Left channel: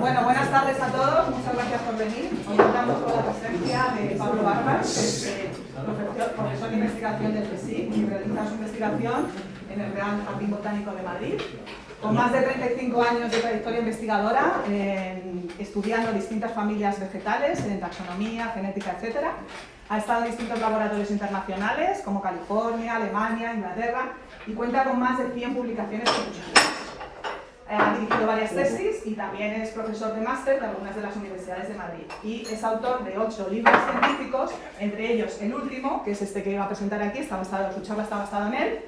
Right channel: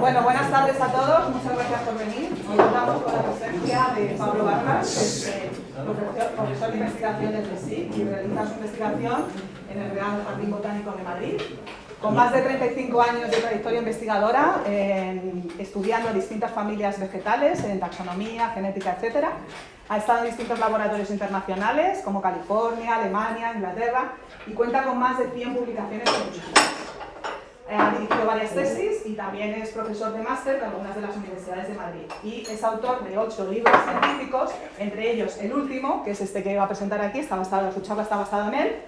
Bueno, buenas tardes a todos, muchas gracias por venir. Hoy contamos con la presencia de Pablo Vargas, que es profesor de investigación del CSIC y realiza su investigación en el Real Jardín Botánico de Madrid. Con más de 35 años de trayectoria investigadora, estudiando distintas familias vegetales, en taxonomía, genética, etc. Ha estado en distintos laboratorios internacionales, como California, Alemania, Inglaterra, y cuenta con más de 100 publicaciones científicas. Ha dirigido varias tesis y también es profesor de máster de algunas de las universidades de Madrid. Y es autor de 8 libros científicos, entre ellos el último, que es este que va a presentar aquí, su charla está basada en él.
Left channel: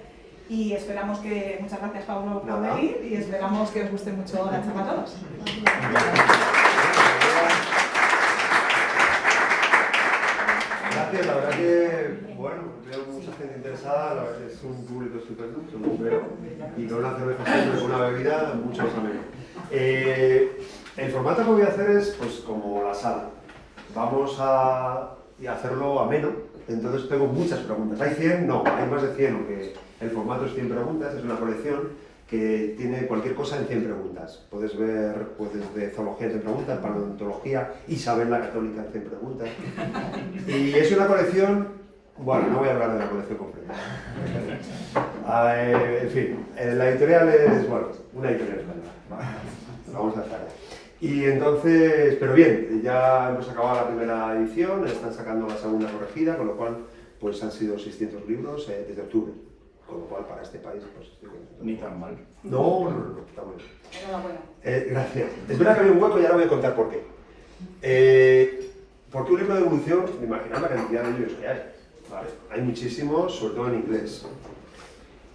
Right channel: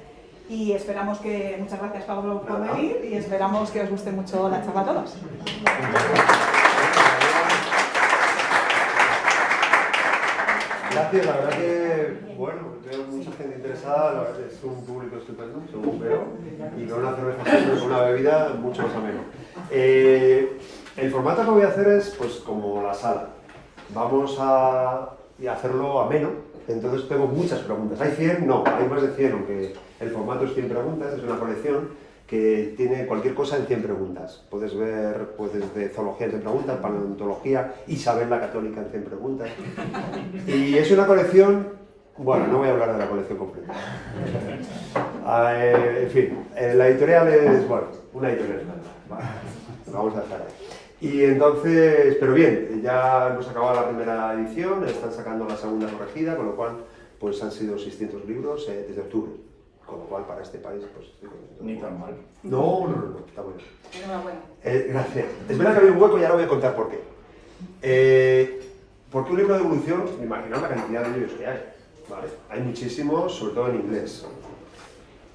Y esperamos que, muchas gracias Pablo por venir, y esperamos que os guste mucho la charla a todos. Gracias, la verdad que, bueno, creo que mucha gente interesada, la verdad que es un público estupendo, según veo, y con una cerveza siempre, con una bebida mucho más ameno. El formato que voy a hacer es, pues, como la sala. Vamos a hacerlo ameno, entonces tengo muchas preguntas. ¿Hay 100? No, hay más de 100, aunque el formato es 100 preguntas, es una colección que tiene cualquier cosa en 100 preguntas. Puedes ver pues, desde zoología en 100 preguntas, paleontología, Isabel la Católica en 100 preguntas. Y es una colección, bueno, no voy a hablar de la colección completa. En fin, la editorial es, bueno, una editorial española. Vale, vamos a estar ahí. Y entonces, pero bien, ya hemos acabado la primera edición, están sacando la segunda corregida, con lo cual pues han sido 600 libros desde octubre. Con lo cual, para este país, pues... Ni tan mal. No, está bueno. Gracias. Es verdad que había un hueco y ahora voy a contar por qué. Porque un libro de evolución, imaginad la cantidad de libros que hay. Vale. Hay muchísimos, sobre todo en inglés.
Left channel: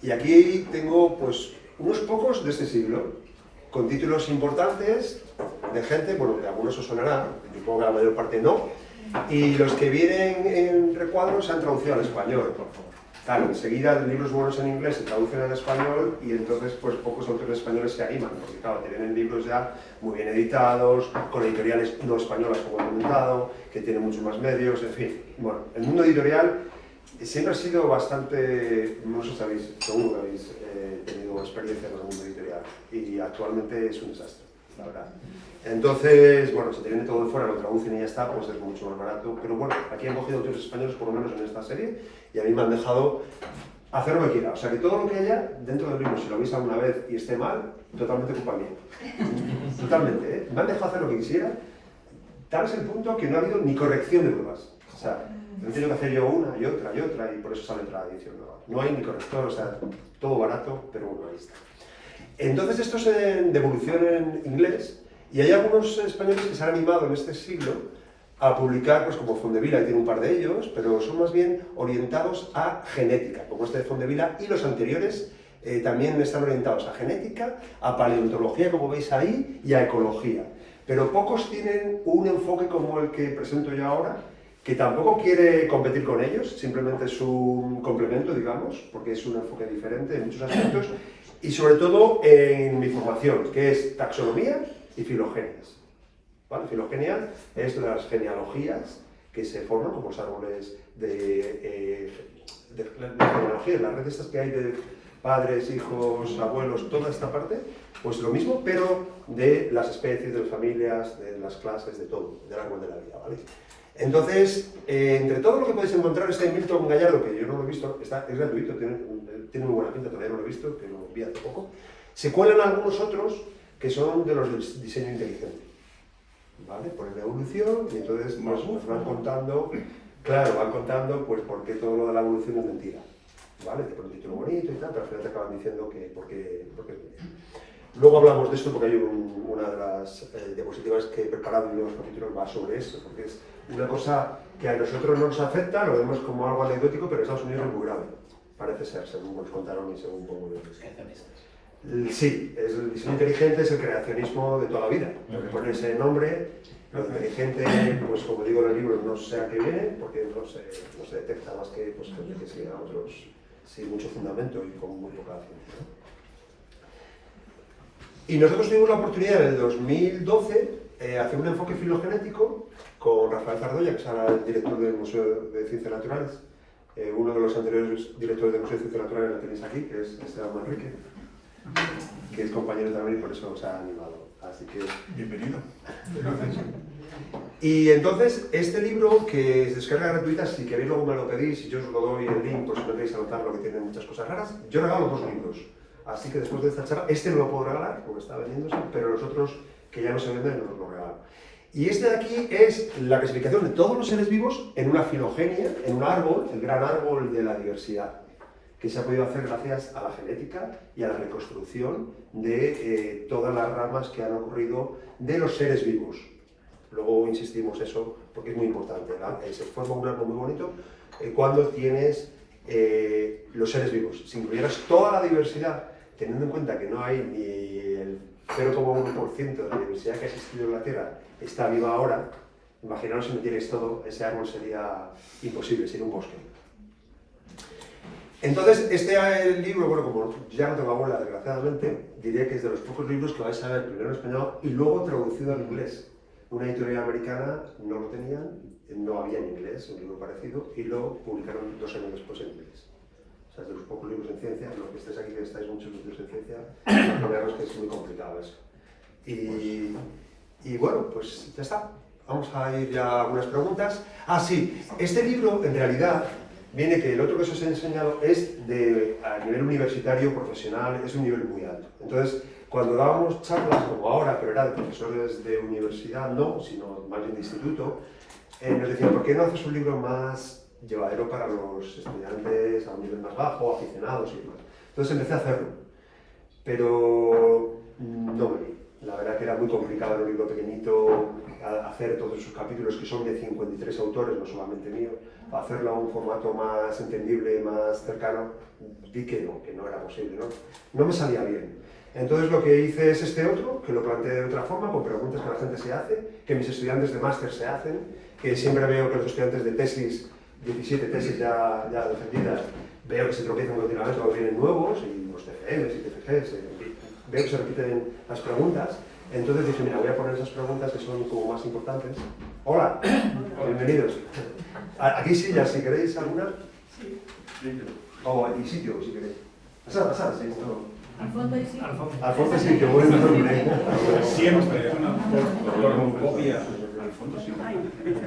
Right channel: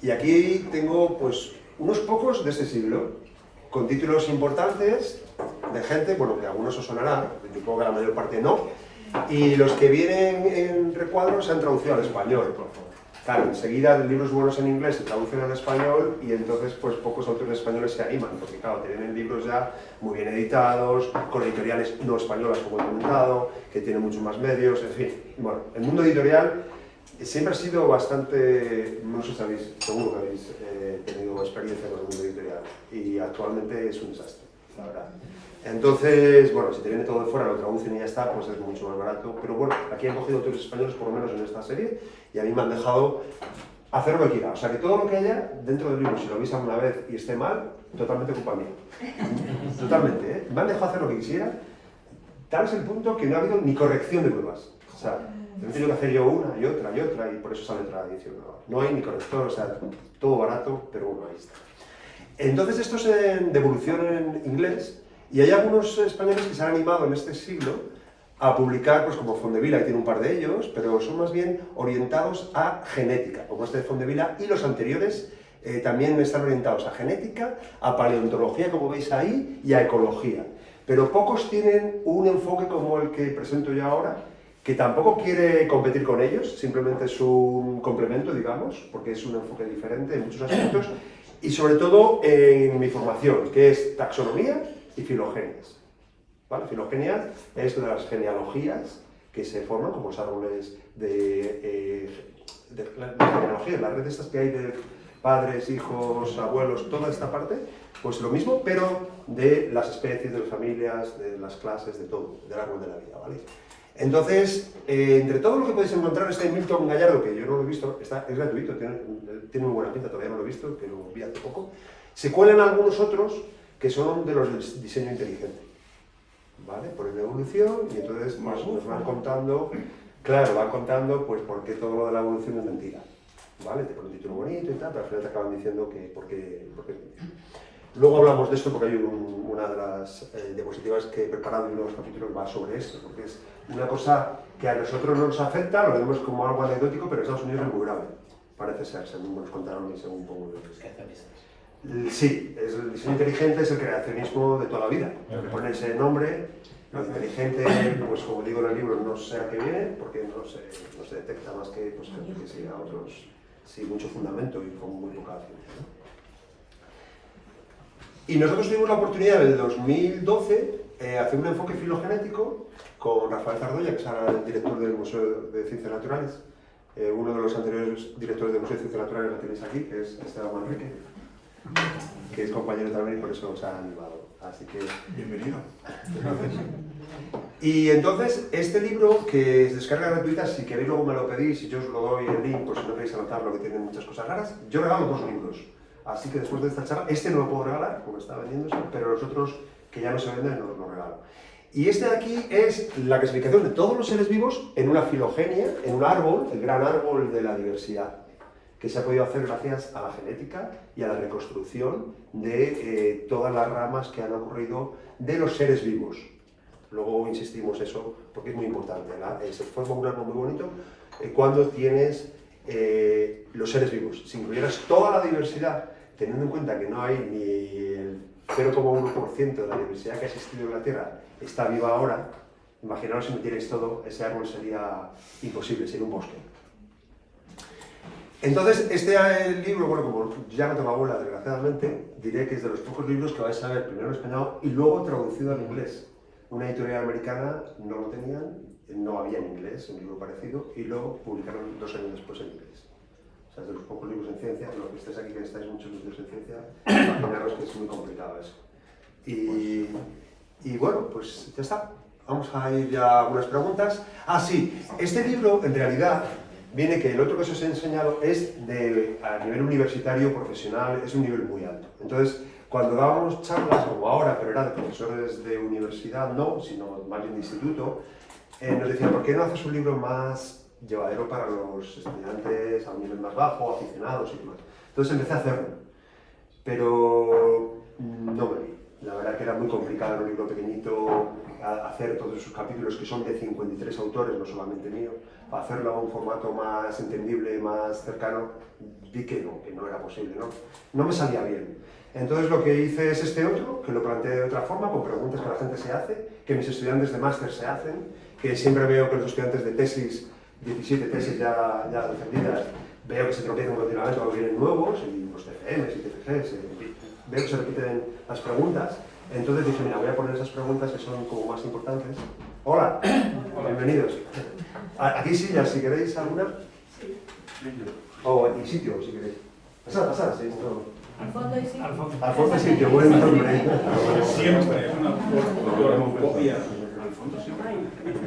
Y aquí tengo, pues, unos pocos de este siglo, con títulos importantes de gente, bueno, de algunos os sonará, supongo que la mayor parte no, y los que vienen en recuadros se han traducido al español. Claro, enseguida libros buenos en inglés se traducen al español y entonces pues pocos autores españoles se animan, porque claro, tienen libros ya muy bien editados, con editoriales no españolas como he comentado, que tienen mucho más medios, en fin. Bueno, el mundo editorial siempre ha sido bastante, no sé si sabéis, seguro que habéis tenido experiencia con el mundo editorial y actualmente es un desastre, la verdad. Entonces, bueno, si te viene todo de fuera, lo traducen y ya está, pues es mucho más barato. Pero bueno, aquí han cogido autores españoles, por lo menos en esta serie, y a mí me han dejado hacer lo que quiera. O sea, que todo lo que haya dentro del libro, si lo veis alguna vez y esté mal, totalmente culpa mía. Totalmente, ¿eh? Me han dejado hacer lo que quisiera, tal es el punto que no ha habido ni corrección de pruebas. O sea, he tenido que hacer yo una y otra y otra, y por eso sale otra edición nueva. No hay ni corrector, o sea, todo barato, pero bueno, ahí está. Entonces, esto es de evolución en inglés. Y hay algunos españoles que se han animado en este siglo a publicar, pues como Fondevila, y tiene un par de ellos, pero son más bien orientados a genética, como este de Fondevila, y los anteriores también están orientados a genética, a paleontología, como veis ahí, y a ecología. Pero pocos tienen un enfoque como el que presento yo ahora, que tampoco quiere competir con ellos, simplemente es un complemento, digamos, porque es un enfoque diferente en muchos aspectos, y sobre todo en mi formación, que es taxonomía y filogenias. ¿Vale? Filogenia es de las genealogías que se forman como los árboles de genealogía, las redes estas que hay de padres, hijos, abuelos, toda esta parte, pues lo mismo, pero de las especies, de las familias, de las clases, de todo, del árbol de la vida, ¿vale? Entonces, entre todo lo que podéis encontrar, este Milton Gallardo, que yo no lo he visto, es gratuito, tiene muy buena pinta, todavía no lo he visto, que lo vi hace poco, se cuelan algunos otros que son de los del diseño inteligente, ¿vale? Por el de evolución, y entonces nos van contando, claro, van contando pues por qué todo lo de la evolución es mentira, ¿vale? Te ponen un título bonito y tal, pero al final te acaban diciendo que porque luego hablamos de esto porque hay una de las diapositivas que he preparado en uno de los capítulos va sobre esto, porque es una cosa que a nosotros no nos afecta, lo vemos como algo anecdótico, pero en Estados Unidos es muy grave, parece ser, según nos contaron y según pongo sí, el diseño inteligente es el creacionismo de toda la vida. Le ponen ese nombre, lo inteligente, pues como digo en el libro, no sé a qué viene, porque no se detecta más que pues, gente que sigue, digamos, sin mucho fundamento y con muy poca ciencia, ¿no? Y nosotros tuvimos la oportunidad en el 2012 hacer un enfoque filogenético con Rafael Tardoya, que es ahora el director del Museo de Ciencias Naturales. Uno de los anteriores directores del Museo de Ciencias Naturales la tenéis aquí, que es Esteban Manrique. que es compañero también y por eso nos ha animado. Así que... Bienvenido. Y entonces, este libro, que es descarga gratuita, si queréis luego me lo pedís y yo os lo doy el link por si no queréis anotarlo, que tiene muchas cosas raras, yo regalo 2 libros. Así que después de esta charla, este no lo puedo regalar, como está vendiéndose, pero los otros que ya no se venden no los regalo. Y este de aquí es la clasificación de todos los seres vivos en una filogenia, en un árbol, el gran árbol de la diversidad, que se ha podido hacer gracias a la genética y a la reconstrucción de todas las ramas que han ocurrido de los seres vivos. Luego insistimos eso porque es muy importante, ¿verdad? Se forma un árbol muy bonito cuando tienes los seres vivos. Si incluyeras toda la diversidad, teniendo en cuenta que no hay ni el 0,1% de la diversidad que ha existido en la Tierra está viva ahora, imaginaos si metierais todo, ese árbol sería imposible, sería un bosque. Entonces, este libro, bueno, como ya no tengo abuela, desgraciadamente, diré que es de los pocos libros que vais a ver primero en español y luego traducido al inglés. Una editorial americana no lo tenían, no había en inglés, un libro parecido, y lo publicaron 2 años después en inglés. O sea, es de los pocos libros en ciencia, los que estáis aquí, que estáis muchos libros en ciencia, imaginaros que es muy complicado eso. Y bueno, pues ya está. Vamos a ir ya a algunas preguntas. Ah, sí, este libro en realidad viene que el otro que os he enseñado es a nivel universitario, profesional, es un nivel muy alto. Entonces, cuando dábamos charlas, como ahora, pero era de profesores de universidad, no, sino más bien de instituto, nos decían, ¿por qué no haces un libro más llevadero para los estudiantes a un nivel más bajo, aficionados y demás? Entonces empecé a hacerlo, pero no me vi. La verdad que era muy complicado en un libro pequeñito hacer todos esos capítulos que son de 53 autores, no solamente mío, para hacerlo a un formato más entendible, más cercano, vi que no era posible, no me salía bien. Entonces lo que hice es este otro, que lo planteé de otra forma, con preguntas que la gente se hace, que mis estudiantes de máster se hacen, que siempre veo que los estudiantes de tesis, 17 tesis ya defendidas, veo que se tropiezan continuamente cuando vienen nuevos, y los TFMs y TFGs, veo que se repiten las preguntas. Entonces dije, mira, voy a poner esas preguntas que son como más importantes. Hola, bienvenidos. Aquí sillas, si queréis alguna. Sí. O aquí sitio, si queréis. Pasad, sí, esto. Al fondo hay sitio. Al fondo sí, que buen nombre. Siempre es una copia. Al fondo sí.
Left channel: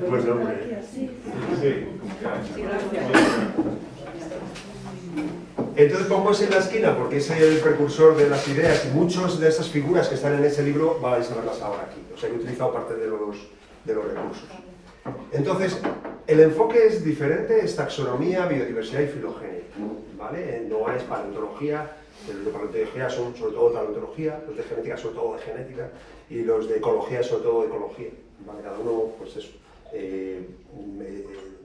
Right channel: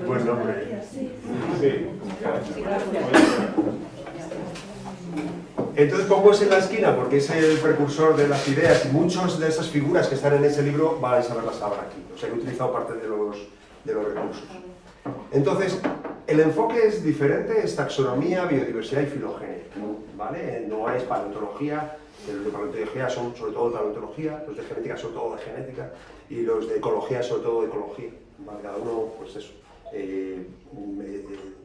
Buen nombre. Sí. Entonces pongo ese en la esquina porque es el precursor de las ideas y muchas de esas figuras que están en ese libro vais a verlas ahora aquí. O sea, he utilizado parte de los recursos. Entonces, el enfoque es diferente, es taxonomía, biodiversidad y filogenia, ¿vale? No es paleontología, los de paleontología son sobre todo paleontología, los de genética sobre todo de genética y los de ecología sobre todo de ecología, ¿vale? Cada uno, pues eso,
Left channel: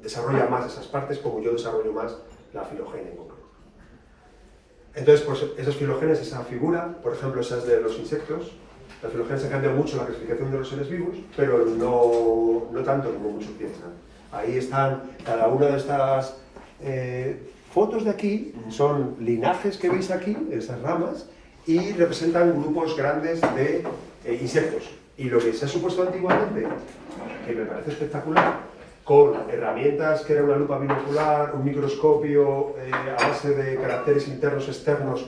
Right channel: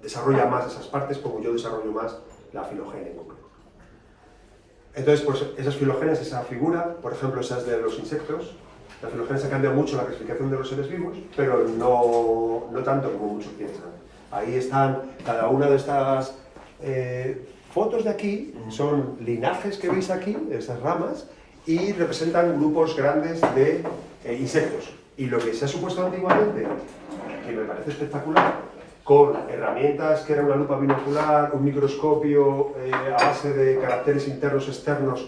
desarrolla más esas partes como yo desarrollo más la filogenia en concreto. Entonces, pues esas filogenias, esa figura, por ejemplo, esas de los insectos, las filogenias ha cambiado mucho la clasificación de los seres vivos, pero no tanto como muchos piensan. Ahí están cada una de estas fotos de aquí, son linajes que veis aquí, esas ramas, y representan grupos grandes de insectos. Y lo que se ha supuesto antiguamente, que me parece espectacular, con herramientas que era una lupa binocular, un microscopio a base de caracteres internos externos,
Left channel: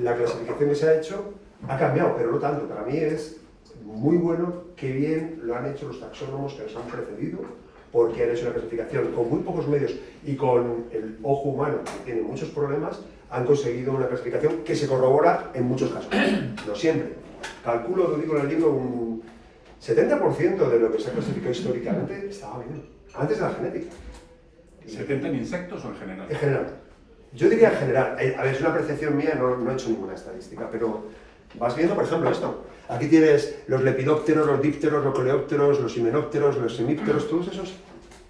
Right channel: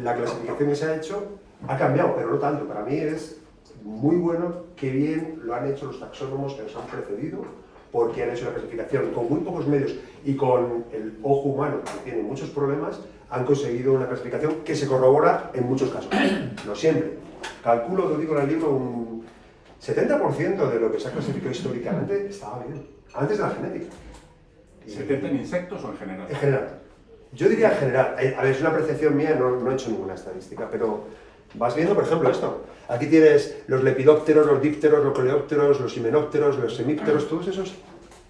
la clasificación que se ha hecho ha cambiado, pero no tanto. Para mí es muy bueno, que bien lo han hecho los taxónomos que nos han precedido, porque han hecho la clasificación con muy pocos medios y con el ojo humano, que tiene muchos problemas, han conseguido una clasificación que se corrobora en muchos casos, no siempre. Calculo, lo digo en el libro, un 70% de lo que se ha clasificado históricamente estaba bien. Antes de la genética. ¿70 en insectos o en general? En general. Yo diría en general. A ver, es una percepción mía, no he hecho ninguna estadística, pero vas viendo, por ejemplo, esto. Aquí tienes los lepidópteros, los dípteros, los coleópteros, los himenópteros, los hemípteros, todos esos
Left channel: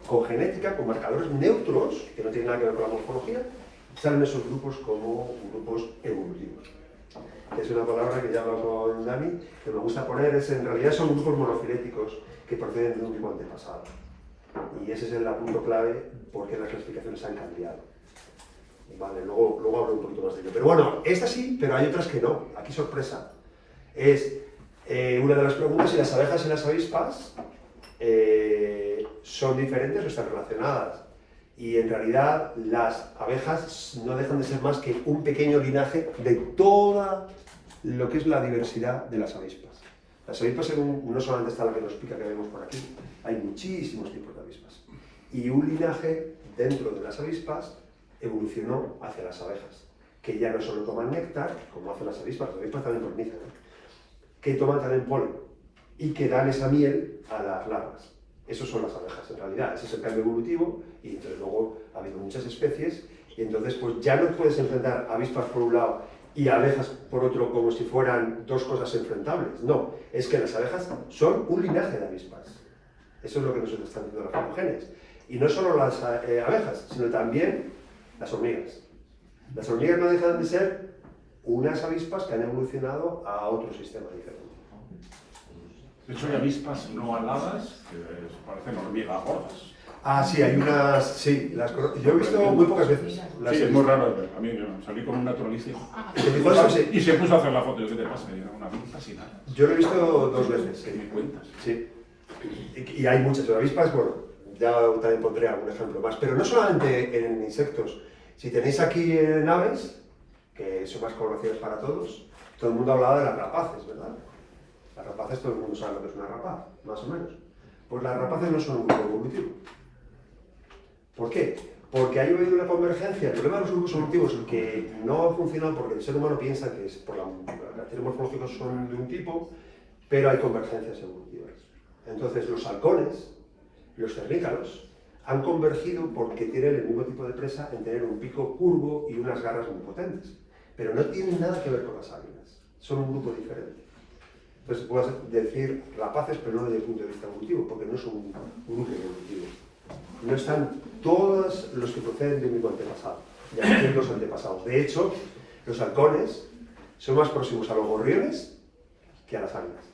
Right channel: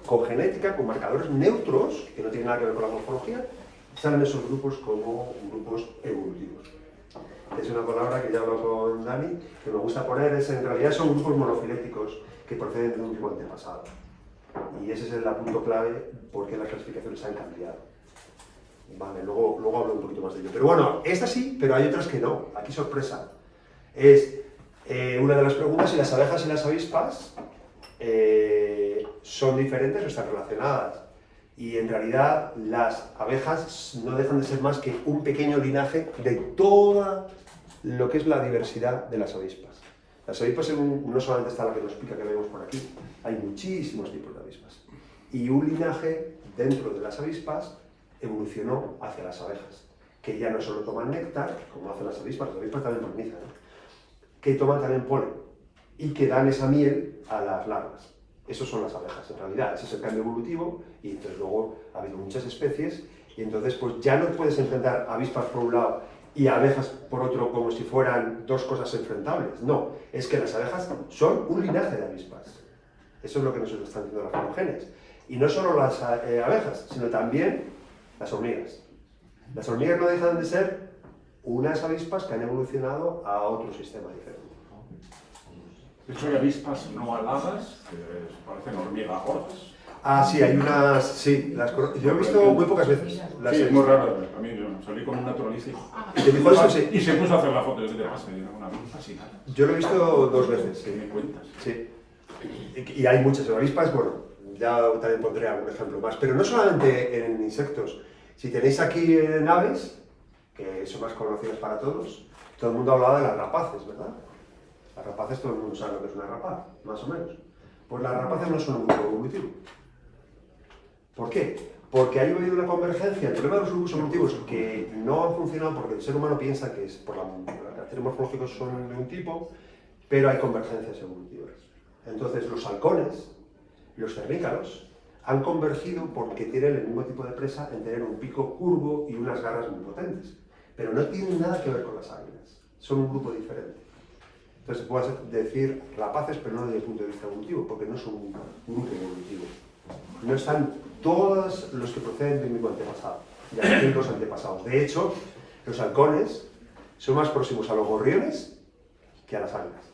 con genética, con marcadores neutros, que no tienen nada que ver con la morfología, salen esos grupos como grupos evolutivos. Es una palabra que ya hablo con Dani, que me gusta poner, en realidad son grupos monofiléticos que proceden de un tipo antepasado. Y ese es el punto clave porque las clasificaciones han cambiado. Vale, luego hablo un poquito más de ello. Pero bueno, esta sí, pero hay otras que no. Aquí sorpresa. Es una de las preguntas si las abejas y las avispas son diferentes o están relacionadas. Y en realidad las abejas no dejan de ser más que un pequeño linaje de toda lo que es la diversidad de las avispas. Las avispas no solamente está la que nos explica que vemos por aquí, hay muchísimos tipos de avispas. Y un linaje dentro de las avispas evolucionó hacia las abejas, que ya no solo toman néctar, como hacen las avispas también polinizan, ¿no? Que toman también polen y que dan esa miel a las larvas. Esos son las abejas, en realidad. Ese es el cambio evolutivo y entonces luego ha habido muchas especies y entonces pues ya no puedes enfrentar avispas por un lado y abejas por otro como si fueran dos cosas enfrentables. No, es que las abejas son un linaje de avispas. Eso es lo que nos están diciendo las filogenes. Y no solo las abejas, sino también las hormigas. Las hormigas no dejan de ser unas avispas que han evolucionado a otro sistema diferente. De hecho, hay avispas no aladas que parecen hormigas gordas. Ah, sí, hay unas... Sí, yo he visto muy pocas veces. Sí, es muy raro. A mí yo salí con un naturalista y se puso a hacer la foto. ¿Qué te pasa? Era una avispa sin alas. Yo lo he visto 2 veces. ¿Qué me cuentas? Sí. Y hay muchas avispas, bueno, ya también pondré algún ejemplo más. Pero no solamente en insectos. Si tenéis aquí aves, que son más conocidas para todos, todo el mundo hablaba de las rapaces, ¿verdad? Las rapaces todo el mundo sabe lo que es una rapaz, más o menos. Pues las rapaces no son un grupo evolutivo. ¿Por qué? Porque ha habido una convergencia. El problema de los grupos evolutivos es que no ha funcionado porque el ser humano piensa que es por los caracteres morfológicos son de un tipo, pero hay convergencias evolutivas. Entonces los halcones, los cernícalos, han convergido porque tienen el mismo tipo de presa en tener un pico curvo y unas garras muy potentes. Pero no tienen nada que ver con las águilas. Son un grupo diferente. Entonces puedes decir rapaces, pero no desde el punto de vista evolutivo, porque no son un grupo evolutivo. No están todos los que proceden del mismo antepasado, de distintos antepasados. De hecho, los halcones son más próximos a los gorriones que a las águilas.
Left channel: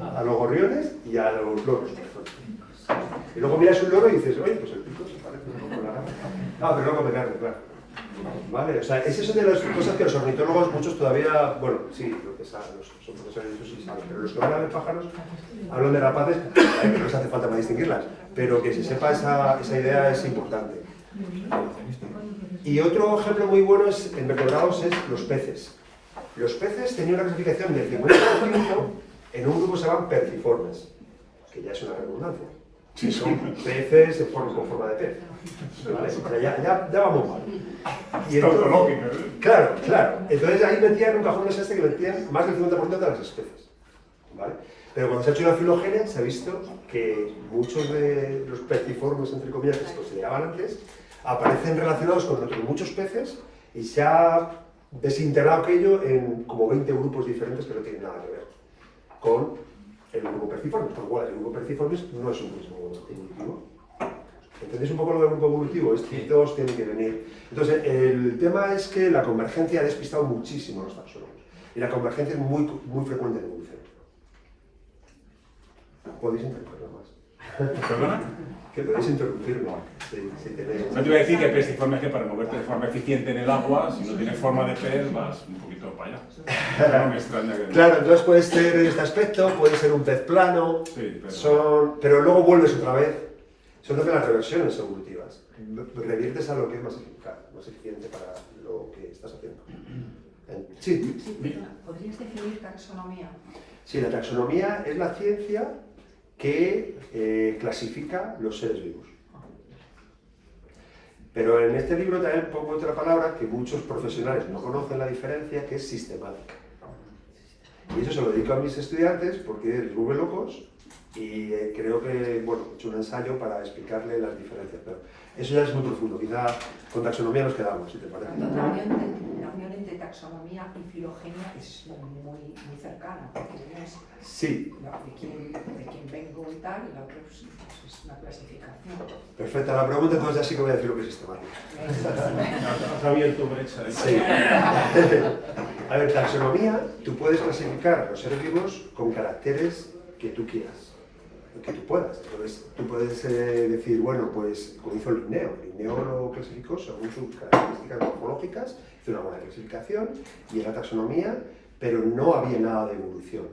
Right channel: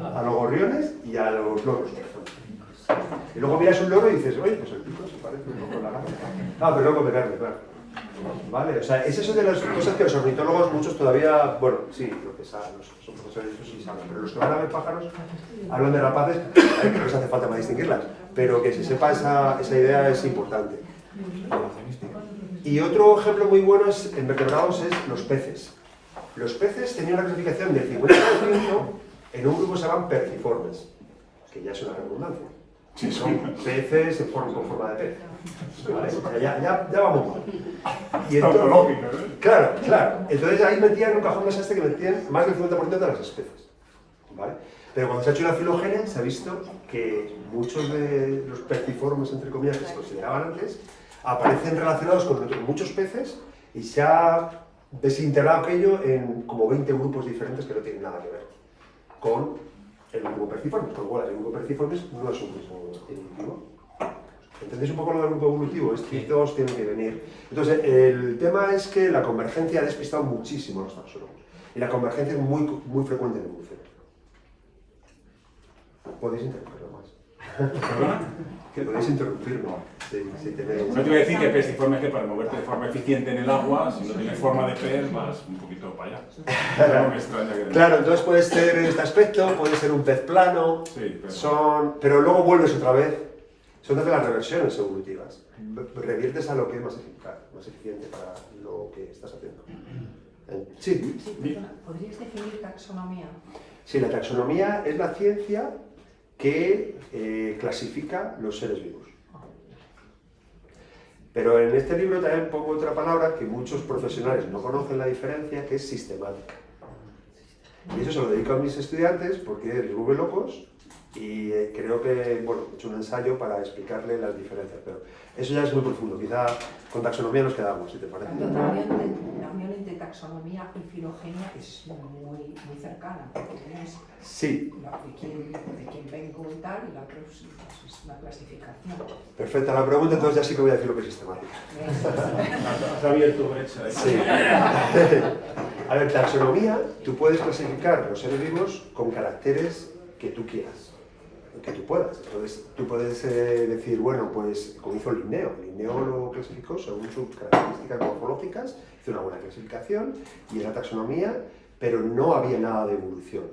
A los gorriones y a los loros, por ejemplo. Y luego miras un loro y dices, oye, pues el pico se parece un poco a la águila. Ah, pero no come carne, claro. Vale, o sea, es eso de las cosas que los ornitólogos muchos todavía, bueno, sí, lo que saben, son profesores de eso sí saben, pero los que van a ver pájaros hablan de rapaces, que no les hace falta para distinguirlas, pero que se sepa esa idea es importante. Y otro ejemplo muy bueno en vertebrados es los peces. Los peces tenían una clasificación del 50% en un grupo que se llaman perciformes, que ya es una redundancia. Sí, son peces con forma de pez. ¿Vale? O sea, ya vamos mal. Y entonces, claro. Entonces ahí metían un cajón de que metían más del 50% de las especies. ¿Vale? Pero cuando se ha hecho la filogenia se ha visto que muchos de los perciformes, entre comillas, que se consideraban antes, aparecen relacionados con muchos peces y se ha desintegrado aquello en como 20 grupos diferentes que no tienen nada que ver con el grupo perciformes, con lo cual el grupo perciformes no es un grupo evolutivo. ¿Entendéis un poco lo del grupo evolutivo? Estos dos tienen que venir. Entonces, el tema es que la convergencia ha despistado muchísimo a los taxónomos. Y la convergencia es muy frecuente en evolución. Podéis interrumpirlo más. ¿Perdona? Que podéis interrumpirlo. Si tenéis... No te voy a decir que pestiforme que para moverte de forma eficiente en el agua, si no tienes forma de pez, vas un poquito para allá. Pero no me extraña que... Claro, entonces puede ser en este aspecto, puede ser un pez plano, sí, pero luego vuelves otra vez. Son de las reversiones evolutivas. Reviertes a lo que es más eficaz, más eficiente para lo que estás haciendo. Sí. ¿Podrías definir taxonomía? Sí, la taxonomía es la ciencia que clasifica los seres vivos. Pero en este libro también pongo otra palabra que muchos profesionales no conocen la diferencia, que es sistemática. Y eso se lo dedico a mis estudiantes porque les vuelve locos y creo que, bueno, he hecho un ensayo para explicarle las diferencias. Pero eso ya es muy profundo, quizá con taxonomía nos quedamos, si te parece. La unión entre taxonomía y filogenia es muy cercana, porque tienes sí. de quién vengo y tal, y la otra es una clasificación. Perfecta la pregunta, entonces ya sí que voy a decir lo que es sistemática. Has abierto brecha. Sí. A ver, taxonomía, tú puedes clasificar los seres vivos con caracteres que tú quieras. Que tú puedas. Entonces, tú puedes decir, bueno, pues como hizo Linneo. Linneo lo clasificó según sus características morfológicas, hizo una buena clasificación y era taxonomía, pero no había nada de evolución.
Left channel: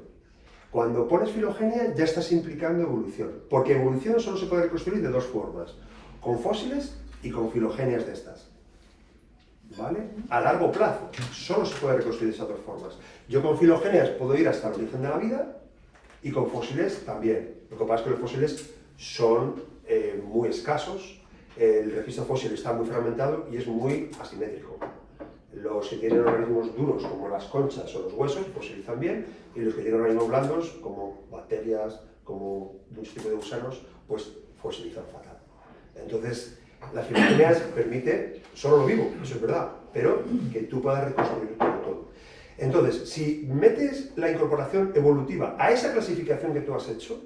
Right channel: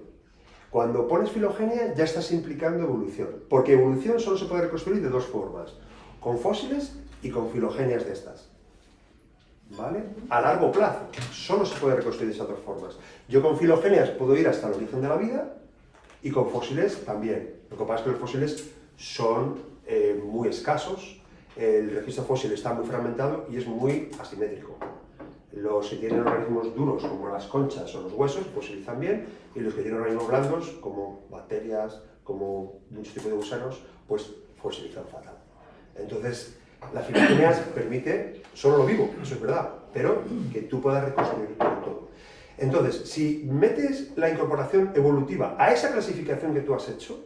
Cuando pones filogenia ya estás implicando evolución, porque evolución solo se puede reconstruir de dos formas, con fósiles y con filogenias de estas. ¿vale? A largo plazo. Solo se puede reconstruir de esas dos formas. Yo con filogenias puedo ir hasta el origen de la vida y con fósiles también. Lo que pasa es que los fósiles son muy escasos, el registro fósil está muy fragmentado y es muy asimétrico. Los que tienen organismos duros, como las conchas o los huesos, fosilizan bien, y los que tienen organismos blandos, como bacterias, como muchos tipos de gusanos, pues fosilizan fatal. Entonces, la filogenia permite solo lo vivo, eso es verdad, pero que tú puedas reconstruir todo. Entonces, si metes la incorporación evolutiva a esa clasificación que tú has hecho,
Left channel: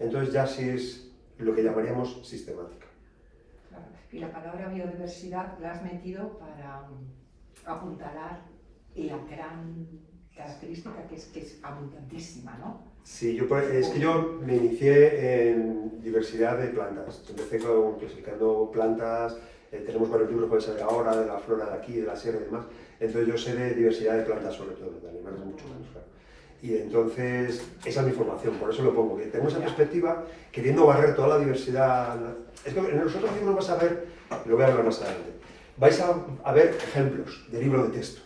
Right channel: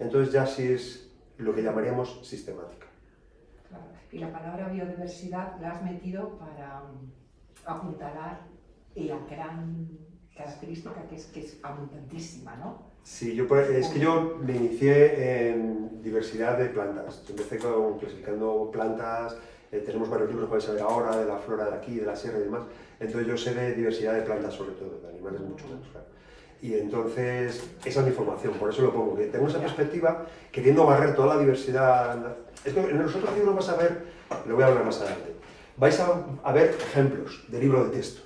entonces ya sí es lo que llamaríamos sistemática. Claro. Y la palabra biodiversidad la has metido para apuntalar la gran característica que es abundantísima, ¿no? Sí, es que yo me inicié en diversidad de plantas. Empecé clasificando plantas, tenemos varios libros que vais a ver ahora, de la flora de aquí, de la sierra y demás. Entonces yo sé de diversidad de plantas sobre todo, de animales mucho menos, claro. Y entonces, esa es mi formación, por eso lo pongo, que tengo esa perspectiva, queriendo barrer toda la diversidad. Esto, en los otros libros vas a ver, lo voy a hablar más adelante, vais a ver ejemplos de libro de texto.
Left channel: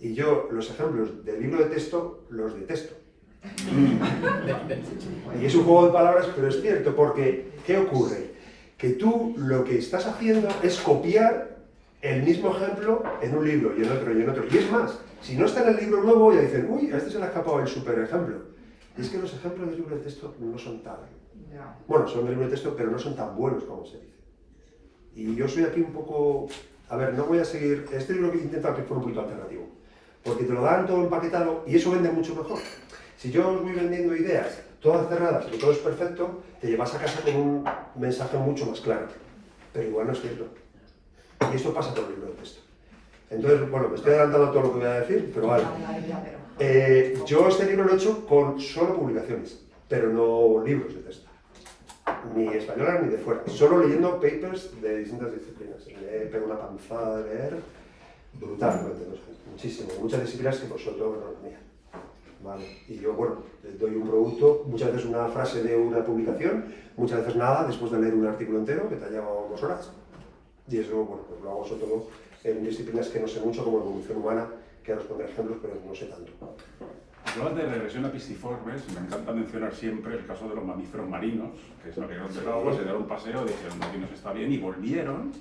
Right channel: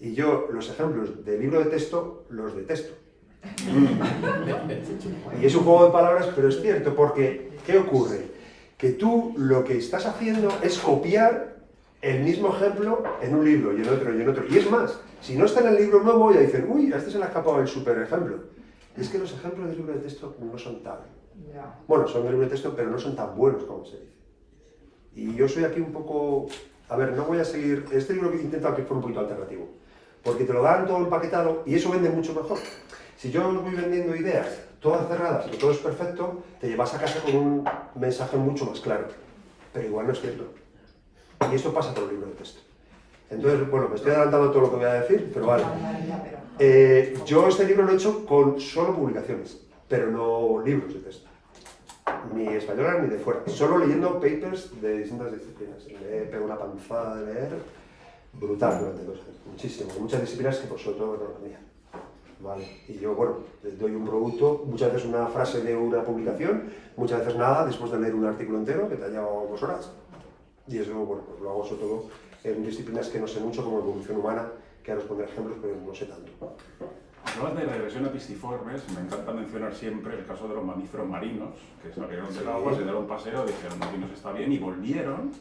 Y yo los ejemplos de libro de texto los detesto. Y es un juego de palabras, pero es cierto, porque ¿qué ocurre? Que tú lo que estás haciendo es copiar el mismo ejemplo en un libro y en otro y en otro. Y es más, si no está en el libro nuevo, ya dicen, uy, a este se le ha escapado el super ejemplo. Y es que los ejemplos del libro de texto no son tan... Bueno, son del libro de texto, pero no son tan buenos como se dice. Y yo soy aquí un poco... A ver, no voy a seguir... Este libro que he intentado que fuera un poquito alternativo. Porque te lo dan todo empaquetado y eso vende mucho mejor. Si yo os voy vendiendo ideas todas cerradas y todo es perfecto, te llevas a casa con un mensaje mucho más claro. Pero igual no es cierto. Y esto pasa por el libro de texto. Entonces, bueno, me estoy adelantando todo lo que voy a decir, pero vale. Yo este libro lo he hecho con solo publicaciones, pero no libros de texto. Ni españolas ni de fuera. Solo leyendo papers de distintas disciplinas. Me pego una panzada de leer brutal durante 2 años. Muchísimo. Muchas disciplinas que sobre todo economía. Vale. Y yo, bueno, doy un producto, muchas veces una frase de una publicación, muchas veces nada, después de leer un artículo entero que te ha llevado 2 horas. Y eso, bueno, pues lo hago sobre todo en disciplinas que no sé mucho, como evolución humana, que ahora os pondré ejemplos, pero no sé tanto. Hablas de regresión epistiformes, me encanta mencionar siempre el caso de los mamíferos marinos, que se navegaron del agua, se dieron un paseo, dijeron, aquí nos está bien, y volvieron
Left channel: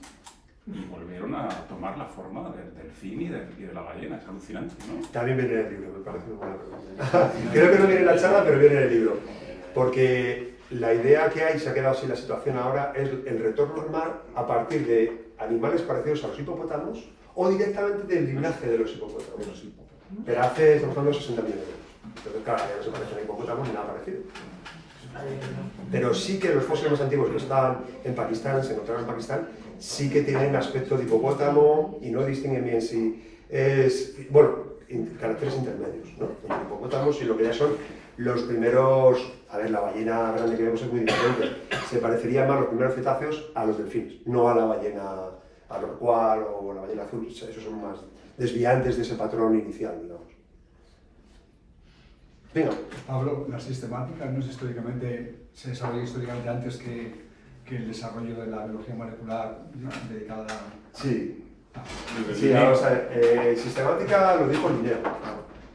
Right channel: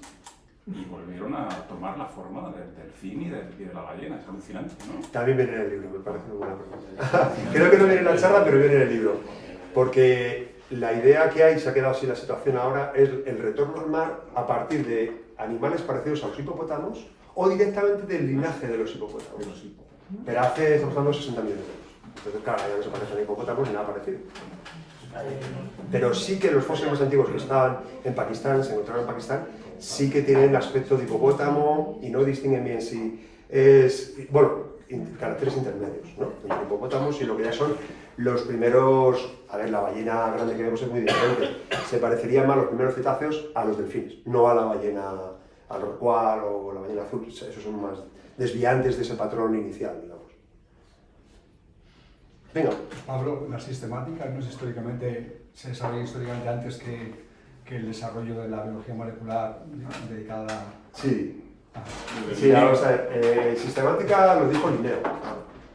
a tomar la forma del delfín y de la ballena. Es alucinante, ¿no? También viene en el libro, me parece muy buena pregunta. Creo que no viene en la charla, pero viene en el libro. Porque la idea que hay, se ha quedado así la situación ahora, es el retorno al mar a partir de animales parecidos a los hipopótamos o directamente del linaje de los hipopótamos. Pero hace, por ejemplo, 60 millones de años. Entonces, claro, ya no se parecen a hipopótamos ni nada parecido. Pero sí que los fósiles más antiguos que estaban en Pakistán, se encontraron en Pakistán, sí que tienen aspecto de hipopótamo y no distinguen bien si es, bueno, caracteres intermedios, ¿no? Entre hipopótamos y lo que ya son los primeros, a ver, la ballena grande que vemos es muy diferente, se parecería más los primeros cetáceos a los delfines, no a la ballena, a rorcual o la ballena azul, esos son más desviantes de ese patrón inicial, digamos. Venga. Pablo, la sistemática no es históricamente, se sabía históricamente antes que el desarrollo de la biología molecular dedicada a... Sí. Sí, vamos a ver, sistemática lo dijo Linneo,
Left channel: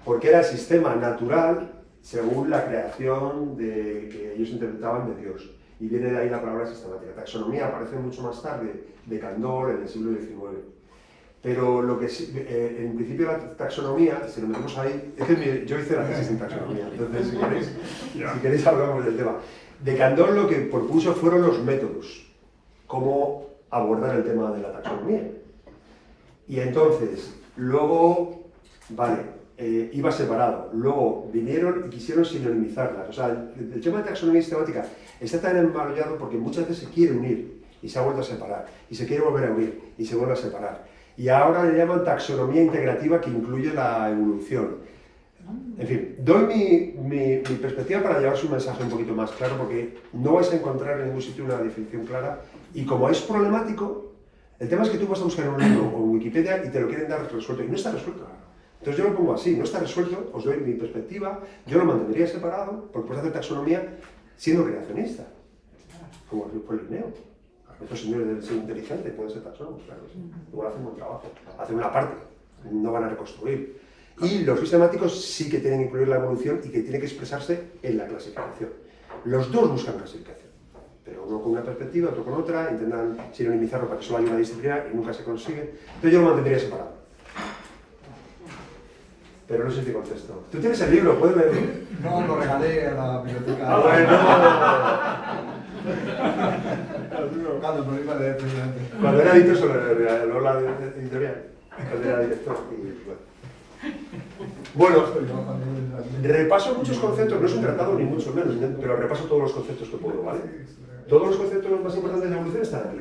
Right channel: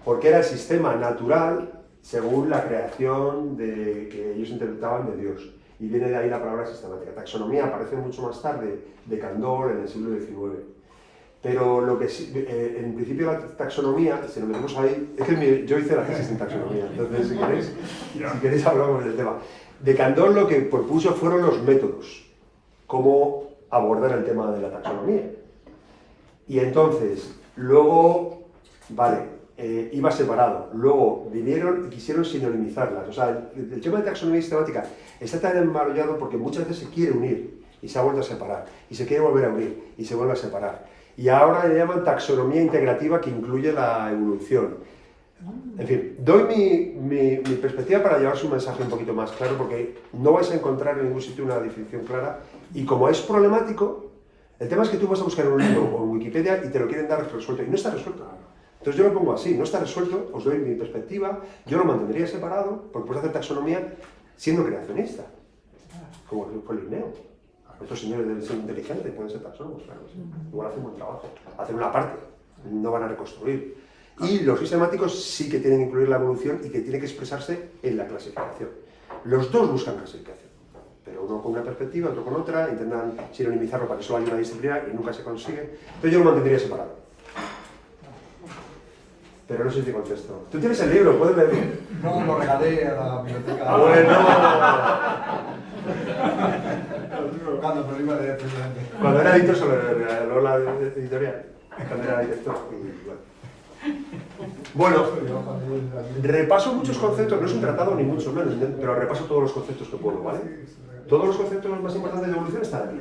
porque era el sistema natural según la creación que ellos interpretaban de Dios. Y viene de ahí la palabra sistemática. Taxonomía aparece mucho más tarde, de Cantor, en el siglo XIX. Pero lo que sí, en principio la taxonomía, si lo metemos ahí, es que yo hice la tesis en taxonomía, entonces si queréis hablamos del tema. De Cantor lo que propuso fueron los métodos, cómo abordar el tema de la taxonomía. Y entonces, luego, vale, iba separado, luego vinieron y quisieron sinonimizarlas. O sea, el tema de taxonomía sistemática está tan enmarrollado porque muchas veces se quiere unir y se ha vuelto a separar, y se quiere volver a unir y se vuelve a separar. Y ahora le llaman taxonomía integrativa que incluye la evolución. En fin, doy mi perspectiva para llevar su mensaje un poquito más claro, porque no vais a encontrar en ningún sitio una definición clara, y como es problemático, el tema es que tú vas a buscar en un libro o en Wikipedia y te lo quieren dar resuelto, y no está resuelto. Entonces yo lo pongo así, no está resuelto, os doy mi perspectiva, yo lo mantendría separado, porque puedes hacer taxonomía siendo creacionista, como fue Linneo. Estos señores deben ser inteligentes, pueden ser personas, claro que sí. Igual hacen buen trabajo, hacen una parte, no van a reconstruir. Y los sistemáticos sí que tienen que incluir la evolución y que tiene que expresarse en la clasificación. Los dos buscan clasificación, pero uno con una perspectiva, otro con otra, intentan sinonimizarlo para que solo haya una disciplina y nunca se consigue. Entonces yo lo mantendría separado. Pero no sé si te contesto. Tú tienes el libro, puedes leerlo. No, lo regalé a la biblioteca. Ah, bueno. Cuando me lo iba a leer precisamente. Cuando era editor sobre la editorial, cuando era director. Bueno, repaso muchos conceptos, no es un tratado ni mucho menos, pero repaso todos los conceptos que puedo, ¿vale? Todos los conceptos más importantes de evolución están aquí,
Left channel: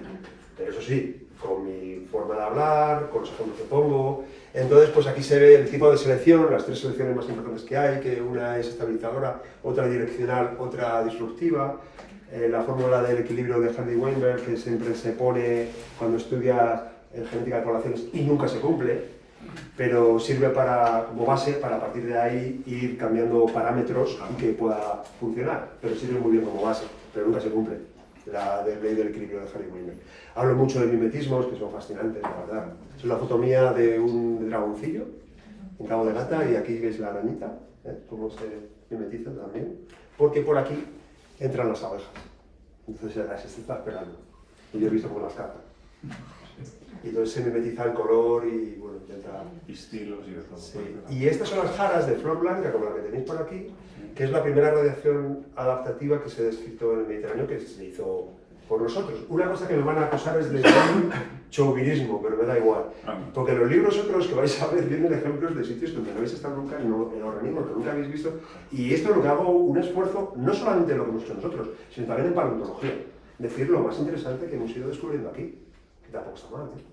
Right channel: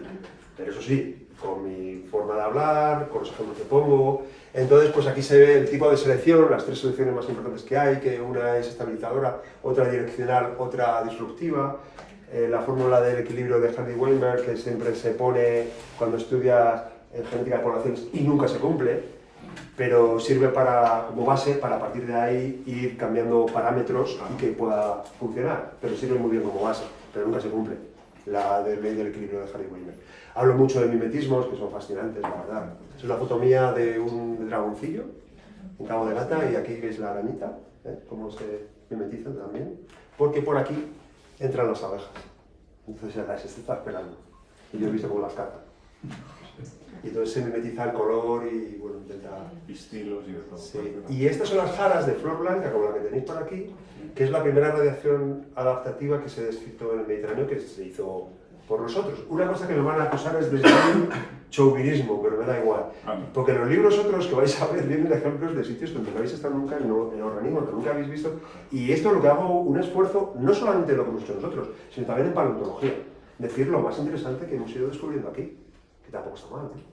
pero eso sí, con mi forma de hablar, con los ejemplos que pongo. Entonces, pues aquí se ve el tipo de selección, las tres selecciones más importantes que hay, que una es estabilizadora, otra direccional, otra disruptiva. La fórmula del equilibrio de Hardy-Weinberg, que siempre se pone cuando estudias genética de poblaciones y nunca se cumple, pero sirve como base para a partir de ahí ir cambiando parámetros y que pueda funcionar, pero sirve muy bien como base, pero nunca se cumple la ley del equilibrio de Hardy-Weinberg. Hablo mucho de mimetismos, que son fascinantes, la verdad. Es una foto mía de un dragoncillo, un rabo de gata, y aquí es la arañita, cómo se mimetizan también, porque por aquí entran las abejas. Entonces se está esperando. Y yo he visto cómo las cazan. Y entonces se mimetiza el color y bueno, intenta... Y estilos y de todo. Sí. Y estas son las jaras de flor blanca, como la que tenéis por aquí, que es la primera radiación adaptativa que se ha descrito en el Mediterráneo, que se hizo por nosotros. Una cosa que nos van a acusar es de chauvinismo, pero me da igual. Porque los libros otros que vais a ver vienen ejemplos de sitios donde no habéis estado nunca en organismos que nunca habéis visto. Y esto es lo que hago un esfuerzo, no solamente en lo que hemos hecho nosotros, sino también en paleontología. Decir lo más interesante que hemos ido descubriendo aquí, que tampoco está mal, ¿eh?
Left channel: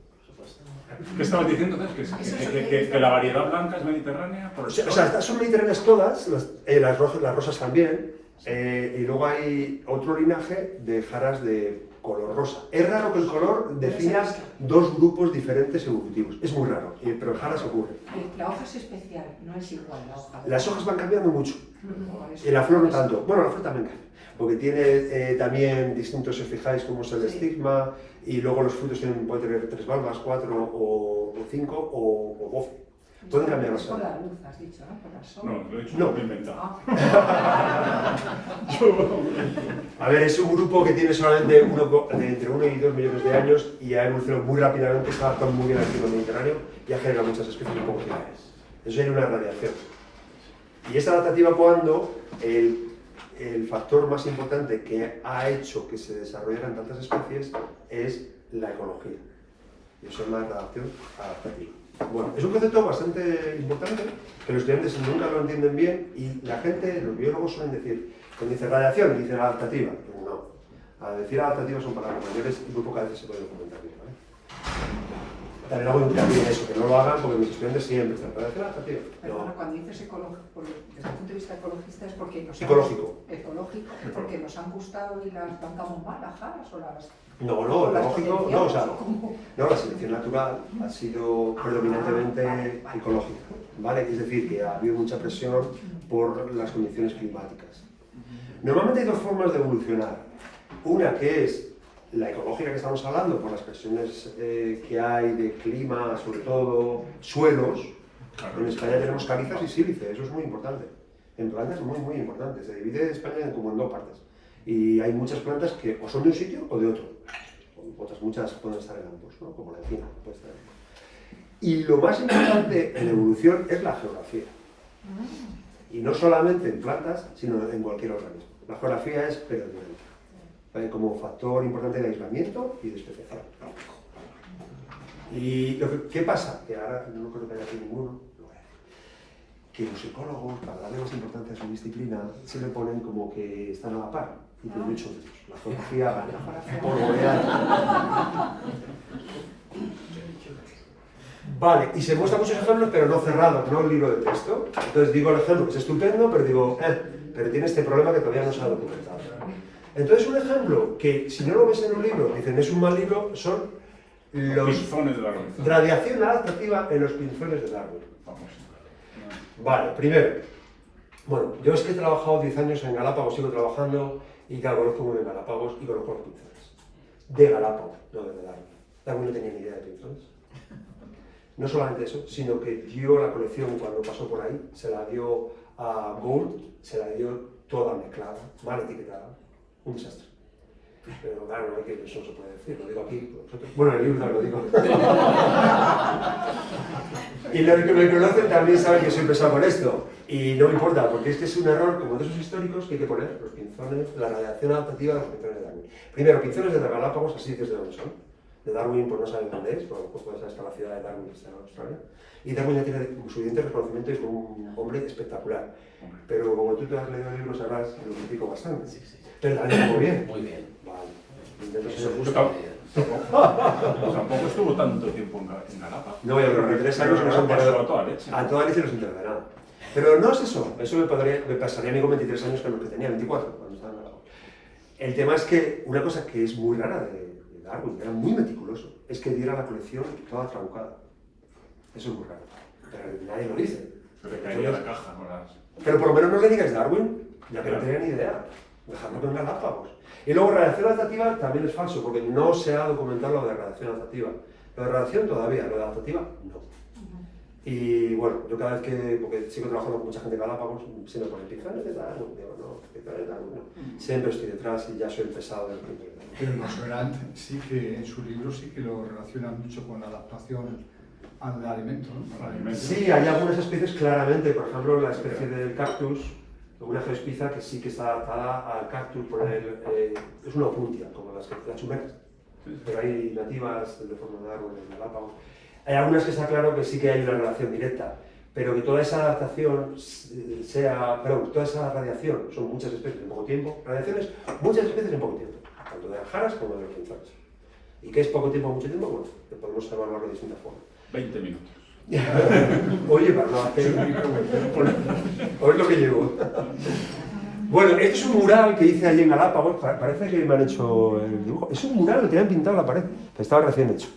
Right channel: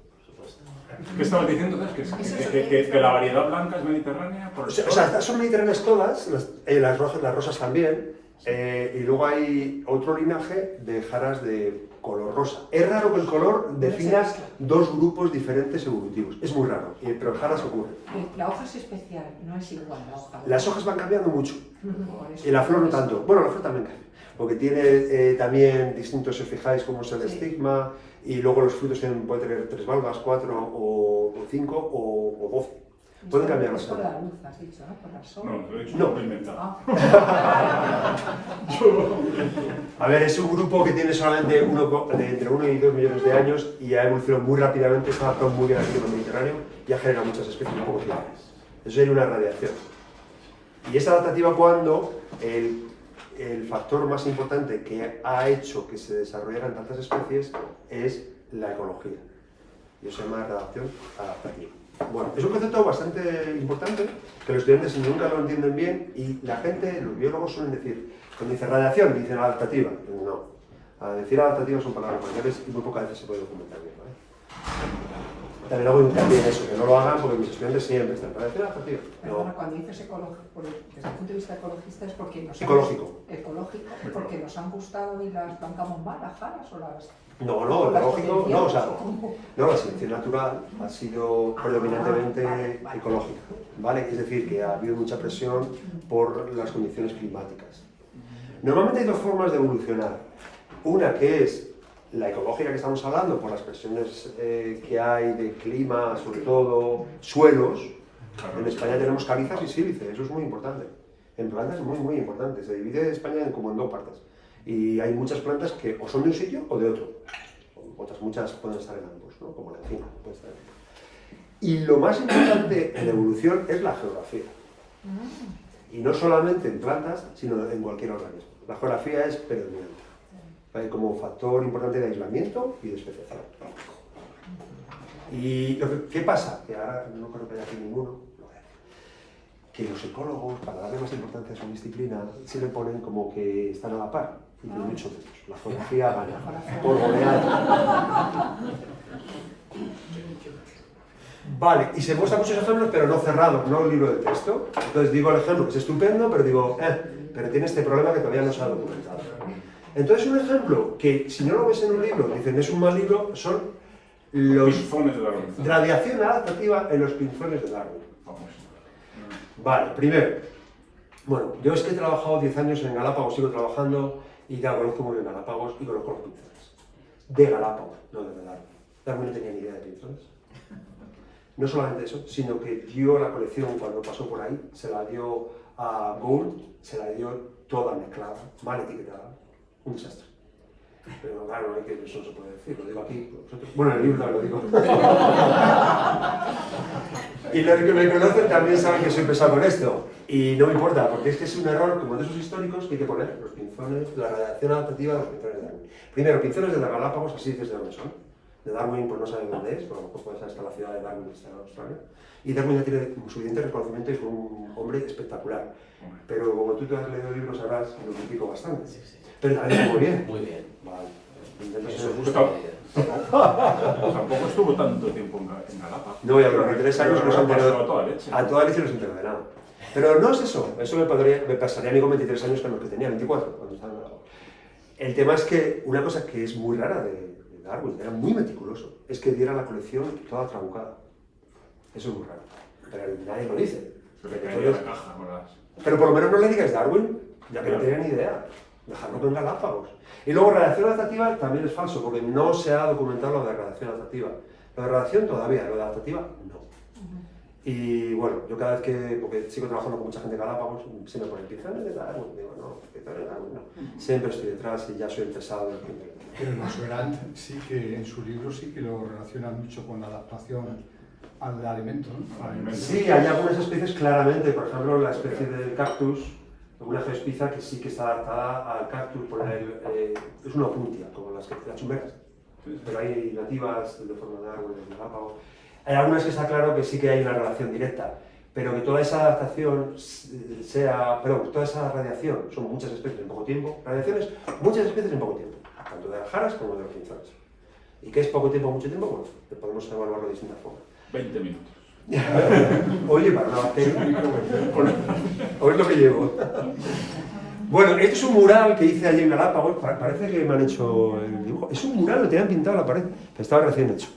¿Qué estabas diciendo entonces? ¿Que la variedad blanca es mediterránea? O sea, estas son mediterráneas todas, las rosas también, y luego hay otro linaje de jaras de color rosa. Es raro que el color defina dos grupos diferentes evolutivos, es muy raro, pero en jaras ocurre. La hoja es especial, no es igual la hoja. Las hojas van cambiando mucho, y la flor no tanto. Bueno, la flor también cambia, porque tiene también distintos, si os fijáis, como es el estigma, y luego los frutos pueden tener 3 valvas, 4 o 5 o 12. Pueden cambiar las por la luz, has dicho, ¿no? Por el sol. No, lo he dicho, No. lo he inventado. A ver, es un grupo que tiene solamente entre 1 y 2 millones de años y ha evolucionado muy rápidamente, se ha adaptado muy bien al clima mediterráneo y ha generado muchas especies un poco similares. Eso sería una radiación. Y es adaptativa cuando el factor más importante que ha hecho que se desarrollaran tantas especies es la ecología. Y eso es una adaptación adaptativa. Bueno, es un concepto bastante importante, que los estudiantes nunca lo entienden bien y la gente, los biólogos suelen decir, cuando dice radiación, dicen adaptativa. No, al decir adaptativa son palabras mayores y muy pocas veces se puede documentar bien, ¿vale? También hago hincapié en eso, que no lo hagan porque mis estudiantes siempre están radiación adaptativa. Perdona, cuando dices ecológico, desde el punto de vista ecologista es porque nos Ecológico. Ecológico, porque nos han gustado y las plantamos mal, las jaras o las... No, ecológico, no, o sea, no, la selección natural ha sido predominantemente ecológica, ¿vale? Es decir, que ha habido mucha presión por las condiciones climáticas. Normalmente hay dos formas de evolucionar. Una que es la ecológica que estamos hablando, por las presiones que hay de clima, sobre todo suelos. En España tenemos calizas y sílice, eso es muy importante. En plantas es muy, muy importante. Se divide España como en dos partes. Y hay muchas plantas que o son de un sitio o de otro. Otras muchas pueden estar en ambos, ¿no? Como la encina puede estar en ambos. Y lo más importante en evolución es la geografía. Y no solamente en plantas, sino en cualquier organismo. La geografía es predominante, ¿vale? Como factor importante de aislamiento y de especiación. ¿Y qué pasa? Que ahora no creo que haya aquí ninguno. Que los ecólogos, para darle más importancia a su disciplina, se le ponen como que están a la par, y de mucho menos. La geografía gana, por goleada. Vale, y se muestran muchos ejemplos, pero no cerrados, no el libro de texto. Entonces digo el ejemplo, que es estupendo, pero digo, pero tiene este problema que todavía no se ha documentado. Entonces un ejemplo, que si no lo ves en un libro, dicen es un mal libro, son los Pinzones de la luz. radiación adaptativa en los pinzones del árbol. Vale, primero, bueno, yo es que he trabajado 10 años en Galápagos, sigo trabajando y ya conozco muy bien Galápagos y conozco los pinceles. de Galápagos, no de Darwin. Darwin no tenía ni idea de pinzones. No solamente eso, sino que dio la colección cuando pasó por ahí, se la dio a Gould, se la dio toda mezclada, mal etiquetada, un desastre. Pero claro, no es que eso no se puede decir, lo digo aquí. Bueno, en el libro no lo digo. Y los que me conocen también saben que soy pesado con esto. Y no me importa, porque es que es un error, como de esos históricos, que hay que poner los pinzones, la radiación adaptativa de los pinzones de Darwin. Primero, pinzones de Galápagos, así dices de dónde son. De Darwin, pues no saben dónde es, pero a lo mejor puede ser hasta la ciudad de Darwin, que está en Australia. Y Darwin ya tiene suficiente reconocimiento y es un hombre espectacular. Pero como tú te has leído el libro, sabrás que lo critico bastante. Pero también muy bien. Muy bien. Vale. Eso Entonces, gusta. Tampoco estuvo tanto tiempo en Galápagos. no voy a hablar, 3 años no se han Pasó enterado. a toda leche. A toda leche no se entera de nada. Pero no es eso, eso me pasaría a mí con 23 años que los que tenía, 24, cuando estaba en Galápagos. El tema es que una cosa que es muy rara de Darwin, que era muy meticuloso, es que diera la colección toda trabucada. Eso es muy raro, pero nadie lo dice. Se le caía la caja, ¿verdad? Pero por lo menos no le digas Darwin, ya que no tenía ni idea. Dejadlo con Galápagos. Y luego radiación adaptativa también es falso, porque no se ha documentado lo de radiación adaptativa. Lo de radiación todavía, lo de adaptativa no. Y bueno, yo cada vez que, porque sigo trabajando con mucha gente de Galápagos, se me pone pinzones de Darwin, digo, no, pinzones de Darwin no. Siempre estoy detrás y ya soy el pesado del tiempo. Pero Nosserand sí que en su libro sí que lo relaciona mucho con la adaptación al alimento, ¿no? Sí, hay algunas especies claramente, por ejemplo, la especie del cactus, una geospiza que sí que está adaptada al cactus, es una opuntia, como las chumeras, pero hay nativas de forma de árbol en Galápagos. Hay algunas que está claro que sí que hay una relación directa, pero que toda esa adaptación toda esa radiación, son muchas especies en poco tiempo, radiaciones, muchas especies en poco tiempo, tanto de aljaras como de los pinzones. ¿Y qué es poco tiempo o mucho tiempo? Bueno, podemos evaluarlo de distintas formas. 20 minutos. Oye, para no hacer... Oye lo que llevo. Bueno, este es un mural que hice allí en Galápagos, parece que me han hecho el dibujo. Es un mural, lo tenían pintado en la pared, pero estaba recién hecho.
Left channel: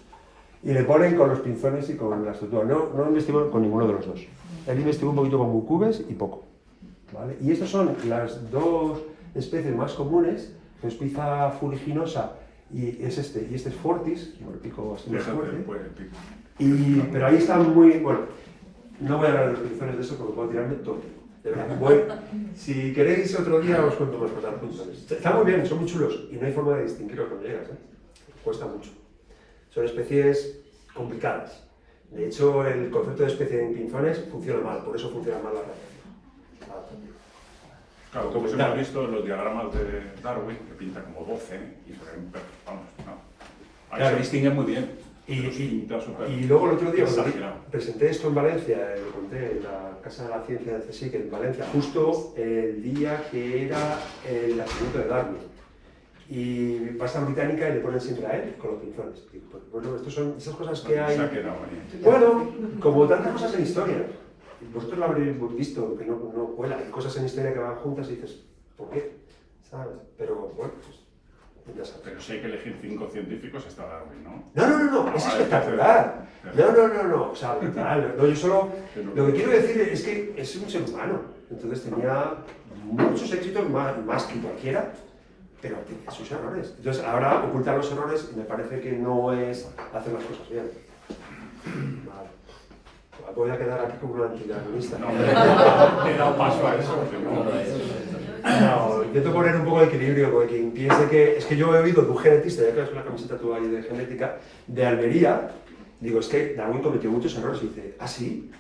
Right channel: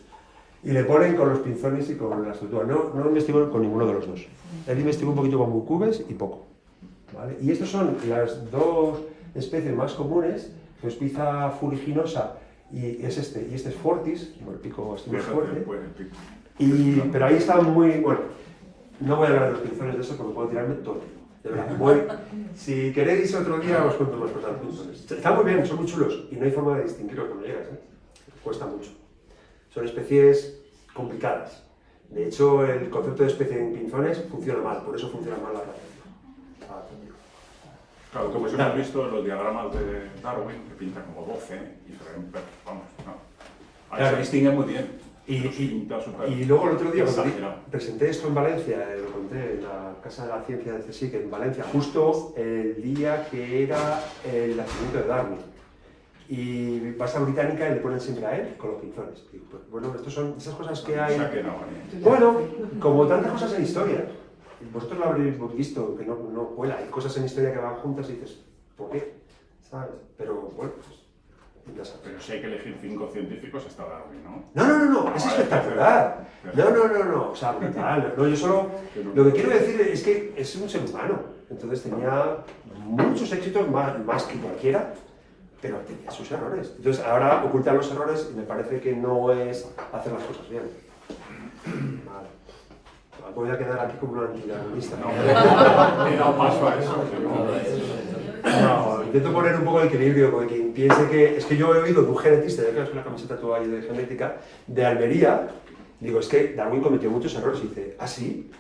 Y le ponen con los pinzones y con la estructura. No investigó con ninguno de los dos. Él investigó un poquito con cubes y poco. ¿Vale? Y estas son las dos especies más comunes, Geospiza fuliginosa y este es Fortis, como el pico es muy fuerte. Pero ahí están muy... Bueno, no voy a hablar de los pinzones de eso porque puedo tirarme todo. De verdad. Bueno, si queréis otro día os cuento más cosas de los pinzones. Están muy bien, son muy chulos y no hay forma de distinguirlos cuando llegas, ¿eh? Cuesta mucho. Son especies complicadas. De hecho, el concepto de especie en pinzones funciona mal, por eso funciona mal la radiación. Claro, tú has visto los diagramas de Darwin, que pinta como 12 y se ven, vamos, no. Ahí Claro. se distingue muy bien. Y Y luego el otro día exagerado. presenté esto en Valencia, lo conté en la Casa de la Ciencia de CSIC en Valencia, justo el día que era el nacimiento de Darwin. Y pasa a Británica y le ponen siempre a él con los pinzones. Y pues, bueno, estas son esas cosas que hay. Bueno, como tantas cosas en historia. Y vosotros lo habréis visto, que no cuela. Hay cosas en historia que van juntas y dices, ¿por qué? ¿Sabes? Pero bueno, pues ya sabes. Pero si hay que elegir 5 científicos está Darwin, ¿no? No, es espectacular. No, o sea, brutal. No, yo solo, lo que quiero decir es que es un ser humano. Entonces tenía muchos éxitos, más que cualquiera, pero tenía sus errores. Entonces ahora ocultar los errores me parece que no es hacer las cosas bien. Vale. Voy a quedar aquí como una antidarwinista. No paso a eso. No, intento poner un poco de equilibrio, porque quien piense que... Es que yo he oído de un genetista, ya que es una camiseta tú ahí de genética, de Almería, digo, es que Darwin cometió muchos errores, y dice, ¿ah, sí?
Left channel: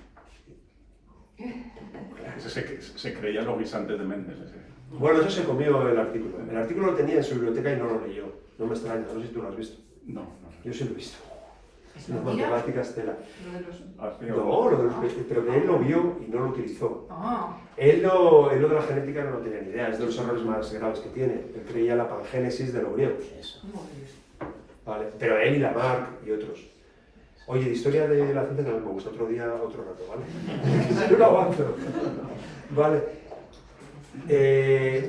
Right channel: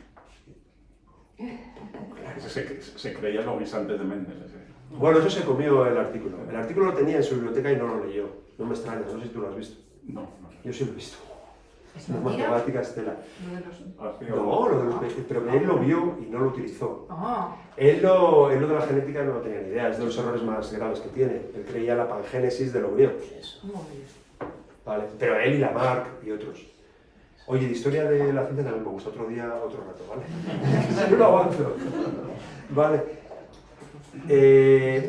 Se creía los guisantes de Méndez. Bueno, eso se comió el artículo. El artículo lo tenía en su biblioteca y no lo leyó. No me extraña, no sé si tú lo has visto. No. Yo sí lo he visto. ¿Es Las mentira? matemáticas de la... Hacía- No, pero que él lo vio y no lo utilizó. Ah, Él de la genética no tenía ni idea, es de los errores más graves que tiene. Él creía en la pangénesis del embrión. Vale, pero él y Lamarck y otros. Oye, de historia de la ciencia también me gusta, otro día, otro rato, ¿vale? Yo no avanzo. Vale.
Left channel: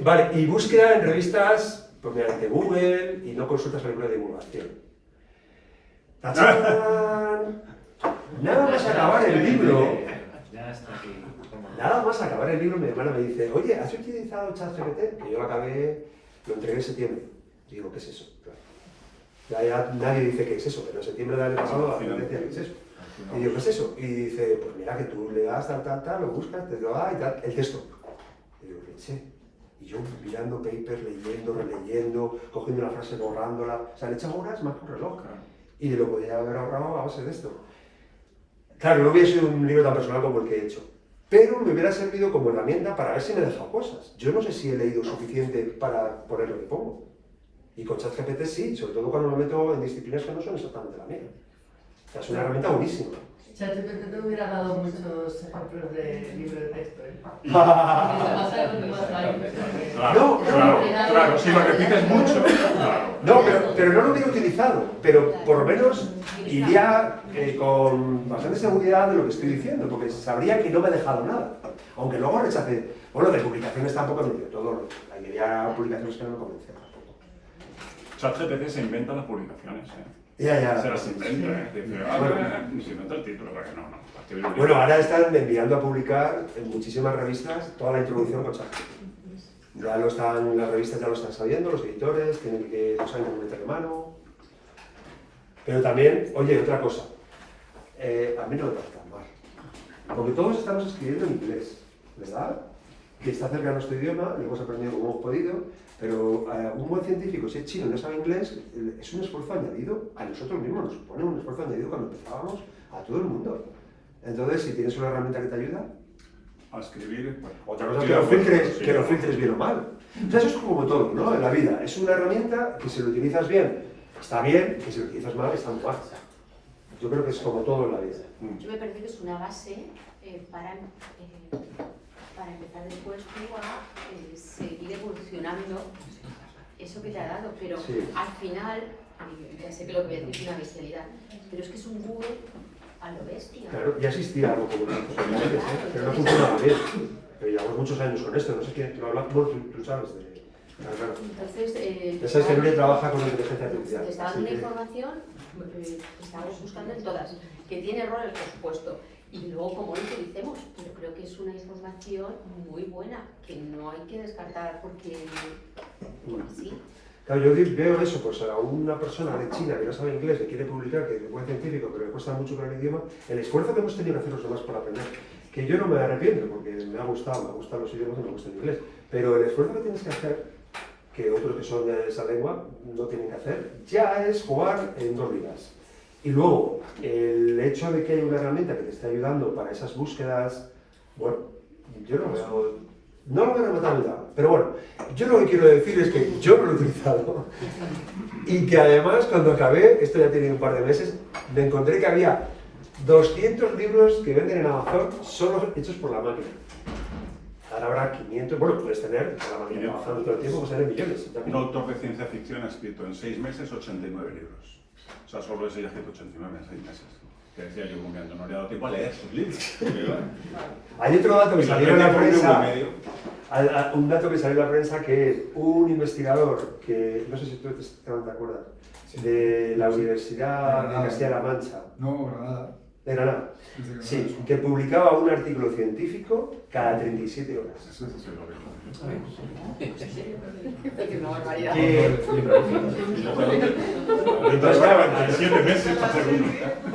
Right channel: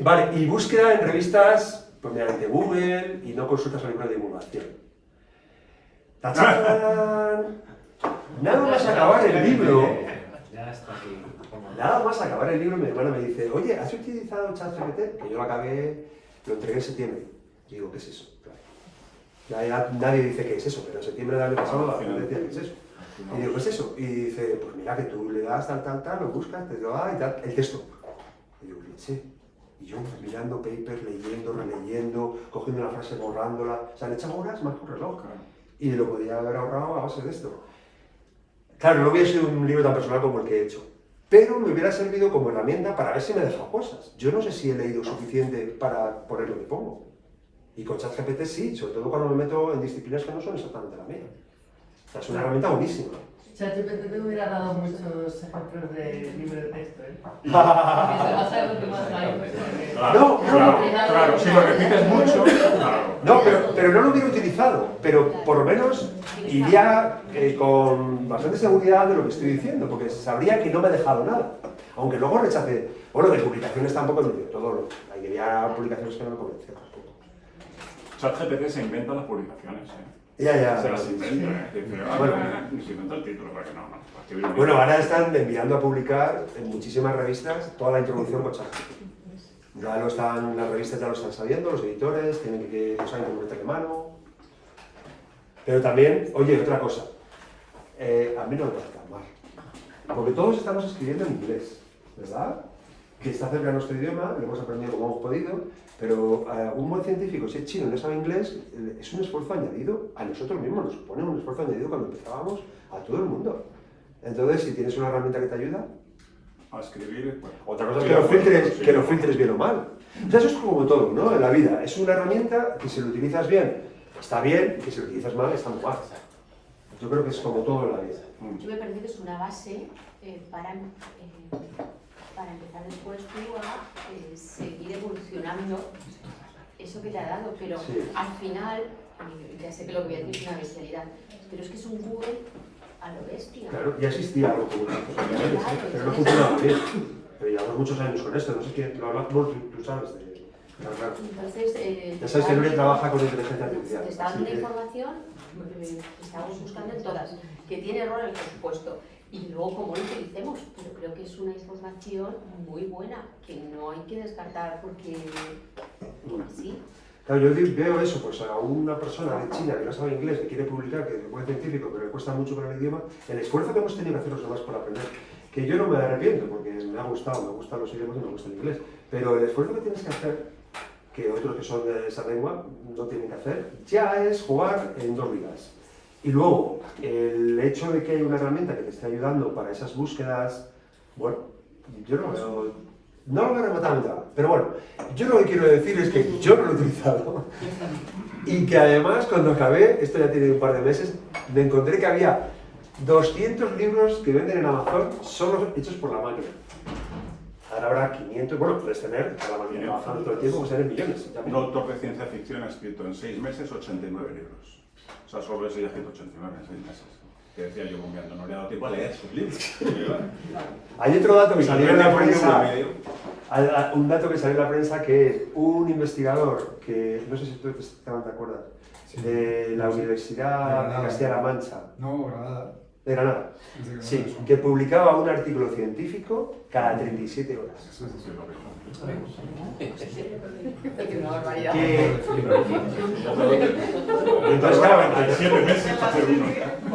Vale, y búsqueda en revistas, pues mediante Google y no consultas a ninguna divulgación. ¡Tachán! Nada más acabar el libro. Ya está aquí. Nada más acabar el libro, mi hermana me dice, oye, ¿has utilizado ChatGPT? Que yo lo acabé, lo entregué en septiembre. Y digo, ¿qué es eso? Ya nadie dice qué es eso, pero en septiembre del año pasado la gente decía qué es eso. Y digo, ¿qué es eso? Y dice, pues mira que tú le das tal, lo buscas, te lo da y tal, el texto. Y digo, leche. Y yo mirando papers, leyendo, releyendo, cogiendo la frase, borrándola. O sea, le echaba horas más que un reloj. Y lo podía haber ahorrado a base de esto. Claro, no hubiera sido un libro tan personal como el que he hecho. Pero me hubiera servido como herramienta para ver si me he dejado cosas. Yo no sé si he leído suficiente para poner lo que pongo. Y con ChatGPT sí, sobre todo cuando me meto en disciplinas que no son exactamente la mía. O sea, es una herramienta buenísima. ChatGPT te hubiera dado muchos ejemplos de libro de texto, ¿eh? Claro, si lo repites mucho, claro. No, pero no lo hubiera utilizado, pero por lo menos iría con bastante seguridad de lo que estoy diciendo, porque sabría que no me he dejado nada. Aunque luego rechace, bueno, de publicaciones tampoco no digo todo, había publicaciones que no me convencían tampoco. ChatGPT se inventa las publicaciones, ¿eh? Ya. Se las inventa, ¿eh? Dice, se inventa el título, porque no. Bueno, ahora están enviando a publicar en muchísimas revistas toda la introducción con ChatGPT. Ya lo están, las revistas ya lo están sabiendo, los editores, tienen que no saben cómo meterle mano. Pero también, oye, otra cosa, a mí no me parece tan mal. Porque todos estamos escribiendo en inglés, ¿verdad? Que está cerca de nuestro idioma, lo hemos aprendido como hemos podido, pero a un buen científico, si es chino y no sabe inglés, es un esfuerzo añadido a nosotros mismos, nos supone un esfuerzo añadido cuando empezábamos a todo el mundo. Entonces, si tienes una herramienta que te ayuda, a escribir, pues, otra cosa es que lo filtres bien o mal. O sea, eso es como todo, ¿no? En la vida, es una herramienta que si lo utilizas bien, está bien, que si lo utilizas mal, está muy mal. Yo creo que es como todo en la vida. Yo me parece que es una base para empezar después tú a seguir evolucionando eso que le ha dado, pero Sí. al final, ya sé que lo que voy a decir es una bestialidad, pero es que es un Google a lo bestia. Claro, ya existía algo como esto, pero no funcionaba bien. Pero llevamos muchos años con esto, no sé quién lo habla, bueno, tú sabes de... Claro. Entonces, Ya sabes que Nuria trabaja con inteligencia artificial. te está dando una información que estamos buscando en todas, que tiene errores, por supuesto, y luego como lo utilicemos, pero creo que es una información muy buena, que no hay que descartar porque sí. Claro, yo veo eso, pues a una persona de China que no sabe inglés, que quiere publicar, que es un científico, pero le cuesta mucho con el idioma, el esfuerzo que hemos tenido que hacer los demás para aprender, que yo no me arrepiento, porque me gustan los idiomas y me gusta el inglés, pero el esfuerzo que tienes que hacer, que otros que son de esa lengua no tienen que hacer, ya es jugar en dos ligas. Y luego, el hecho de que haya una herramienta que te esté ayudando para esas búsquedas, bueno, yo no lo veo remotamente mal. Pero bueno, yo lo que quiero decir es que yo no lo he utilizado. Y que además, cuando acabé, esto ya tiene un par de meses, me encontré que había 200 libros que venden en Amazon solo hechos por la máquina. Ahora habrá 500, bueno, puedes tener, con la máquina de Amazon todo el tiempo, puedes tener millones. un autor de ciencia ficción ha escrito en 6 meses 89 libros. O sea, solo ese ya ha escrito 89 en 6 meses. Que decía yo, comiendo, no le ha dado tiempo a leer sus libros. Hay otro dato que salió en la prensa, un dato que salió en la prensa que un investigador, que no sé si tú te acuerdas, de la Universidad de Castilla-La Mancha, No, Granada. de Granada, Es de Granada. sí, que publicaba un artículo científico cada 37 horas. Eso es así. Es una barbaridad. Entonces, claro, 7 meses hacer uno.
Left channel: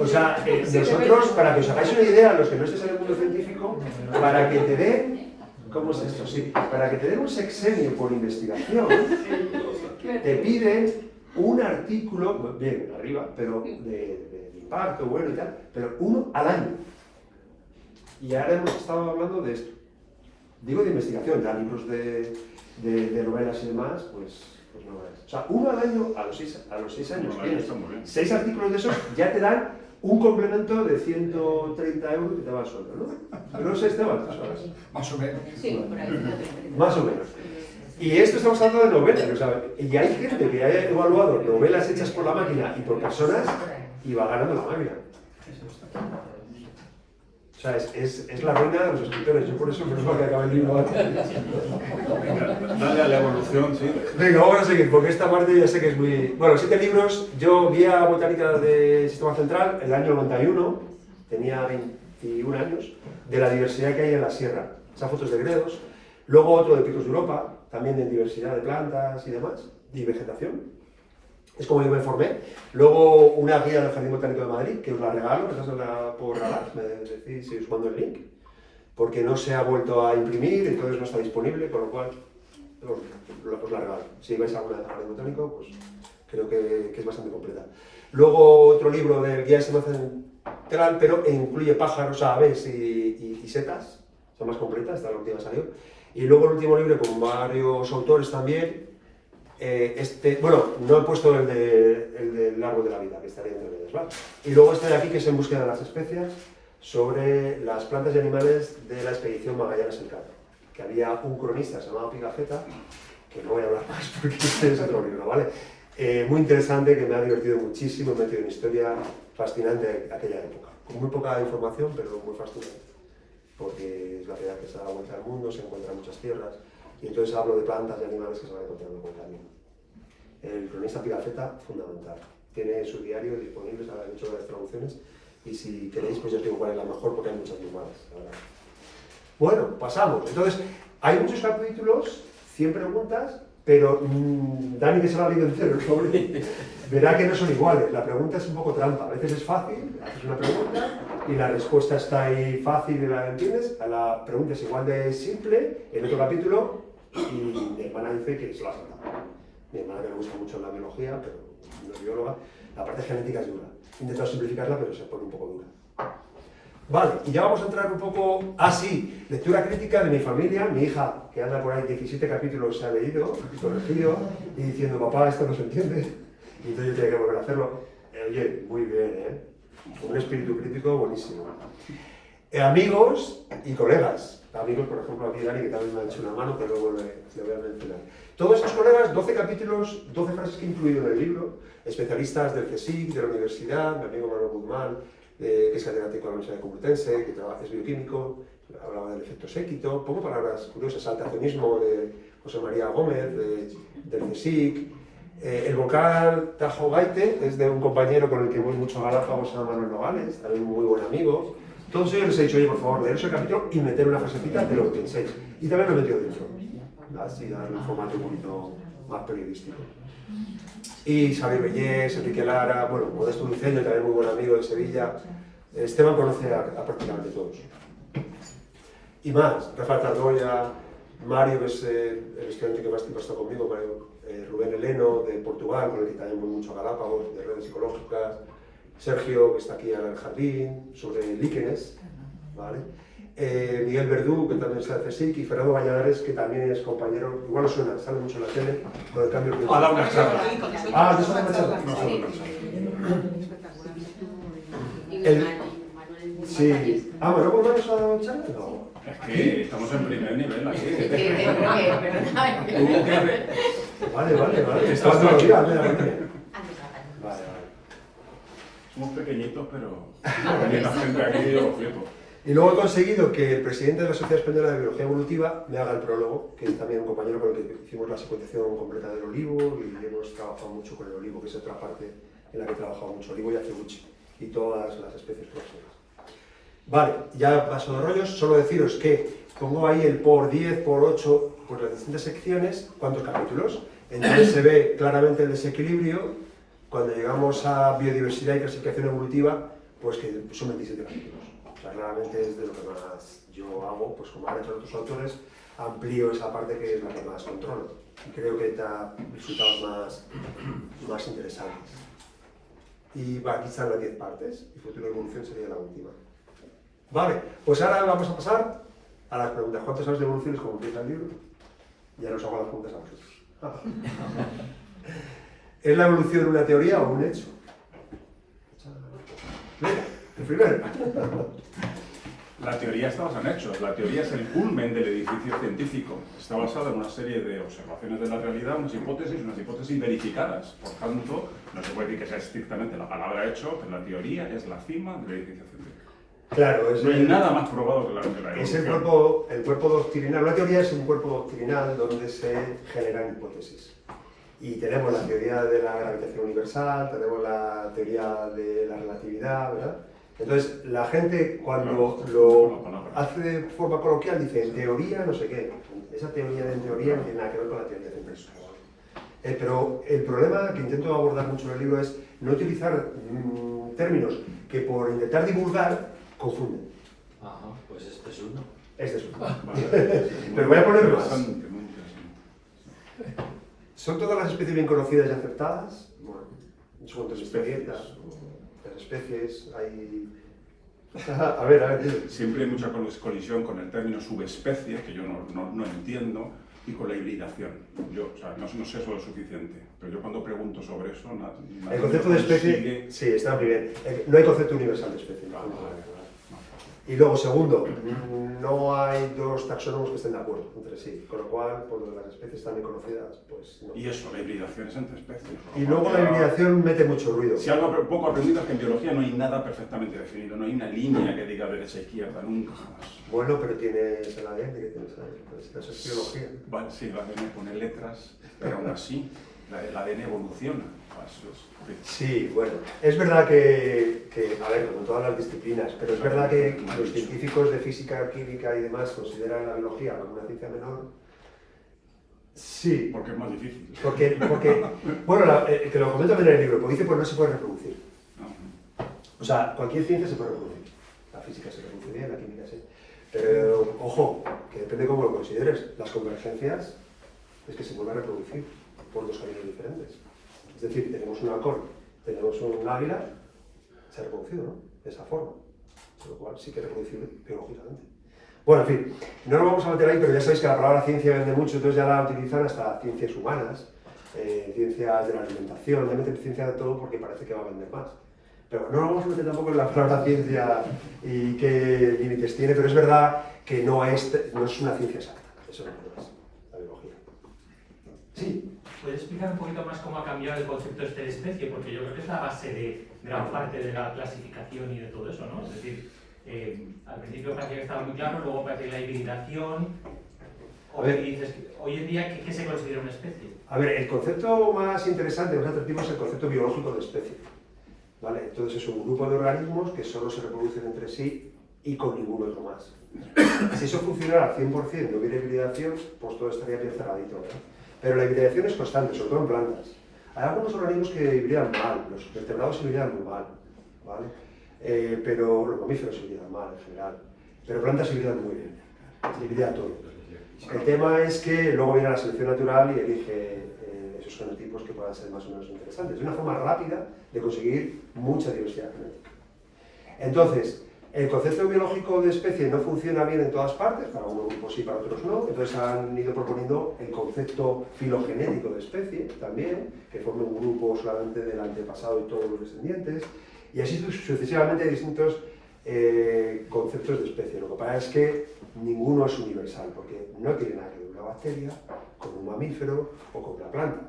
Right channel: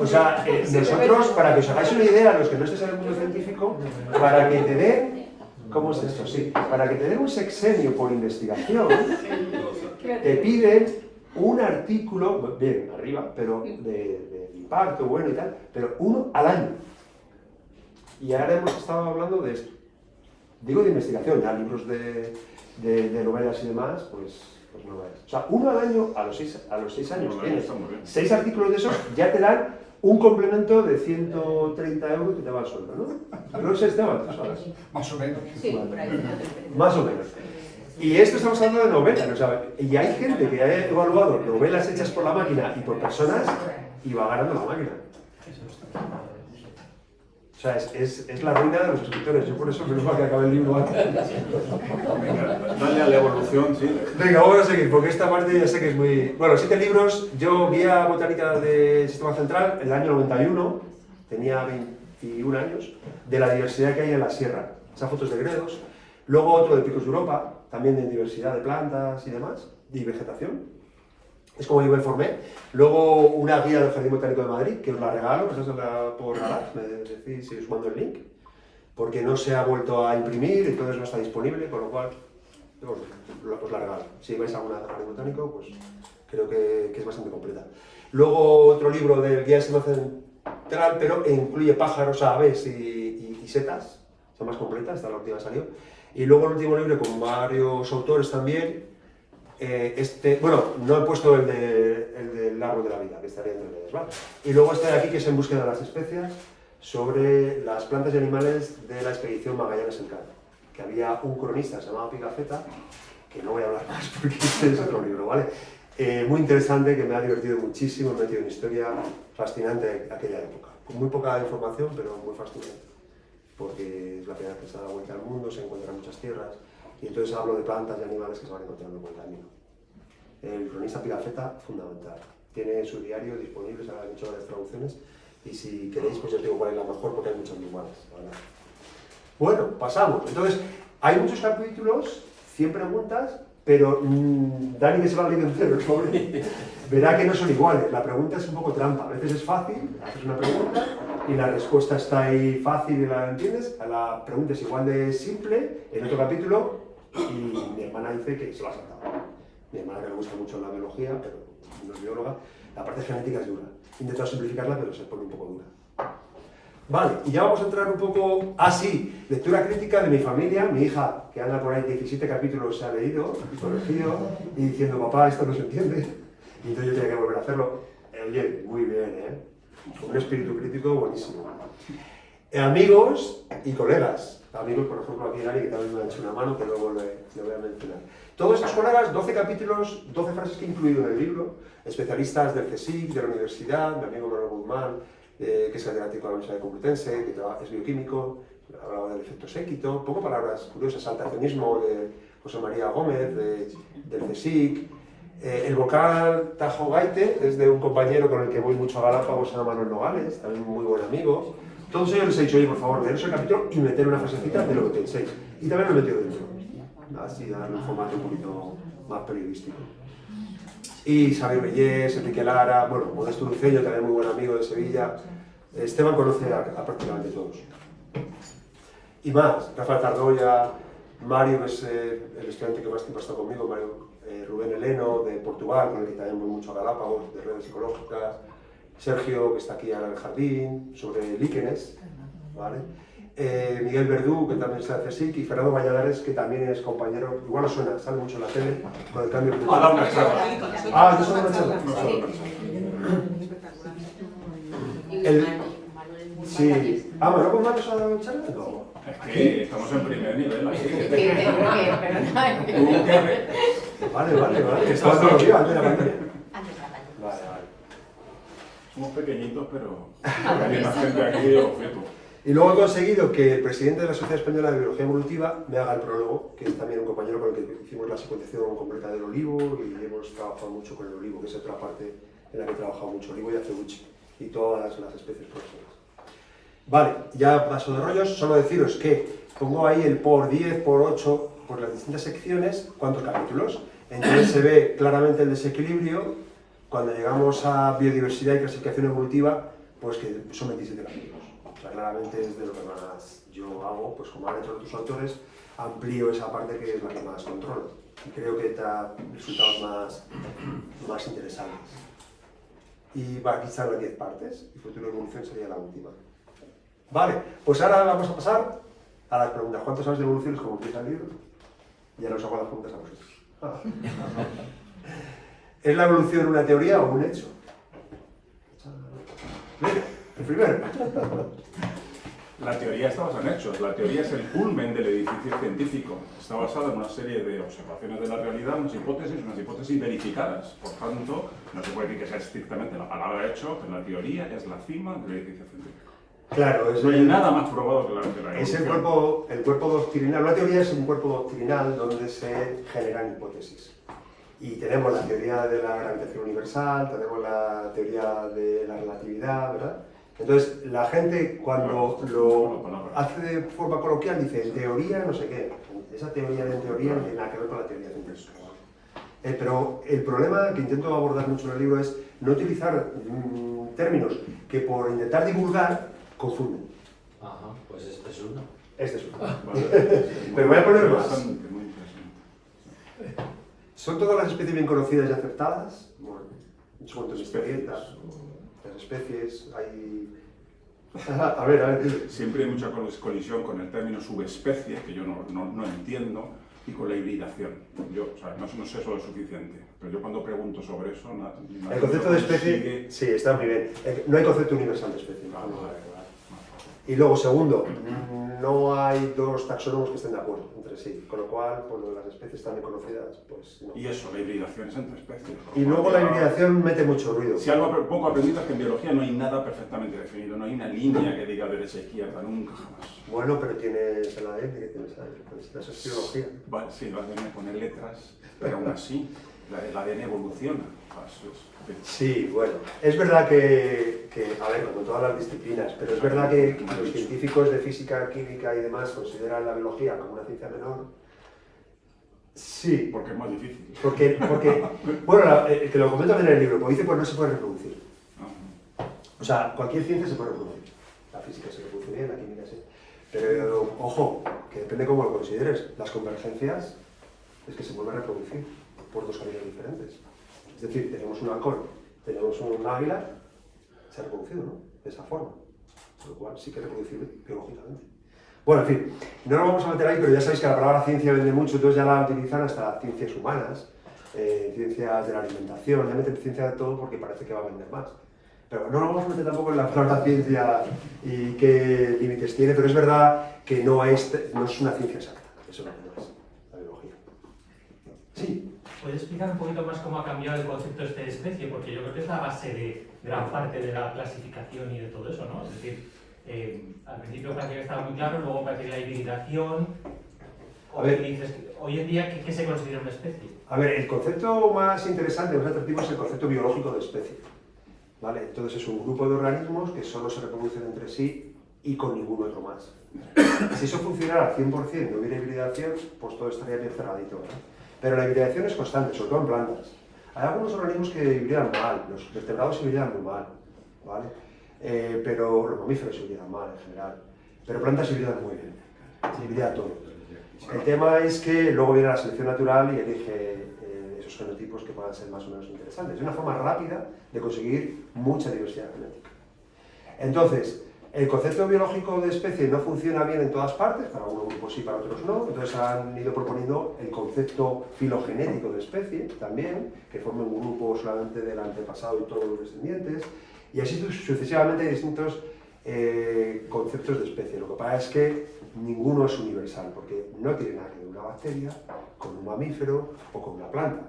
o sea, nosotros, para que os hagáis una idea, los que no estéis en el mundo científico, para que te den, ¿cómo es esto? Sí, para que te den un sexenio por investigación, te piden un artículo, bien, arriba, pero de impacto, bueno y tal, pero uno al año. Y ahora hemos estado hablando de esto. Digo de investigación, ya libros de novelas y demás, pues no veas. O sea, uno al año, a los 6 años, tienes 6 artículos de esos, ya te dan un complemento de 130 euros que te va al sueldo, ¿no? No sé, Esteban, tú sabes. Más o menos. Sí, por ahí. Más o menos. Y esto estamos hablando de novelas, o sea, y hay gente que ha evaluado novelas hechas por la máquina y por personas y va ganando la máquina. O sea, es la reina de los escritores. Yo por eso menos mal que acabe el libro antes. Dale a la evolución, sí. Venga, vamos a seguir, porque esta parte ya sé que es muy... Bueno, 7 libros. Yo vi a Botánica del Sistema Central el año 91, tenía 21 años, de la diversidad que hay en la sierra. Esas fotos de gredos. Luego otro de Picos de Europa, también de diversidad de plantas y demás, y vegetación. es como yo me formé. Luego una guía del Jardín Botánico de Madrid, que os la regalo, que esa se la puedo regalar, me decís si os mando el link, porque no se ha vuelto a imprimir, entonces no está disponible, con lo cual os la regalo. Si vais a una Jardín Botánico, pues creo que es bastante completa. Luego otro libro del guía central, pero incluye pájaros, aves y setas, son más completas, esta es la última que salió. Y luego el último libro con varios autores también. Bueno, no he puesto el del árbol de la vida, que estaría entre medias, ¿vale? Y luego este de aquí, que es En búsqueda de las especias, sobre las plantas y animales de la expedición Magallanes-Elcano. Que había un cronista llamado Pigafetta, que no voy a hablar más porque este es otro libro, ¿vale? Muy interesante, que me ha divertido muchísimo, me ha metido en una historia fascinante de aquella época. Con muy poca información, pero muy fascinante. Porque es la primera que se da la vuelta al mundo, se encuentran muchas tierras. Y entonces hablo de plantas y animales que se van encontrando por el camino. El cronista Pigafetta, fundamental. Tiene su diario disponible, se han hecho varias traducciones. Y si queréis, pues yo os digo cuál es la mejor, porque hay muchas muy malas, la verdad. Bueno, pasamos. Entonces, hay muchos capítulos, 100 preguntas, pero Dani, que se lo ha leído entero, el pobre, verá que no son iguales. La pregunta es un poco trampa. A veces es fácil, haces una pregunta y la respuesta está ahí fácil y la entiendes. La pregunta es igual de simple en otro capítulo y mi hermana dice que se lo ha saltado. Mi hermana, que le gusta mucho la biología, pero no es bióloga, la parte genética es dura. He intentado simplificarla, pero se pone un poco dura. Vale, y ya vamos a entrar un poco... sí, lectura crítica de mi familia, mi hija, que anda por ahí 17 capítulos se ha leído, corregido, y diciendo, papá, esto no se entiende. Y entonces yo tenía que volver a hacerlo. Oye, muy bien, ¿eh? Con un espíritu crítico buenísimo. Amigos y colegas. Amigos, por ejemplo, aquí Dani, que también me ha hecho una mano, que luego le voy a mencionar. Todos estos colegas, 12 capítulos, 12 frases que he incluido en el libro, especialistas del CSIC, de la universidad, mi amigo Manuel Guzmán, que es catedrático de la Universidad Complutense, que es bioquímico, hablaba del efecto séquito, poco palabras curiosas, saltacionismo de José María Gómez, del CSIC, el volcán Tajo Gaite, es de un compañero con el que voy mucho a Galápagos, se llama Manuel Nogales, también un muy buen amigo. Todos ellos les he dicho, oye, por favor, leeros el capítulo y meter una frasecita de lo que penséis. Y también lo he metido dentro, así darle un formato un poquito más periodístico. Y Xavi Bellés, Enrique Lara, bueno, Modesto Dulceño, también muy buen amigo de Sevilla. Esteban conoce a prácticamente todos. Y más, Rafael Tardoya, Mario, que es el estudiante que más tiempo ha estado conmigo, Rubén Heleno, de Portugal, con el que también voy mucho a Galápagos, de redes psicológicas, Sergio, que está aquí ahora en el jardín, sobre líquenes, ¿vale? Miguel Verdú, que también está de CSIC, y Fernando Valladares, que también es compañero, igual os suena, sale mucho en la tele, con el cambio climático. Ha dado una charla. ¿no solo una charla? No solo una charla. Sí. ¿Manuel Guzmán nos ha dado charla? No. Es que estamos en primer nivel aquí. Vale. ¿Cuándo lo vio? Antes de la pandemia. Vale. Somos pequeñitos, pero hay una gente aquí, yo lo firmo. Y luego he conseguido que el presidente de la Sociedad Española de Biología Evolutiva me haga el prólogo, que es también un compañero con el que hicimos la secuenciación completa del olivo y hemos trabajado mucho con el olivo, que es otra parte en la que he trabajado mucho, olivo y acebuche y todas las especies próximas. Vale, ya paso de rollos, solo deciros que pongo ahí el por 10, por 8, por las distintas secciones, cuántos capítulos. Entonces se ve claramente el desequilibrio. Cuando llegamos a biodiversidad y clasificación evolutiva, pues que son 27 capítulos. O sea, claramente es de lo que más yo hago, pues como han hecho otros autores, amplío esa parte que es la que más controlo. Y creo que da resultados más interesantes. Y aquí están las 10 partes, y futuro de evolución sería la última. Vale, pues ahora vamos a pasar a las preguntas. ¿Cuántos sabes de evoluciones como empieza el libro? Ya nos hago las preguntas a vosotros. ¿Es la evolución una teoría o un hecho? El primero. La teoría está basada en hechos. La teoría es el culmen del edificio científico. Está basada en una serie de observaciones de la realidad, unas hipótesis verificadas. Por tanto, no se puede decir que sea estrictamente la palabra hecho, pero la teoría es la cima del edificio científico. Claro, no hay nada más probado que la evolución. Es el cuerpo doctrinal. Una teoría es un cuerpo doctrinal donde se generan hipótesis. Y tenemos la teoría de la gravitación universal, tenemos la teoría de la relatividad, ¿verdad? Entonces, la gente cuando lo hace de forma coloquial dice, en teoría no sé qué. Esa teoría en teoría no tiene nada que ver con la teoría científica. Pero el problema que intento abordar mucho en el libro es no utilizar términos que por intentar divulgar confunden. Ajá, pues este es uno. Este es uno. Vale. Pero voy a poner más. Bastante, muy interesante. ¿Son todas las especies bien conocidas y aceptadas? Bueno, en su cuanto a historietas, las especies, hay... A ver. Siempre hay mucha colisión con el término subespecie, que yo no entiendo, y con la hibridación. Yo, o sea, no sé eso es suficiente, pero yo cuando pregunto sobre eso... El concepto de especie, sí, está muy bien. No hay concepto universal de especie. Y luego, segundo, no hay dos taxónomos que estén de acuerdo entre sí, con lo cual, pues las especies también conocidas, pues no. Y eso, la hibridación es entre especies. Y luego la hibridación mete mucho ruido. Si algo poco aprendido es que en biología no hay nada perfectamente definido, no hay una línea que diga derecha e izquierda, nunca jamás. Bueno, pero tienes el ADN, que tienes eso es biología. Vale, sí, el ADN pone letras, pero aún así, el ADN evoluciona. Eso es. Sí, bueno, es verdad que, a ver, como todas las disciplinas, pero es verdad que los científicos de física, química y demás consideran la biología como una ciencia menor. Sí. Porque es más difícil. Porque bueno, te lo comento también en el libro, porque dice pues no se puede reproducir. O sea, cualquier ciencia se puede reproducir. La física se reproduce bien, la química sí. Pero, ojo, que depende cómo lo consideres. Las convergencias es que se vuelven a reproducir por dos caminos diferentes. Es decir, tenemos un halcón, tenemos un águila, se ha reproducido, ¿no? De esa forma. Con lo cual sí que es reproducible biológicamente. Bueno, en fin, no nos vamos a meter ahí, pero ya sabéis que la palabra ciencia vende mucho, entonces ya la utilizan hasta ciencias humanas, ciencias de la alimentación, no meten ciencia de todo porque parece que va a vender más. Pero no nos vamos a meter tampoco en la palabra ciencia y qué límites tiene, pero es verdad que no es una ciencia exacta, eso no es la biología. Sí. ¿Puedes explicar un poquito más cómo ha cambiado el concepto de especie? Porque yo creo que es la base de gran parte de la clasificación y de todo eso, ¿no? Es decir, al principio parecía que estaba muy claro, luego parecía la hibridación. A ver, dices, hoy en día, ¿qué se considera una especie? A ver, el concepto más interesante, más atractivo es el concepto biológico de especie. ¿Vale? Entonces es un grupo de organismos que solo se reproducen entre sí y con ningún otro más. Si eso funcionara al 100%, no hubiera hibridación, pues todo estaría bien cerradito, ¿no? Pero la hibridación es constante, sobre todo en plantas. Hay algunos organismos que hibridan mal, los vertebrados hibridan muy mal, ¿vale? Pero los mamíferos hibridan mal en general. Pero plantas hibridan muy bien, se hibrida todo. El tema es que luego viene la selección natural y elige esos fenotipos que puedan ser más o menos interesantes. Es una forma rápida de conseguir mucha diversidad genética. Entonces, el concepto biológico de especie no funciona bien en todas partes, para unos grupos sí, para otros no, entonces han ido proponiendo el concepto filogenético de especie también, que forme un grupo solamente del antepasado y todos los descendientes, y así sucesivamente distintos conceptos de especie. Lo que pasa es que ninguno es universal, porque no tiene nada que ver una bacteria con un mamífero o con una planta.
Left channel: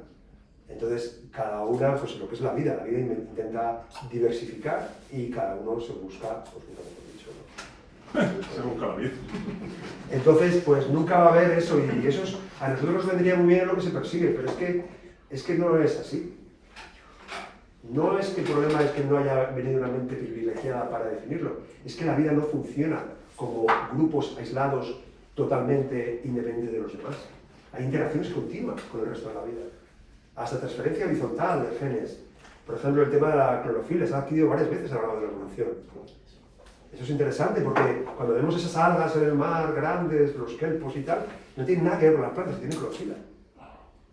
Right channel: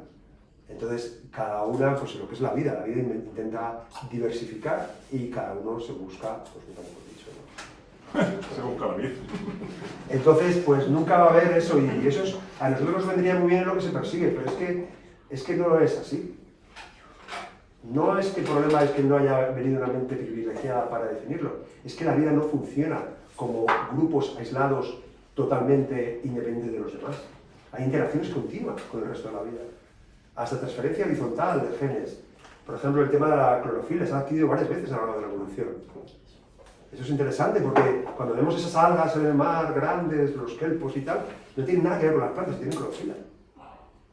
Entonces, cada una, pues lo que es la vida intenta diversificar y cada uno se busca, pues como hemos dicho, ¿no? Se busca la vida. Entonces, pues nunca va a haber eso y eso es, a nosotros nos vendría muy bien lo que se persigue, pero es que no es así. No es que el problema es que no haya venido una mente privilegiada para definirlo, es que la vida no funciona como grupos aislados totalmente independientes de los demás. Hay interacciones continuas con el resto de la vida. Hasta transferencia horizontal de genes. Por ejemplo, el tema de la clorofila se ha adquirido varias veces a lo largo de la evolución. Eso es interesante porque cuando vemos esas algas en el mar, grandes, los kelpos y tal, no tienen nada que ver con las plantas, tienen clorofila.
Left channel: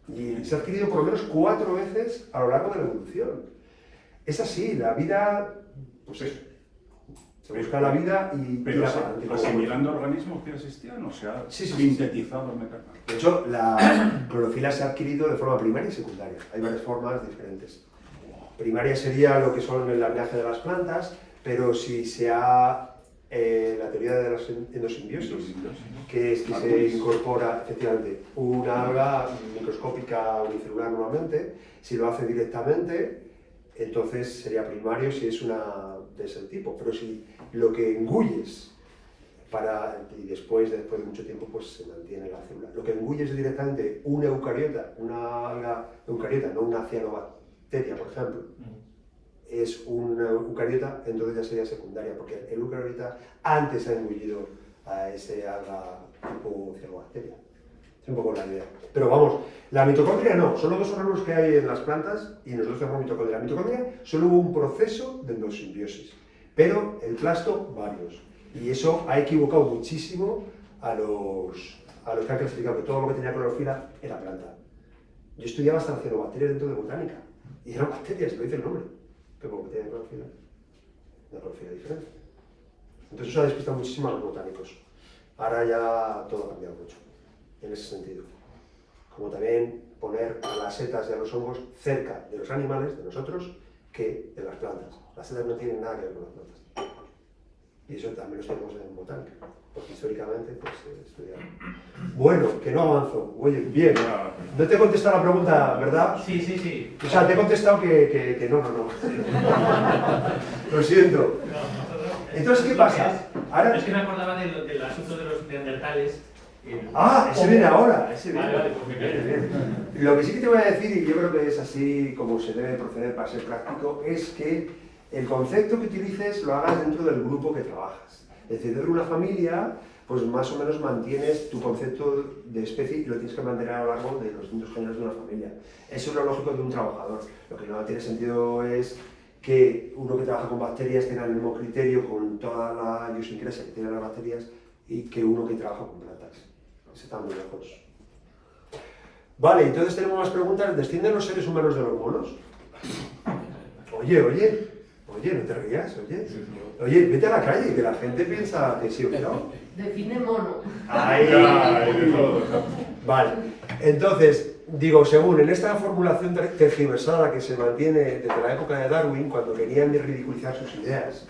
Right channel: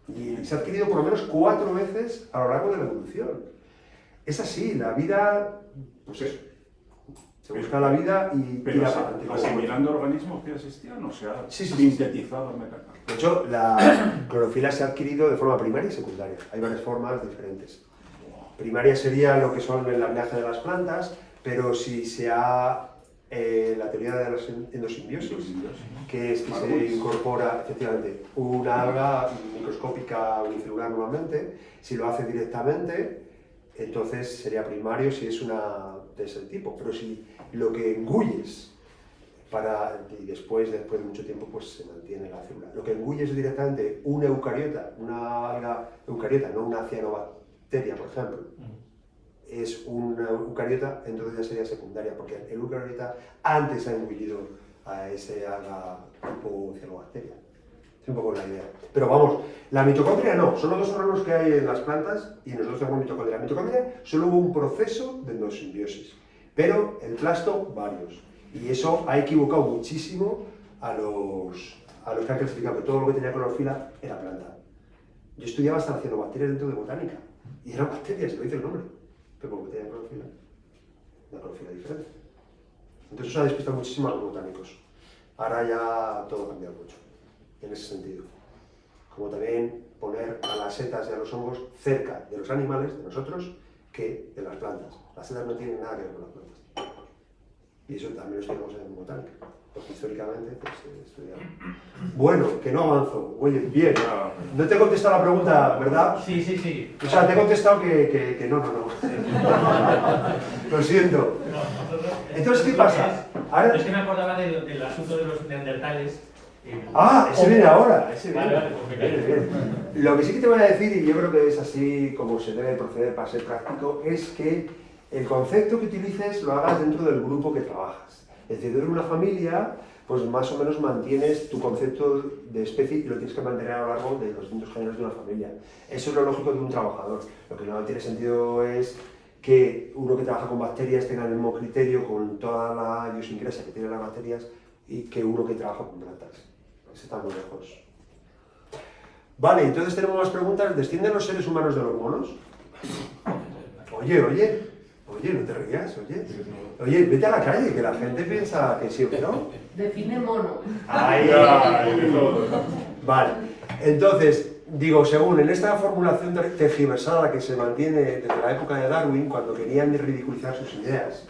Y se ha adquirido por lo menos 4 veces a lo largo de la evolución. Es así, la vida, pues eso. Se busca la vida y pero tira para adelante. asimilando organismos que existían, o sea, Sí. sintetizado metacarbonato. De hecho, la clorofila se ha adquirido de forma primaria y secundaria. Hay varias formas diferentes. Primaria sería lo que son el linaje de las plantas, pero si se ha la teoría de la endosimbiosis, que es que se incorpora efectivamente una alga microscópica unicelular normalmente, si lo hace directamente, entonces sería primario si es una de ese tipo, pero si lo que engulles y después de mucho tiempo pues se mantiene la célula. Lo que engulles directamente una eucariota, una alga eucariota, no una cianobacteria, por ejemplo, es una eucariota, entonces ya sería secundaria, porque el eucariota antes ha engullido a ese alga tipo cianobacteria. Es un poco la idea. Pero vamos, la mitocondria no, son los dos órganos que hay en las plantas y nosotros tenemos mitocondria. La mitocondria solo hubo un proceso de endosimbiosis, pero el plasto varios. Y eso ha equivocado muchísimo a los que han clasificado que todo lo que tenía clorofila era planta. Yo estudiaba hasta cianobacterias dentro de botánica y eran bacterias, lo dice el nombre, pero como que tenían clorofila, una clorofila diferente. Entonces eso ha despistado muchísimo a los botánicos. Ahora ya todo ha cambiado mucho, en ese sentido. Como también poner a las setas y a los hongos cerca de los animales, de nosotros, que de las plantas. Las setas no tienen nada que ver con las plantas. Y eso también lo estudiamos en botánica, porque históricamente pues, estudiamos. Bueno, que no avanzo. Oye, bien. No te he contestado la pregunta, ¿verdad? Sí, sí, sí. O sea, te he contestado que no. Lo siento. Entonces, ¿qué pasa? Ahora... Es que me acordaba del asunto de los neandertales. Ese viene ahora. Vale, pues me callo. Lo que sí que te voy a decir, y yo creo que es así como se debe proceder para ser práctico, es que el concepto que utilices lo hagas dentro del grupo que trabajas. Es decir, dentro de una familia, pues más o menos mantienes tu concepto de especie y lo tienes que mantener a lo largo de los distintos géneros de una familia. Eso es lo lógico de un trabajador. Lo que no tiene sentido es que uno que trabaja con bacterias tenga el mismo criterio con toda la idiosincrasia que tienen las bacterias y que uno que trabaja con plantas. Eso está muy lejos. Vale, entonces tenemos más preguntas. ¿Descienden los seres humanos de los monos? Oye, no te rías, oye, vete a la calle, que la gente piensa que sí o que no. Define mono. Vale, entonces, digo, según en esta formulación tergiversada que se mantiene desde la época de Darwin, cuando querían ridiculizar sus ideas.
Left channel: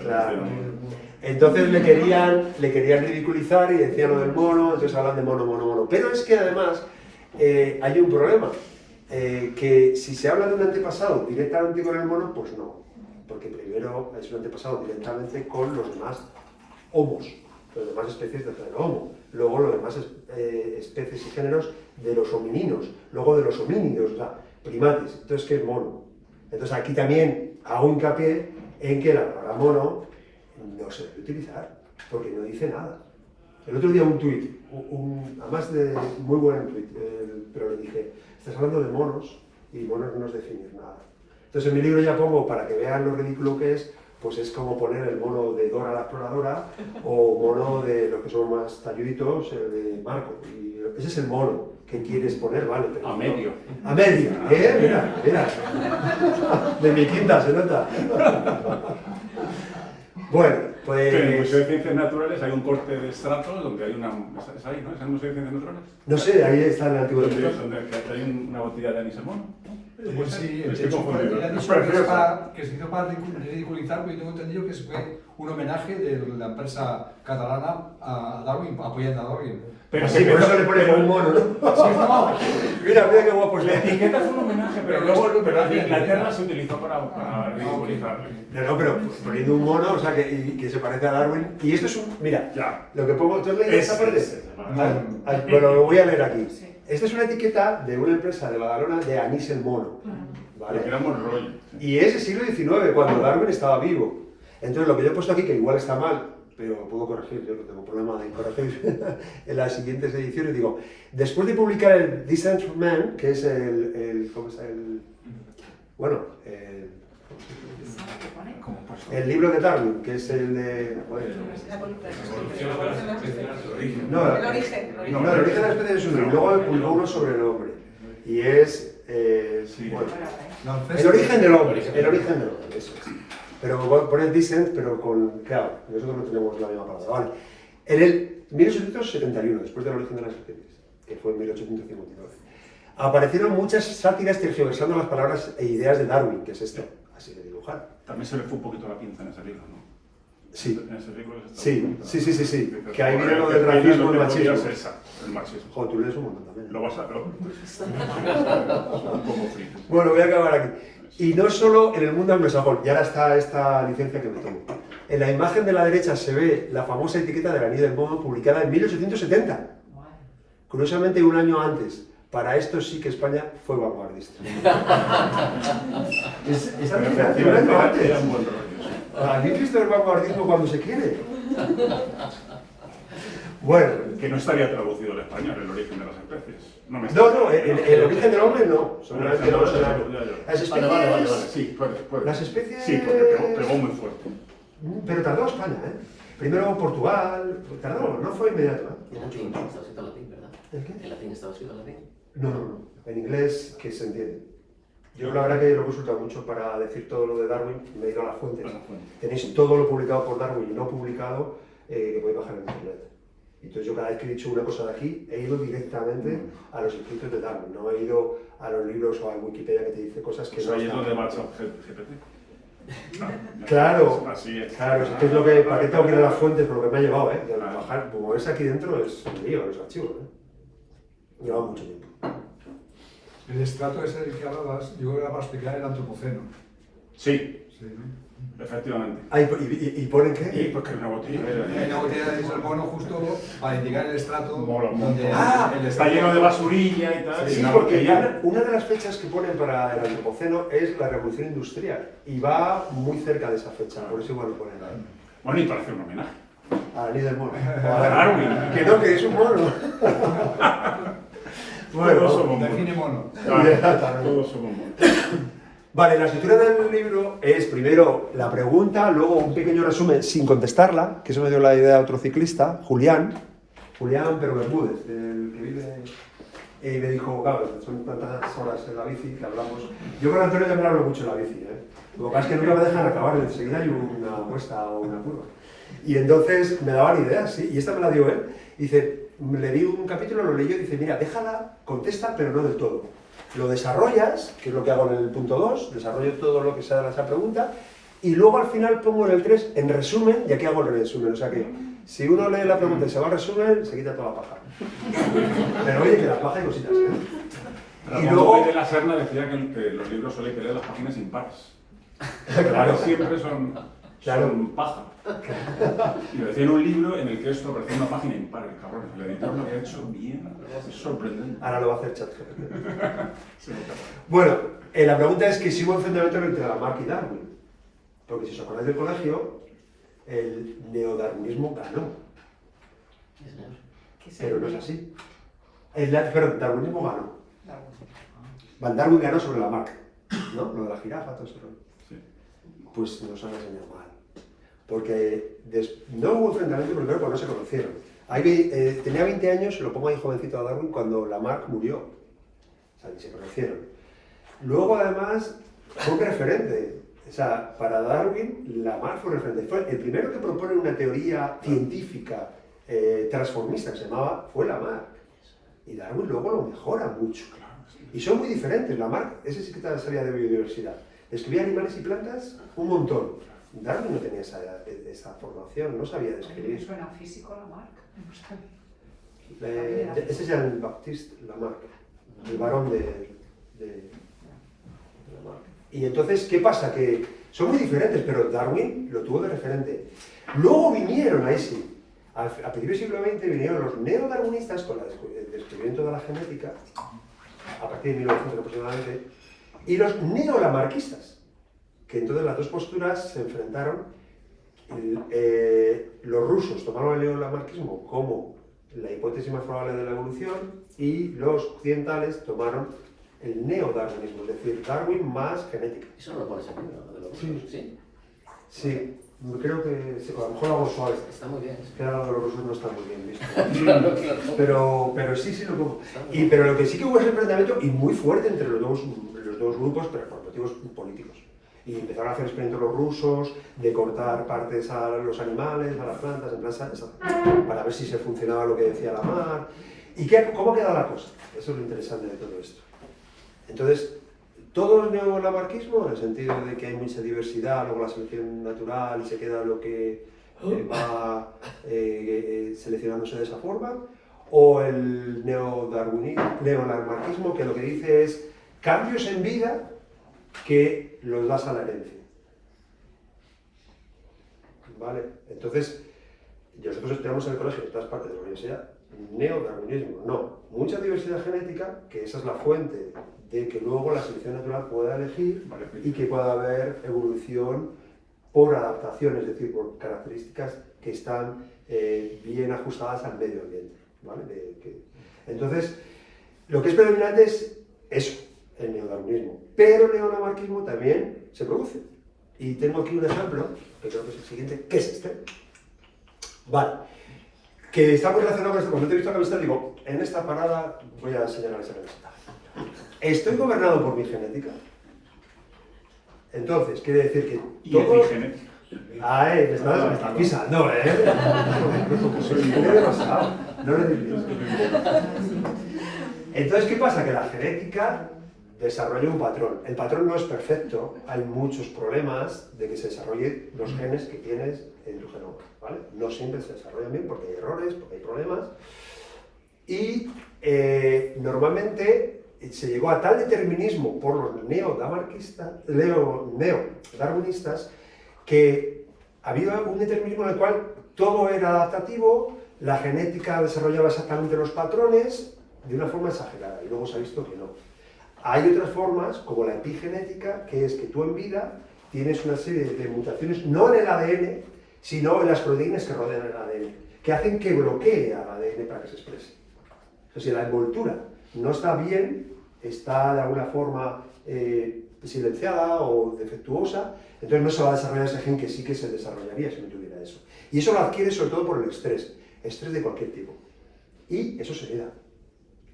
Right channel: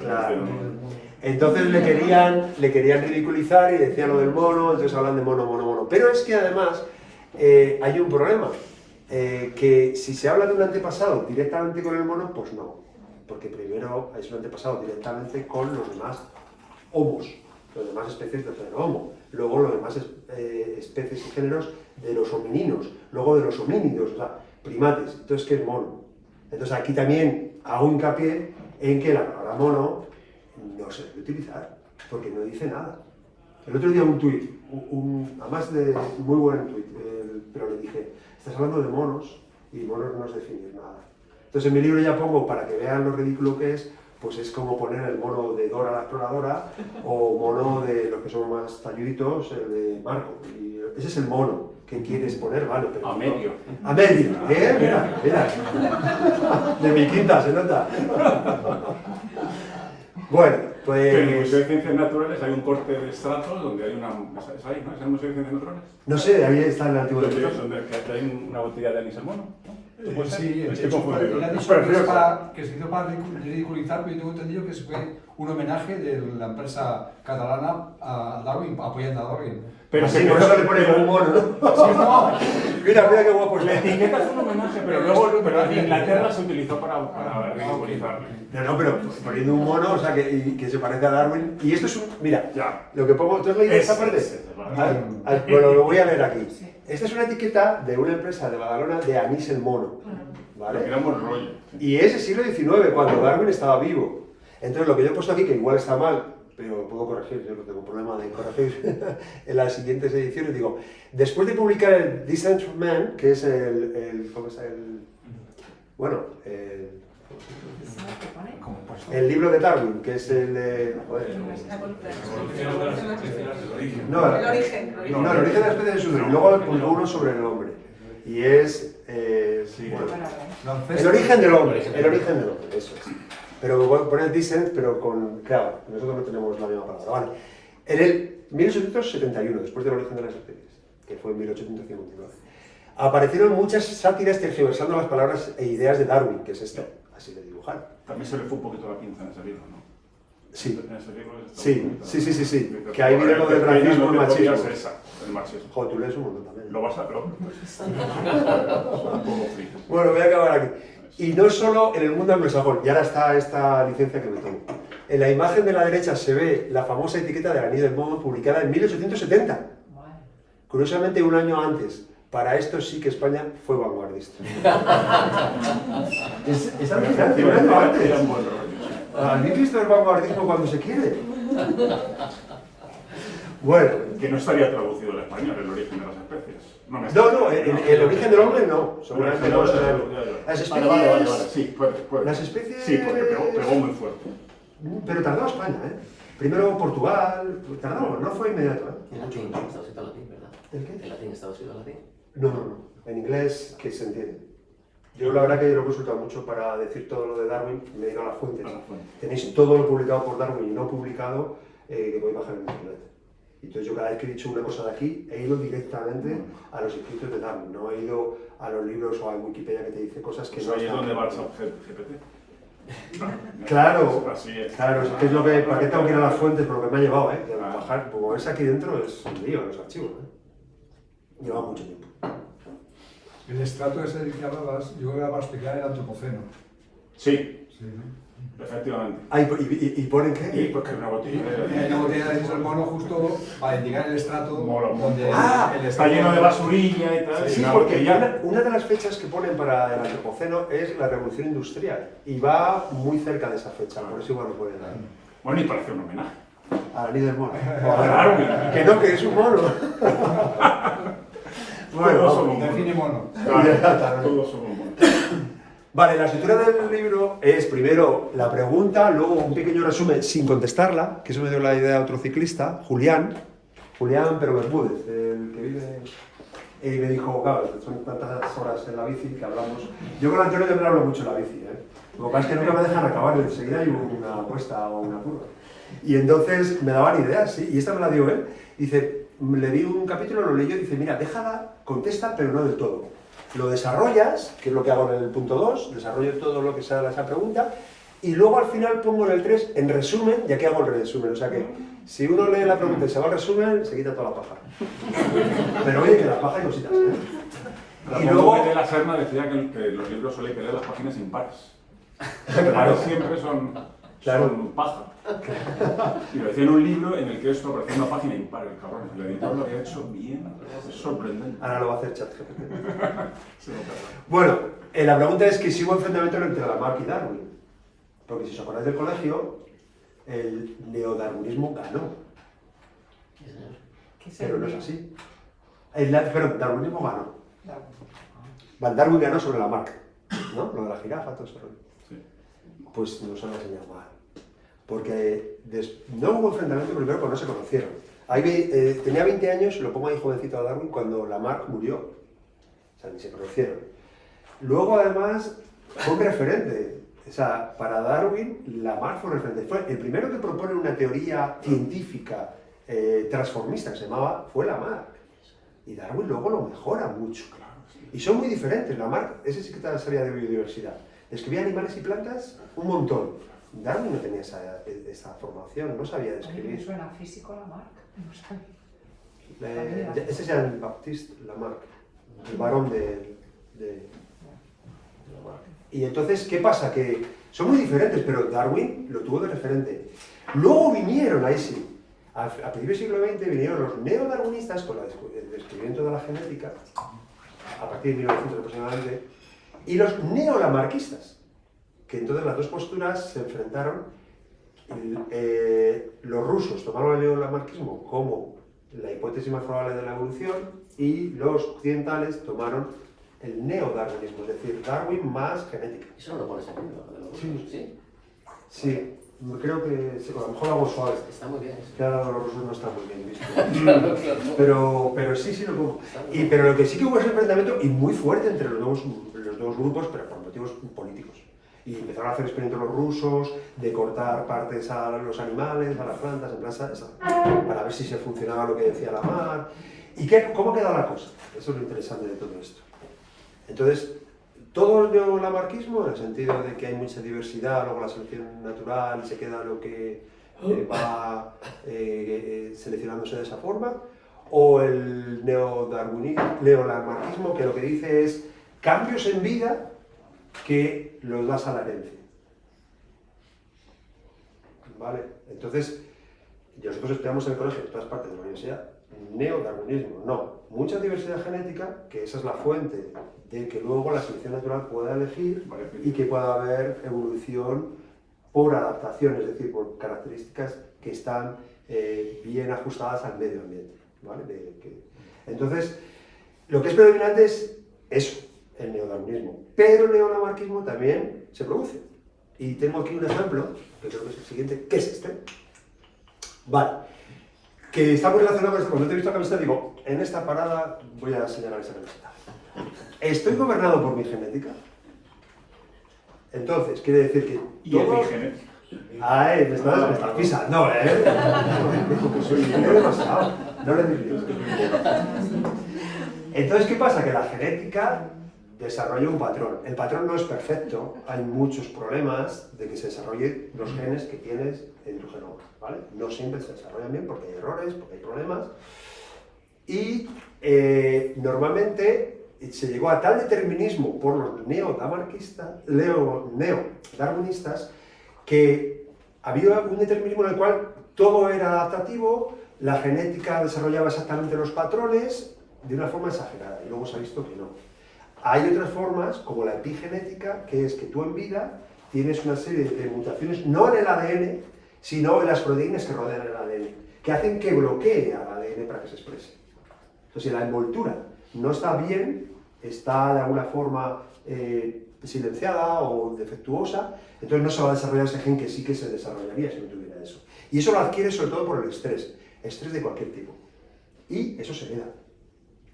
Claro. Entonces le querían ridiculizar y decían lo del mono, entonces hablan de mono. Pero es que además hay un problema. Que si se habla de un antepasado directamente con el mono, pues no, porque primero es un antepasado directamente con los demás homos, las demás especies del género homo, luego los demás especies y géneros de los homininos, luego de los homínidos, o sea, primates. Entonces, ¿qué es mono? Entonces aquí también hago hincapié en que la palabra mono no se debe utilizar, porque no dice nada. El otro día un tuit, además de muy buen tuit, pero le dije, estás hablando de monos y monos no es definir nada. Entonces en mi libro ya pongo, para que vean lo ridículo que es, pues es como poner el mono de Dora la exploradora o mono de los que son más talluditos, el de Marco. Y ese es el mono que quieres poner, vale. Pero a medio. A medio, mira. De mi quinta se nota. Bueno, pues... En el Museo de Ciencias Naturales hay un corte de estratos donde hay una... ¿Es ahí, no? ¿Es el Museo de Ciencias Naturales? No sé, ahí está el antiguo Donde hay una botella de anís al mono. Pues sí, Estoy confundido. que se hizo para ridiculizar, pero yo tengo entendido que fue un homenaje de la empresa catalana a Darwin, apoyando a Darwin. Pero sí, por eso le ponen un mono, ¿no? Sí, no. Mira qué guapo es. La etiqueta es un homenaje, pero en Inglaterra se utilizó para ridiculizarlo. No, pero poniendo un mono, o sea, que se parece a Darwin. Y esto es un... Mira, lo que pongo... ¿Tú has leído esta parte? Bueno, lo voy a leer aquí. Esta es una etiqueta de una empresa de Badalona de anís el mono. ¿Vale? Era Monroy. Y es el siglo XIX, cuando Darwin estaba vivo. Entonces, lo que yo he puesto aquí, que igual está mal, pero puedo corregir, yo no tengo problema de corregir en las siguientes ediciones, digo, después de publicar el Descent of Man, que es ¿cómo está? El libro de Darwin, que es el de... No, el origen de la especie es uno, y luego publicó uno sobre el hombre. Y es... el origen del hombre, eso es. Pero pone el Descent, pero con... Claro, nosotros no tenemos la misma palabra. Vale. En el 1871, después del origen de las especies, que fue en 1859, aparecieron muchas sátiras tergiversando las palabras e ideas de Darwin, que es esto, así de dibujar. También se le fue un poquito la pinza en ese libro, ¿no? Sí. En ese libro Sí. Que ahí viene lo del racismo y el machismo. El machismo. Joder, tú lees un montón también. Lo vas a... Bueno, voy a acabar aquí. Y no solo en el mundo anglosajón, y ahora está esta licencia que me tomo. En la imagen de la derecha se ve la famosa etiqueta de la anís del mono publicada en 1870. Curiosamente, un año antes. Para esto sí que España fue vanguardista. Esa diferencia, un año antes. ¿Alguien visto el vanguardismo cuando se quiere? Bueno, Que no estaría traducido al español, el origen de las especies. no, el origen del hombre no, seguramente no. Ya, Las Vale. especies, Sí, puede. Las especies- Sí, porque pegó muy fuerte. pero tardó España, ¿eh? Primero Portugal, tardó, no fue inmediato, ¿eh? En latín, estaba escrito en latín, ¿verdad? ¿El qué? En latín estaba escrito en latín. No, en inglés que se entiende. Yo la verdad que lo he consultado mucho para decir todo lo de Darwin, me he ido a las fuentes. Tenéis todo lo publicado por Darwin y no publicado, que podéis bajar en internet. Entonces yo cada vez que he dicho una cosa de aquí, he ido directamente a los escritos de Darwin, no he ido a los libros o a Wikipedia que te dice cosas que Pues no ahí es están. donde va GPT. Claro, Así es. claro, es lo que, ¿para qué tengo que ir a las fuentes? Por lo que me ha llevado, ¿eh? Y al bajar, como es aquí dentro, es un lío, los archivos, ¿eh? Lleva mucho tiempo. El estrato ese del que hablabas, yo creo que era para explicar el antropoceno. Sí, Sí, ¿no? efectivamente. Ah, ¿y ponen qué? Y pues que una botella Y luego tiene el mono justo para indicar el estrato Mola un donde montón. Ah, el está lleno de basurilla y tal. Sí, y una porque botella. una de las fechas que ponen para el antropoceno es la revolución industrial y va muy cerca de esa fecha, por eso igual lo ponen. Bueno, y parece un homenaje. A la ley del mono. Darwin. Que no, que es un mono. Todos somos define monos. mono. Claro, todos somos monos. Vale, la estructura del libro es primero la pregunta, luego un pequeño resumen sin contestarla, que eso me dio la idea a otro ciclista, Julián pero Bermúdez, el que vive, me dijo, claro, son tantas horas en la bici que hablamos. Yo con Antonio también hablo mucho en la bici, ¿eh? Lo que pasa es que nunca me dejan acabar, enseguida hay una apuesta o una curva. Y entonces me daban ideas, ¿sí? Y esta me la dio él. Dice, le di un capítulo, lo leyó y dice, mira, déjala, contesta, pero no del todo. Lo desarrollas, que es lo que hago en el punto 2, desarrollo todo lo que sale de esa pregunta, y luego al final pongo en el 3, en resumen, y aquí hago el resumen. O sea que, si uno lee la pregunta y se va al resumen, se quita toda la paja. Pero oye, que la paja hay cositas, ¿eh? Y luego... de la Serna decía que los libros suelen querer las páginas impares. Claro. Siempre son paja. Y lo decía en un libro en el que esto parecía una página impar, el cabrón. El editor lo había hecho bien, es sorprendente. Ahora lo va a hacer ChatGPT. Bueno, la pregunta es que si hubo enfrentamiento entre Lamarck y Darwin. Porque si os acordáis del colegio, el neodarwinismo ganó. Pero no es así. Perdón, darwinismo ganó. Van Darwin ganó sobre Lamarck, ¿no? Lo de la jirafa, todo eso. Sí. Pues nos han enseñado mal. Porque no hubo enfrentamiento primero porque no se conocieron. Tenía 20 años, lo pongo ahí jovencito a Darwin, cuando Lamarck murió. O sea, ni se conocieron. Luego, además, fue un referente. O sea, para Darwin, Lamarck fue un referente. Fue el primero que propone una teoría científica transformista que se llamaba, fue Lamarck. Y Darwin luego lo mejora mucho. Y son muy diferentes. Lamarck, ese sí que te salía de biodiversidad. Describía animales y plantas un montón. Darwin no tenía esa formación, no sabía describir. ¿Suena físico Lamarck? Ese es Jean-Baptiste Lamarck, el varón de Lamarck. Y entonces, ¿qué pasa? Que son muy diferentes, pero Darwin lo tuvo de referente. Luego vinieron, ahí sí, a principios del siglo XX vinieron los neodarwinistas con el descubrimiento de la genética, a partir de 1900 aproximadamente, y los neolamarquistas, que entonces las dos posturas se enfrentaron. Los rusos tomaron el neolamarquismo como la hipótesis más probable de la evolución y los occidentales tomaron el neodarwinismo, es decir, Darwin más genética. Eso no lo pones aquí, ¿no? De los Sí. rusos, ¿sí? Sí, creo que sí, a lo mejor lo hago suave. Está muy bien. Que ahora los rusos no está muy bien visto. Claro. Pero sí lo pongo. Pero lo que sí que hubo es un enfrentamiento y muy fuerte entre los dos grupos, pero por motivos políticos. Y empezaron a hacer experimentos los rusos de cortar partes a los animales, a las plantas, en plan, para ver si se funcionaba lo que decía Lamarck. ¿Y cómo queda la cosa? Eso es lo interesante de todo esto. Entonces, todo el neolamarquismo, en el sentido de que hay mucha diversidad, luego la selección natural y se queda lo que va seleccionándose de esa forma, o el neolamarquismo, que lo que dice es cambios en vida que los das a la herencia. ¿Vale? Entonces, nosotros estudiamos en el colegio, en todas partes de la universidad, neodarwinismo, no. Mucha diversidad genética, que esa es la fuente de que luego la selección natural pueda elegir y que pueda haber evolución por adaptación, es decir, por características que están bien ajustadas al medio ambiente, ¿vale? Entonces, lo que es predominante es eso, el neodarwinismo, pero el neolamarquismo también se produce. Y tengo aquí un ejemplo, que creo que es el siguiente, que es este. Vale, que está muy relacionado con esto. Cuando te he visto la camiseta, digo, en esta parada voy a señalar esa camiseta. ¿Estoy gobernado por mi genética? Entonces, quiere decir que Y todo... epigenética. Ay, me está pisando, ¿eh? No demasiado. No lo digo. Entonces, ¿qué pasa? Que la genética desarrolla un patrón. El patrón no es perfecto, hay muchos problemas de que se desarrollen los genes que tienes en tu genoma, ¿vale? No siempre se desarrollan bien porque hay errores, porque hay problemas. Y normalmente se llegó a tal determinismo por los neodarwinistas que había un determinismo en el cual todo era adaptativo, la genética desarrollaba exactamente los patrones de una forma exagerada, y luego se ha visto que no. Hay otras formas, como la epigenética, que es que tú en vida tienes una serie de mutaciones, no en el ADN, sino en las proteínas que rodean el ADN, que hacen que bloquee al ADN para que se exprese. O sea, si la envoltura no está bien, está de alguna forma silenciada o defectuosa, entonces no se va a desarrollar ese gen que sí que se desarrollaría si no tuviera eso. Y eso lo adquiere sobre todo por el estrés de cualquier tipo. Y eso se hereda.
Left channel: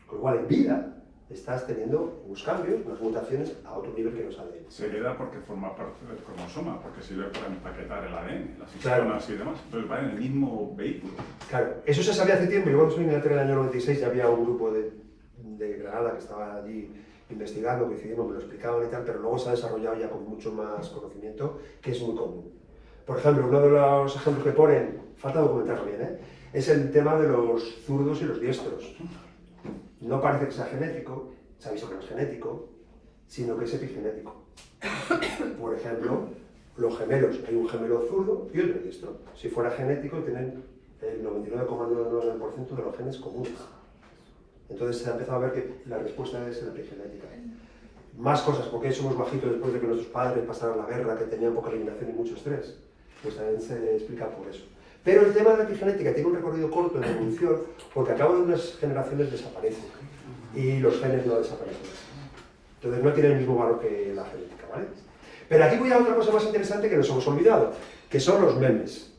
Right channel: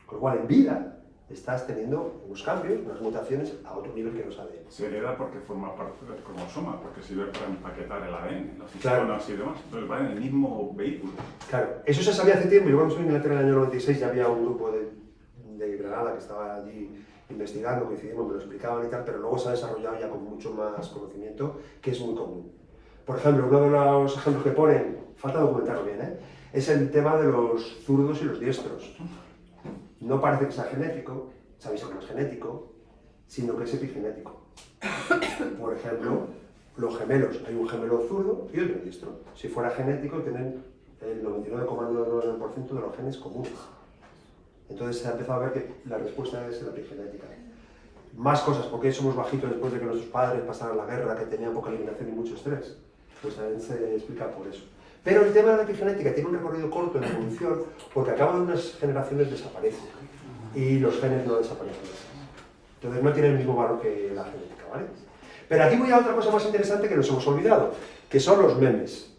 Con lo cual, en vida, estás teniendo unos cambios, unas mutaciones a otro nivel que los ADN. Se hereda porque forma parte del cromosoma, porque sirve para empaquetar el ADN, las Claro. histonas y demás. Entonces va en el mismo vehículo. Claro, eso se sabía hace tiempo. Yo cuando estuve en Inglaterra en el año 96 ya había un grupo de Granada que estaba allí investigando, coincidimos, me lo explicaban y tal, pero luego se ha desarrollado ya con mucho más conocimiento, que es muy común. Por ejemplo, uno de los ejemplos que ponen, falta documentarlo bien, es el tema de los zurdos y los diestros. No parece que sea genético, se ha visto que no es genético, sino que es epigenético. Por ejemplo, los gemelos, hay un gemelo zurdo y otro diestro. Si fuera genético, tienen el 99,99% de los genes comunes. Entonces se ha empezado a ver que la respuesta es la epigenética. Más cosas, ¿por qué somos bajitos después de que nuestros padres pasaran la guerra, que tenían poca alimentación y mucho estrés? Pues también se explica por eso. Pero el tema de la epigenética tiene un recorrido corto en evolución, porque a cabo de unas generaciones desaparece y los genes no desaparecen. Entonces no tiene el mismo valor que la genética, ¿vale? Pero aquí voy a otra cosa más interesante que nos hemos olvidado, que son los memes.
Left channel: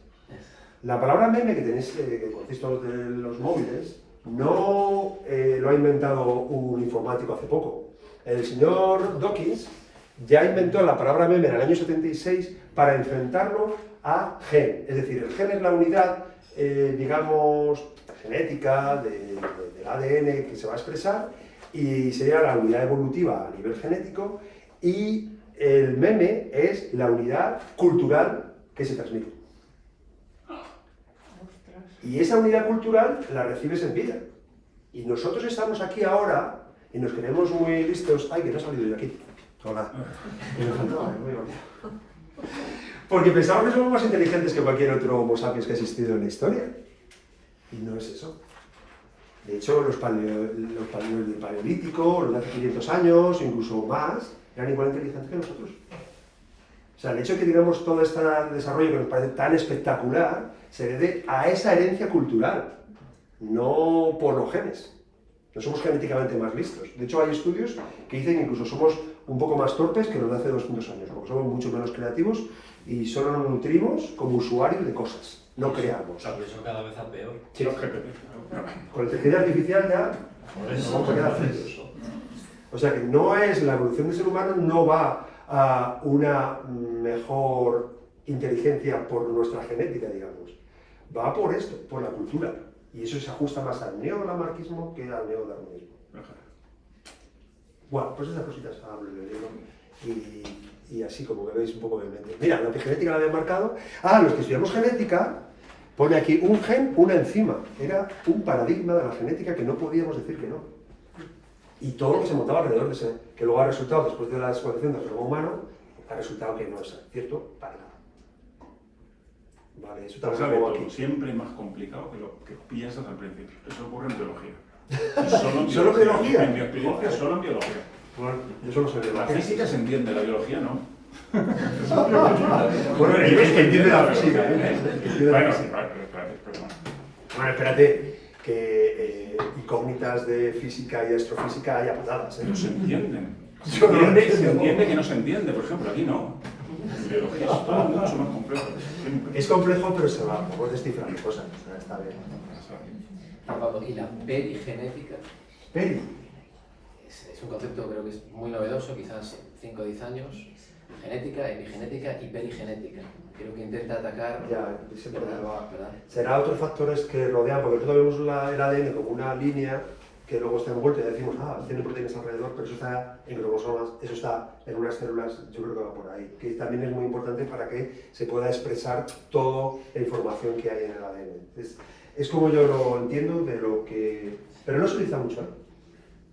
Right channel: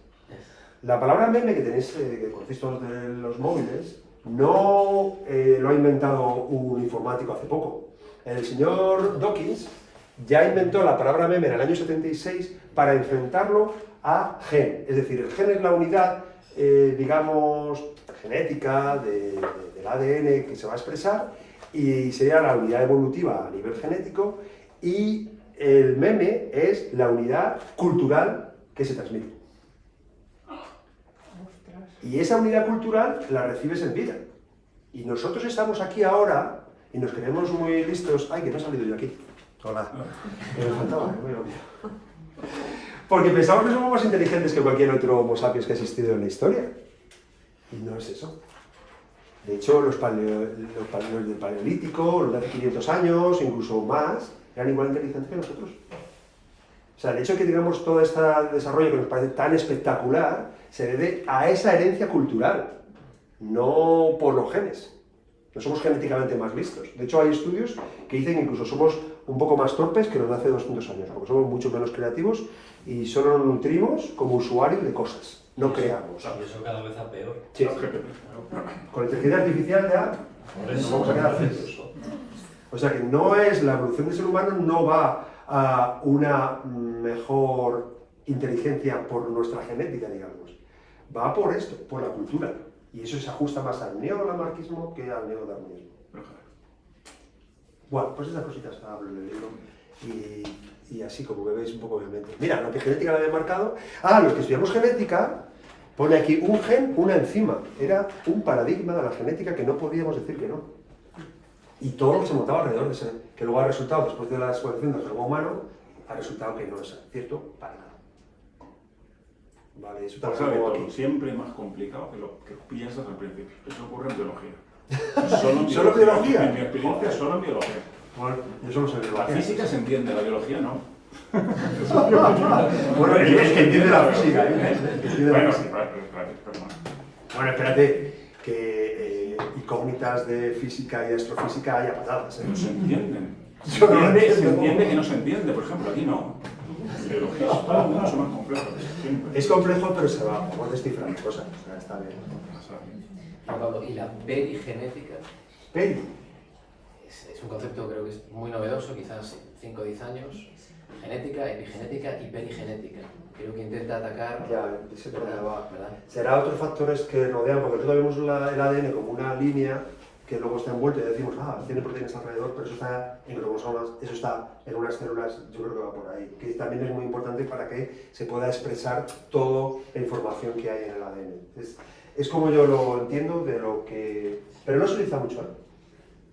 La palabra meme que tenéis, que conocéis todos de los móviles, no lo ha inventado un informático hace poco. El señor Dawkins ya inventó la palabra meme en el año 76 para enfrentarlo a gen. Es decir, el gen es la unidad, digamos, genética del ADN que se va a expresar y sería la unidad evolutiva a nivel genético, y el meme es la unidad cultural que se transmite. Y esa unidad cultural la recibes en vida. Y nosotros estamos aquí ahora y nos creemos muy listos. ¡Ay, que no ha salido de aquí! Hola. Me faltaba, muy rápido. Porque pensamos que somos más inteligentes que cualquier otro Homo sapiens que ha existido en la historia. Y no es eso. De hecho, los del Paleolítico, los de hace 500 años, incluso más, eran igual inteligentes que nosotros. O sea, el hecho que digamos todo este desarrollo que nos parece tan espectacular se debe a esa herencia cultural, no por los genes. No somos genéticamente más listos. De hecho, hay estudios que dicen que incluso somos un poco más torpes que los de hace 200 años, porque somos mucho menos creativos y solo nos nutrimos como usuarios de cosas, no creamos. Y eso cada vez a peor. Sí. Con la inteligencia artificial ya nos vamos a quedar fríos. O sea que no es la evolución del ser humano, no va a una mejor inteligencia por nuestra genética, digamos. Va por esto, por la cultura. Y eso se ajusta más al neolamarquismo que al neodarwinismo. Bueno, pues esas cositas hablo en el libro. Y así como me veis un poco de mente. Mira, la epigenética la había marcado. Los que estudiamos genética, pone aquí un gen, una enzima. Era un paradigma de la genética que no podíamos decir que no. Y todo lo que se montaba alrededor de ese, que luego ha resultado, después de la exploración del genoma humano, ha resultado que no es cierto para nada. Vale, eso también Sabe lo pongo todo, aquí. siempre más complicado que lo que piensas al principio. Eso ocurre en biología. ¿Solo en biología? En mi experiencia, solo en biología. Bueno, yo solo sé La biología. física se entiende, la biología no. Bueno, el que entiende la física, ¿eh? Bueno, claro. Bueno, espérate, que incógnitas de física y de astrofísica hay a patadas, ¿eh? No se entienden. Yo no lo entiendo. Se entiende que no se entiende, por ejemplo, aquí no. Biología es todo mucho más complejo. Siempre. Es complejo, pero se va, puedes descifrar cosas, o sea, está bien. Y la perigenética Peri. es un concepto creo que es muy novedoso, quizás 5 o 10 años. Genética, epigenética y perigenética. Creo que intenta atacar... Ya, ese problema va. ¿verdad? Será otros factores que rodean, porque nosotros vemos el ADN como una línea que luego está envuelta y decimos, tiene proteínas alrededor, pero eso está en cromosomas, eso está en unas células, yo creo que va por ahí. Que también es muy importante para que se pueda expresar toda la información que hay en el ADN. Es como yo lo entiendo de lo que... Pero no se utiliza mucho, ¿eh?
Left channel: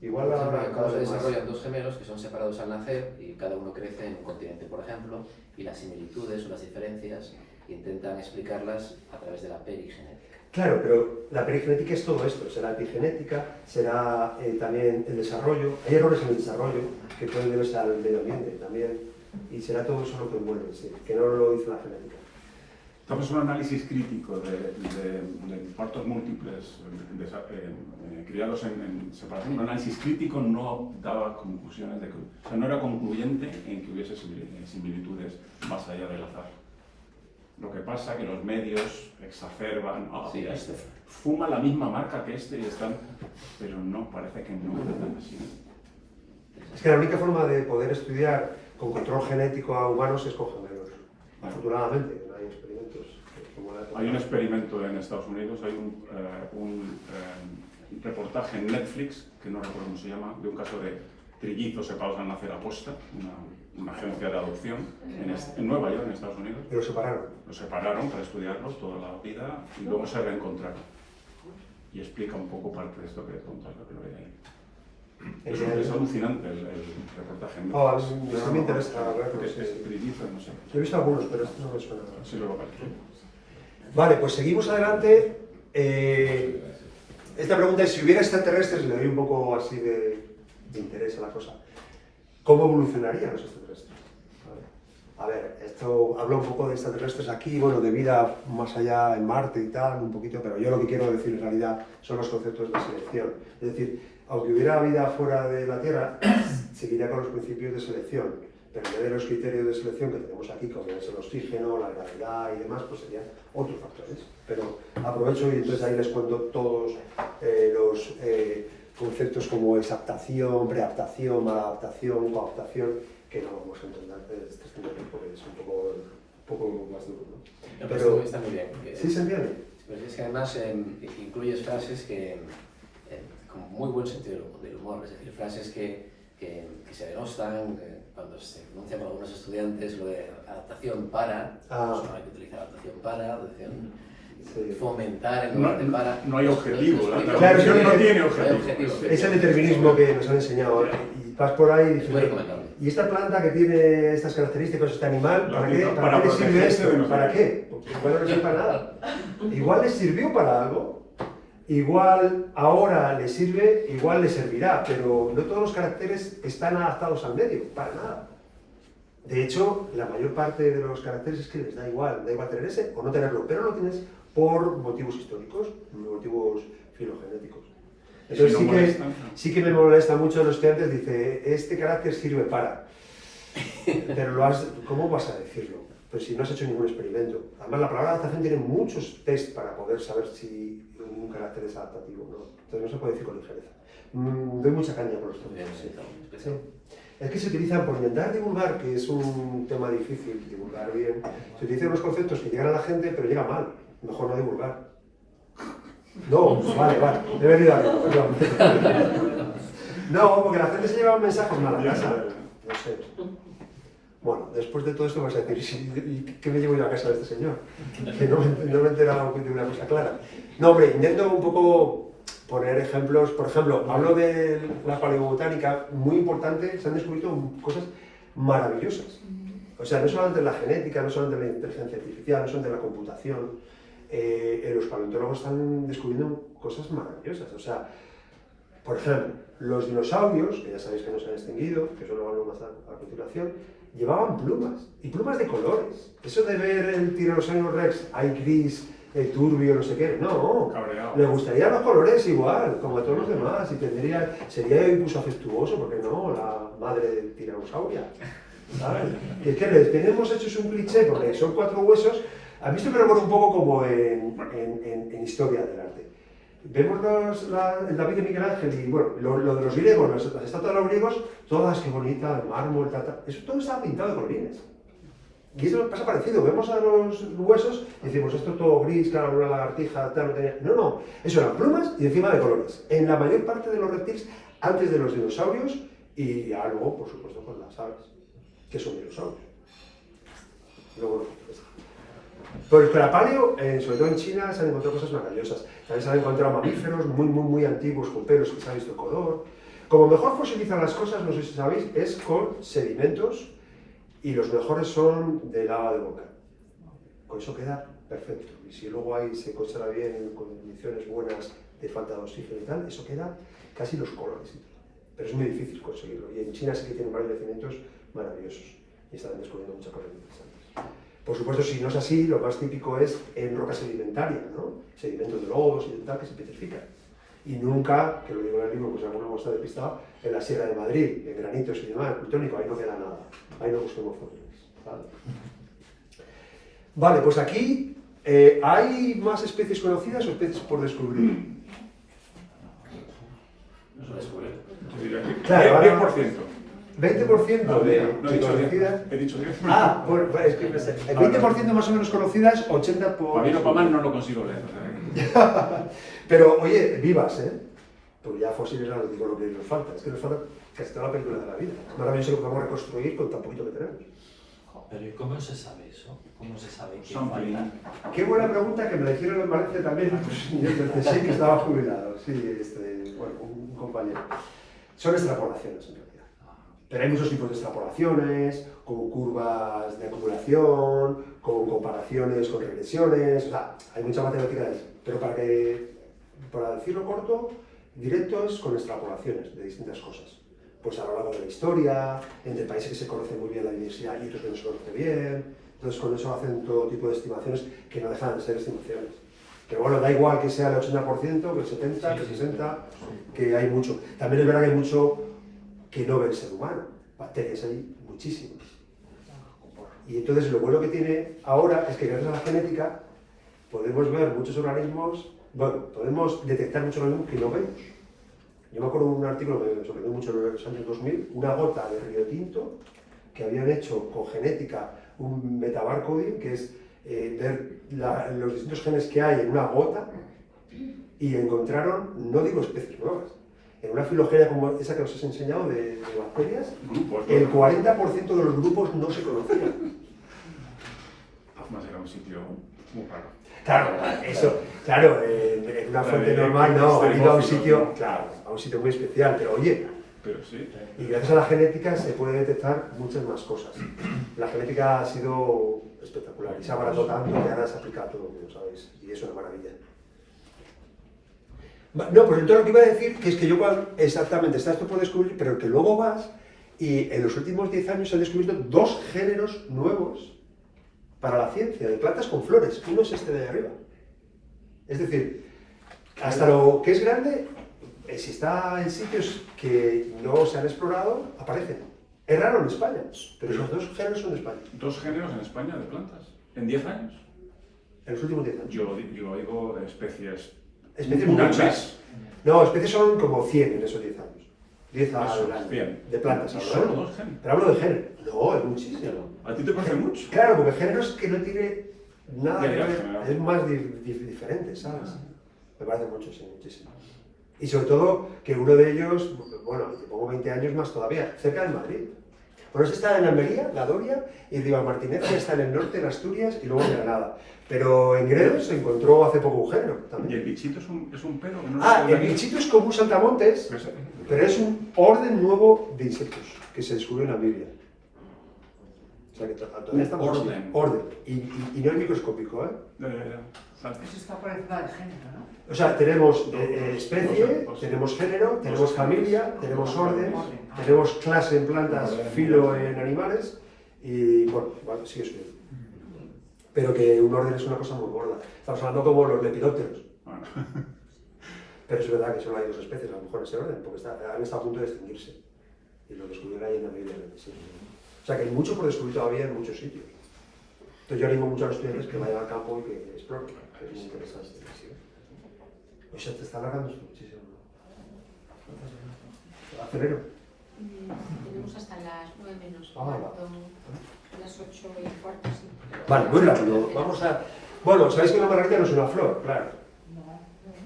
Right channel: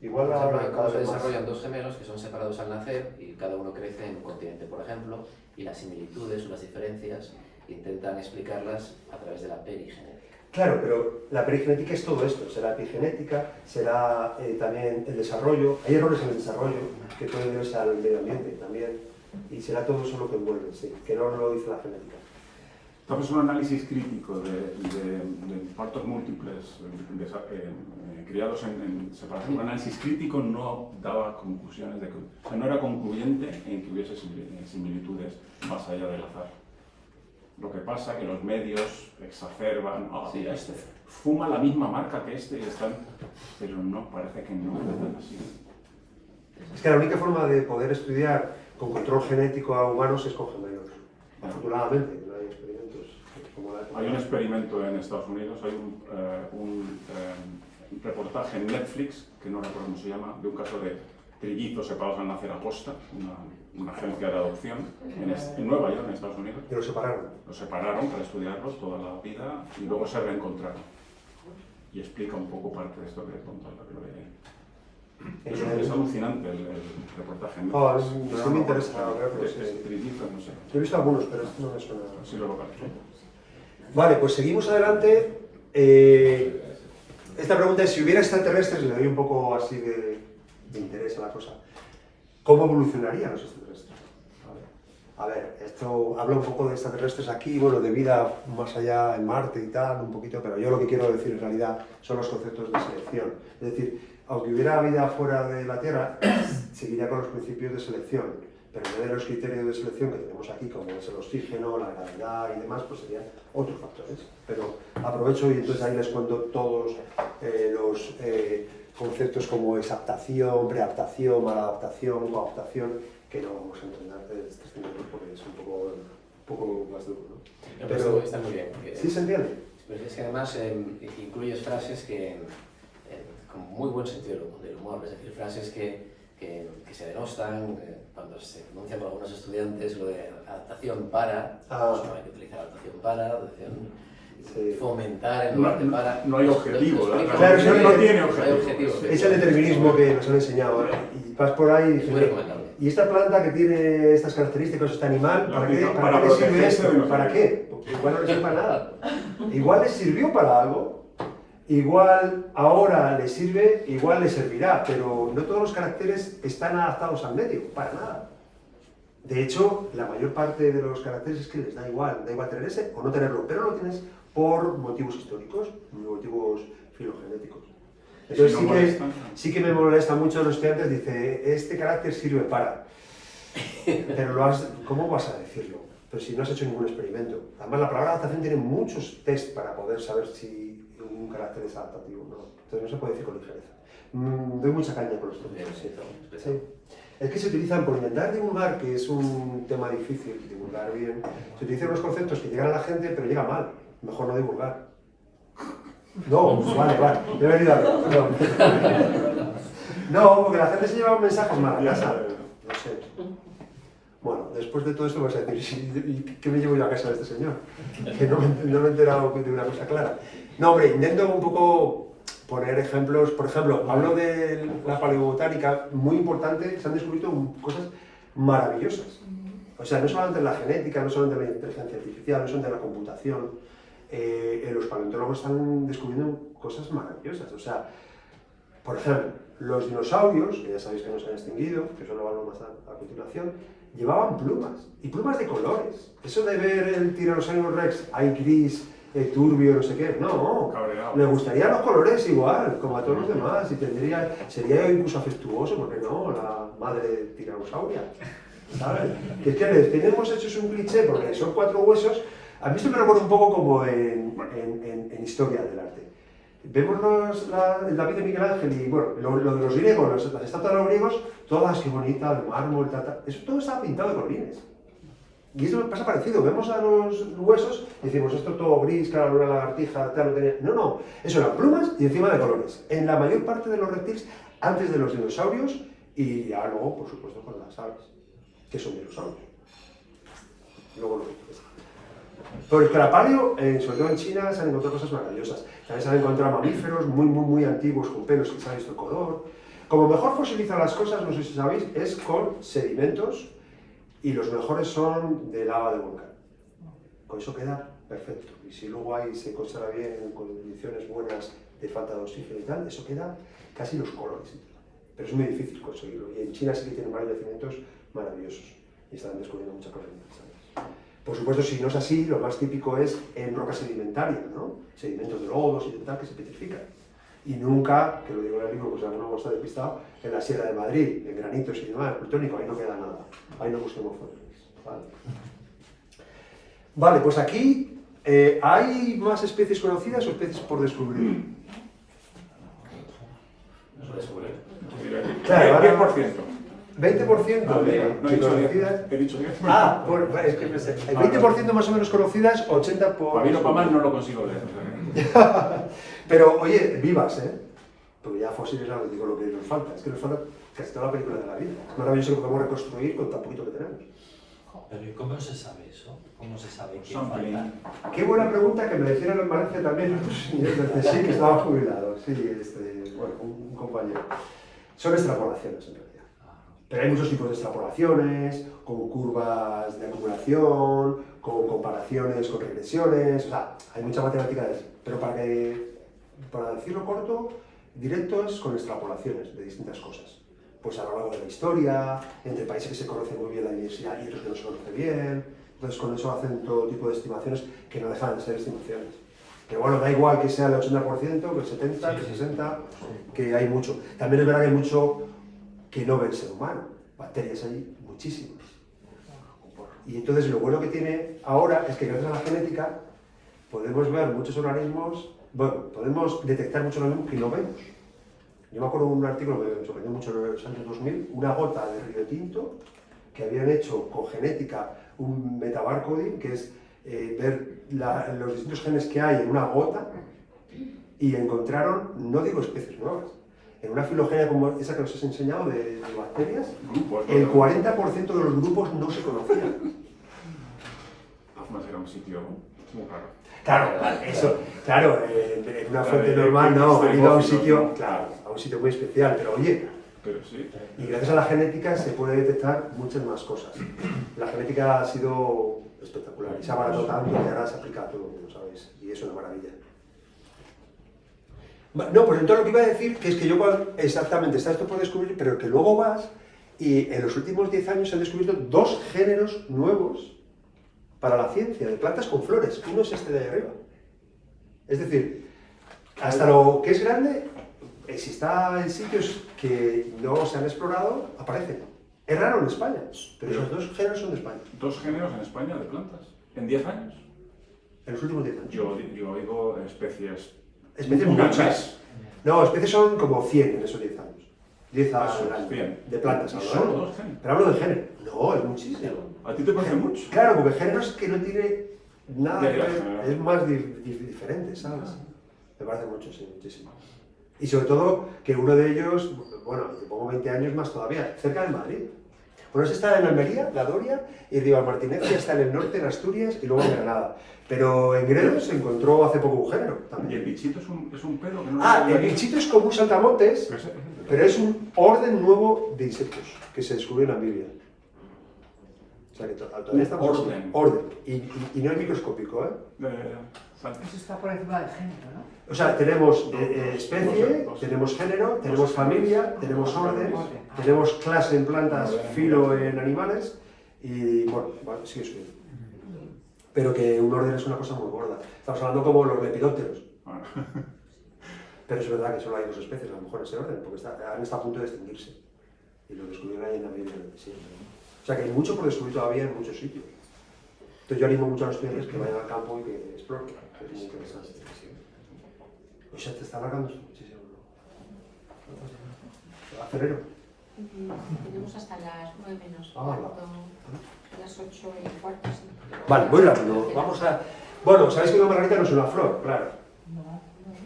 Igual Por ahora ejemplo, cada cómo se vez más. desarrollan dos gemelos que son separados al nacer y cada uno crece en un continente, por ejemplo, y las similitudes o las diferencias intentan explicarlas a través de la perigenética. Claro, pero la perigenética es todo esto, será epigenética, será también el desarrollo, hay errores en el desarrollo que pueden deberse al medio ambiente también, y será todo eso lo que envuelve, sí, que no lo dice la genética. Estamos en un análisis crítico de partos múltiples criados en separación. Un análisis crítico no daba conclusiones, o sea, no era concluyente en que hubiese similitudes más allá del azar. Lo que pasa es que los medios exacerban, Sí, este fuma la misma marca que este y están, pero no, parece que no es así. Es que la única forma de poder estudiar con control genético a humanos es con gemelos. Afortunadamente, no hay experimentos como la Hay un experimento en Estados Unidos, hay un reportaje en Netflix, que no recuerdo cómo se llama, de un caso de trillizos separados al nacer aposta, una agencia de adopción en Nueva York, en Estados Unidos. Y los separaron. Los separaron para estudiarlos toda la vida y luego se reencontraron. Y explica un poco parte de esto que le he contado, que lo veía ahí. Es alucinante el reportaje. Eso me interesa verlo, Es sí. trillizo, no sé. Yo he visto algunos, pero esto no me suena. Sí lo localizo. Vale, pues seguimos adelante. Esta pregunta es, si hubiera extraterrestres, le doy un poco así de interés a la cosa. ¿Cómo evolucionarían los extraterrestres? A ver, esto habla un poco de extraterrestres aquí, bueno, de vida más allá en Marte y tal, un poquito, pero yo lo que quiero decir en realidad son los conceptos de selección. Es decir, aunque hubiera vida fuera de la Tierra, seguiría con los principios de selección, pero en vez de los criterios de selección que tenemos aquí, como es el oxígeno, la gravedad y demás, pues serían otros factores. Pero aprovecho y entonces ahí les cuento todos los conceptos como exaptación, preadaptación, maladaptación, coadaptación, que no vamos a entender desde este punto porque es un poco más duro, ¿no? Pero está muy bien. Porque, ¿sí se entiende? Pero es que además incluyes frases que, con muy buen sentido del humor, es decir, frases que se denostan cuando se denuncian por algunos estudiantes, lo de adaptación para, pues no hay que utilizar adaptación para, adaptación, fomentar en lugar de para. No hay objetivo, Claro, eso no tiene No hay objetivo. objetivo. Es el determinismo que nos han enseñado, ¿eh? Y vas por ahí y dices, Muy recomendable. ¿y esta planta que tiene estas características, este animal, La ¿para qué, aplican ¿para qué le sirve protegerse de esto? los ¿Para qué? Igual no le sirve para nada. Igual le sirvió para algo, igual ahora le sirve, igual le servirá, pero no todos los caracteres están adaptados al medio, para nada. De hecho, la mayor parte de los caracteres es que les da igual tener ese o no tenerlo, pero lo tienes por motivos históricos, motivos filogenéticos. Entonces sí que me molesta mucho a los estudiantes, dice, este carácter sirve para. Pero ¿cómo vas a decirlo? Pues si no has hecho ningún experimento. Además la palabra adaptación tiene muchos test para poder saber si un carácter es adaptativo o no. Entonces no se puede decir con ligereza. Doy mucha caña con los estudiantes. Sí. Es que se utilizan, por intentar divulgar, que es un tema difícil, divulgar bien, se utilizan unos conceptos que llegan a la gente, pero llega mal. Mejor no divulgar. No, pues vale, he venido arriba, perdón. No, porque la gente se lleva mensajes mal a casa. No sé. Bueno, después de todo esto vas a decir, ¿y qué me llevo yo a casa de este señor? Que no me he enterado de una cosa clara. No, hombre, intento un poco poner ejemplos. Por ejemplo, hablo de la paleobotánica, muy importante, se han descubierto cosas maravillosas. O sea, no solamente en la genética, no solamente en la inteligencia artificial, no solamente en la computación. Los paleontólogos están descubriendo cosas maravillosas. O sea, Por ejemplo, los dinosaurios, que ya sabéis que no se han extinguido, que eso lo hablo más a continuación, llevaban plumas, y plumas de colores. Eso de ver el Tiranosaurio Rex, hay gris, turbio, no sé qué, no. Cabreado. Le gustarían los colores igual, como a todos los demás, y sería incluso afectuoso, porque no, la madre tiranosauria. ¿Sabes? Que es que les tenemos hechos un cliché, porque son 4 huesos. A mí esto me recuerda un poco como en historia del arte. Vemos el David de Miguel Ángel y bueno, lo de los griegos, las estatuas de los griegos, todas que bonitas, de mármol, eso todo estaba pintado de colorines. Y esto pasa parecido, vemos a los huesos y decimos esto todo gris, claro, una lagartija, tal, no tenía. No, eso eran plumas y encima de colores. En la mayor parte de los reptiles, antes de los dinosaurios y ya luego, por supuesto, con las aves, que son dinosaurios. Luego por el Crapalio, sobre todo en China, se han encontrado cosas maravillosas. También se han encontrado mamíferos muy antiguos con pelos que se ha visto el color. Como mejor fosilizan las cosas, no sé si sabéis, es con sedimentos y los mejores son de lava de volcán. Con eso queda perfecto. Y si luego ahí se conserva bien en condiciones buenas de falta de oxígeno y tal, eso queda casi los colores. Pero es muy difícil conseguirlo. Y en China sí que tienen varios yacimientos maravillosos y están descubriendo muchas cosas interesantes. Por supuesto, si no es así, lo más típico es en roca sedimentaria, ¿no? Sedimentos de lodos y tal que se petrifican. Y nunca, que lo digo en el libro, pues alguno hemos estado despistado, en la Sierra de Madrid, en granitos y demás, plutónico, ahí no queda nada. Ahí no busquemos fósiles. Vale, pues aquí ¿hay más especies conocidas o especies por descubrir? Eso descubrir. Claro, 10%. 20% No, de no he dicho conocidas. 10. He dicho 10. Ah, bueno, es que pensé, el 20% más o menos conocidas, 80 por... Para mí no, para más no lo consigo leer. Pero, oye, vivas, ¿eh? Porque ya fósiles no digo lo que nos falta. Es que nos falta casi toda la película de la vida. Es maravilloso lo que podemos reconstruir con tan poquito que tenemos. Pero ¿y cómo se sabe eso? ¿Cómo se sabe qué Son falta? Qué buena pregunta que me la hicieron en Valencia también. Sí, que estaba jubilado. Sí, bueno, un compañero. Son extrapolaciones, en realidad. Pero hay muchos tipos de extrapolaciones, con curvas de acumulación, con comparaciones, con regresiones, o sea, hay mucha matemática de eso. Pero para decirlo corto, directo es con extrapolaciones de distintas cosas. Pues a lo largo de la historia, entre países que se conocen muy bien la diversidad y otros que no se conocen bien. Entonces con eso hacen todo tipo de estimaciones que no dejan de ser estimaciones. Que bueno, da igual que sea el 80%, que el 70%, que el 60%, que hay mucho. También es verdad que hay mucho que no ve el ser humano. Bacterias hay muchísimas. Y entonces lo bueno que tiene ahora es que gracias a la genética podemos ver muchos organismos, bueno, podemos detectar muchos organismos que no vemos. Yo me acuerdo de un artículo que me sorprendió mucho en los años 2000, una gota de Río Tinto que habían hecho con genética un metabarcoding, que es ver los distintos genes que hay en una gota, y encontraron, no digo especies nuevas, en una filogenia como esa que os he enseñado de bacterias, el 40% de los grupos no se conocían. Más era un sitio muy raro. Claro, eso, claro, en una fuente normal no, han ido a un sitio, claro, a un sitio muy especial, pero oye, Pero sí. y gracias a la genética se puede detectar muchas más cosas. La genética ha sido espectacular y se ha baratado tanto que ahora se aplica a todo el mundo, ¿sabes? Y es una maravilla. No, pues entonces lo que iba a decir que es que yo exactamente está esto por descubrir, pero que luego vas y en los últimos 10 años se han descubierto 2 géneros nuevos para la ciencia, de plantas con flores. Uno es este de ahí arriba. Es decir, hasta lo que es grande, si está en sitios que no se han explorado, aparece. Es raro en España, pero esos 2 géneros son de España. 2 géneros en España de plantas. ¿En 10 años? En los últimos 10 años. Yo digo especies. Especies muchas. No, especies son como 100 en esos 10 años. 10 al año. 100. De plantas. ¿Y hablo, solo ¿eh? 2 géneros? Pero hablo de género. No, es muchísimo. ¿A ti te parece mucho? Claro, porque género es que no tiene nada Ya, que ver, ya. es más diferente, ¿sabes? Me parece mucho, sí, muchísimo. Y sobre todo que uno de ellos, bueno, te pongo 20 años más todavía, cerca de Madrid. Bueno, ese está en Almería, la Doria, y Ribamartinez ya está en el norte, en Asturias, y luego en Granada. Pero en Gredos se encontró hace poco un género ¿Y también. el bichito es un pedo? El bichito es como un saltamontes, pero es un orden nuevo de insectos que se descubrió en Namibia. O sea que todavía estamos Orden. Orden. Y no es microscópico, ¿eh? Eso está por encima del género, ¿no? O sea, tenemos especie, tenemos género, tenemos familia, tenemos orden, tenemos clase en plantas, filo en animales y, bueno, vale, sí, eso es. Pero que un orden es una cosa muy gorda. Estamos hablando como los lepidópteros. Pero es verdad que solo hay 2 especies, a lo mejor en ese orden, porque han estado a punto de extinguirse. Y lo descubrió ahí en el 2027. O sea que hay mucho por descubrir todavía en muchos sitios. Entonces yo animo mucho a los estudiantes que vayan al campo y que exploren, que es muy interesante. O sea, te está alargando muchísimo. Acelero. Tenemos hasta las 9 menos Ah, cuarto, a las 8 y cuarto. Sí. Vale, muy rápido. Vamos a... Bueno, sabéis que una margarita no es una flor, claro.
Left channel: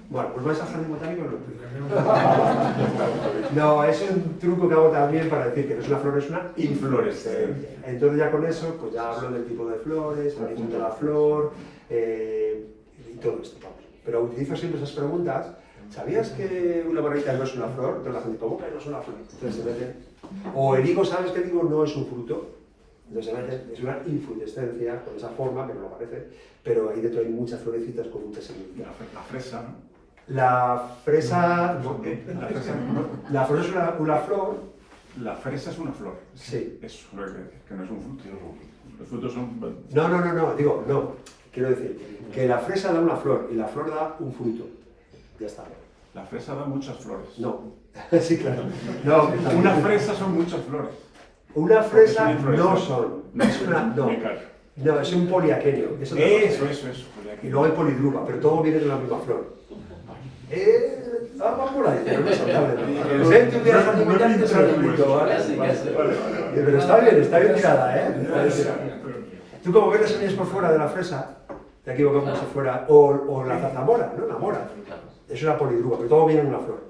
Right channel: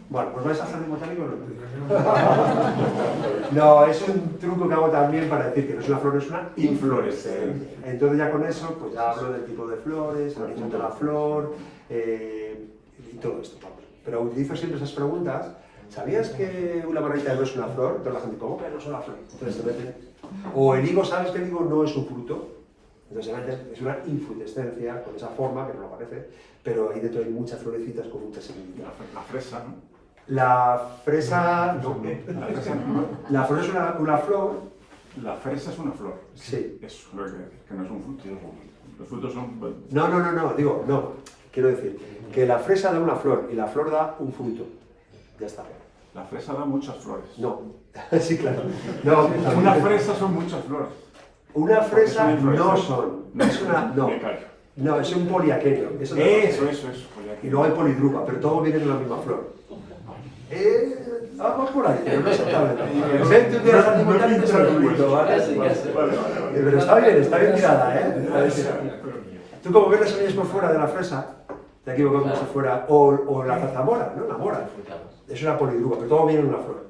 Bueno, pues vais a hacer el botánico. No, es un truco que hago también para decir que no es una flor, es una inflorescencia. Entonces ya con eso, pues ya hablo del tipo de flores, el origen de la flor y todo esto. Pero utilizo siempre esas preguntas. ¿Sabías que una margarita no es una flor? Entonces la gente, ¿cómo que no es una flor? Entonces se meten. O el higo, ¿sabes que el higo no es un fruto? Entonces se meten, es una inflorescencia con esa forma que no aparece, pero ahí dentro hay muchas florecitas con muchas semillas. La fresa, ¿no? La fresa, no, la flor es una flor. La fresa es una flor. Sí. Es que no es un fruto. Los frutos son... No, digo, no. Quiero decir que la fresa da una flor y la flor da un fruto. Ya está. La fresa da muchas flores. No. Sí, claro. No, una fresa son muchas flores. Una fresa no son. No Es una. No. No, es un poliaquenio. Eso. Y luego hay polidrupa, pero todo viene de la misma flor. Vamos por ahí, pero no exactamente. Pero está bien tirada, ¿eh? Tú como ves las semillas por fuera de la fresa, te equivocas como si fuera, o la zarzamora, ¿no? La mora. Es una polidrupa, pero todo viene en una flor.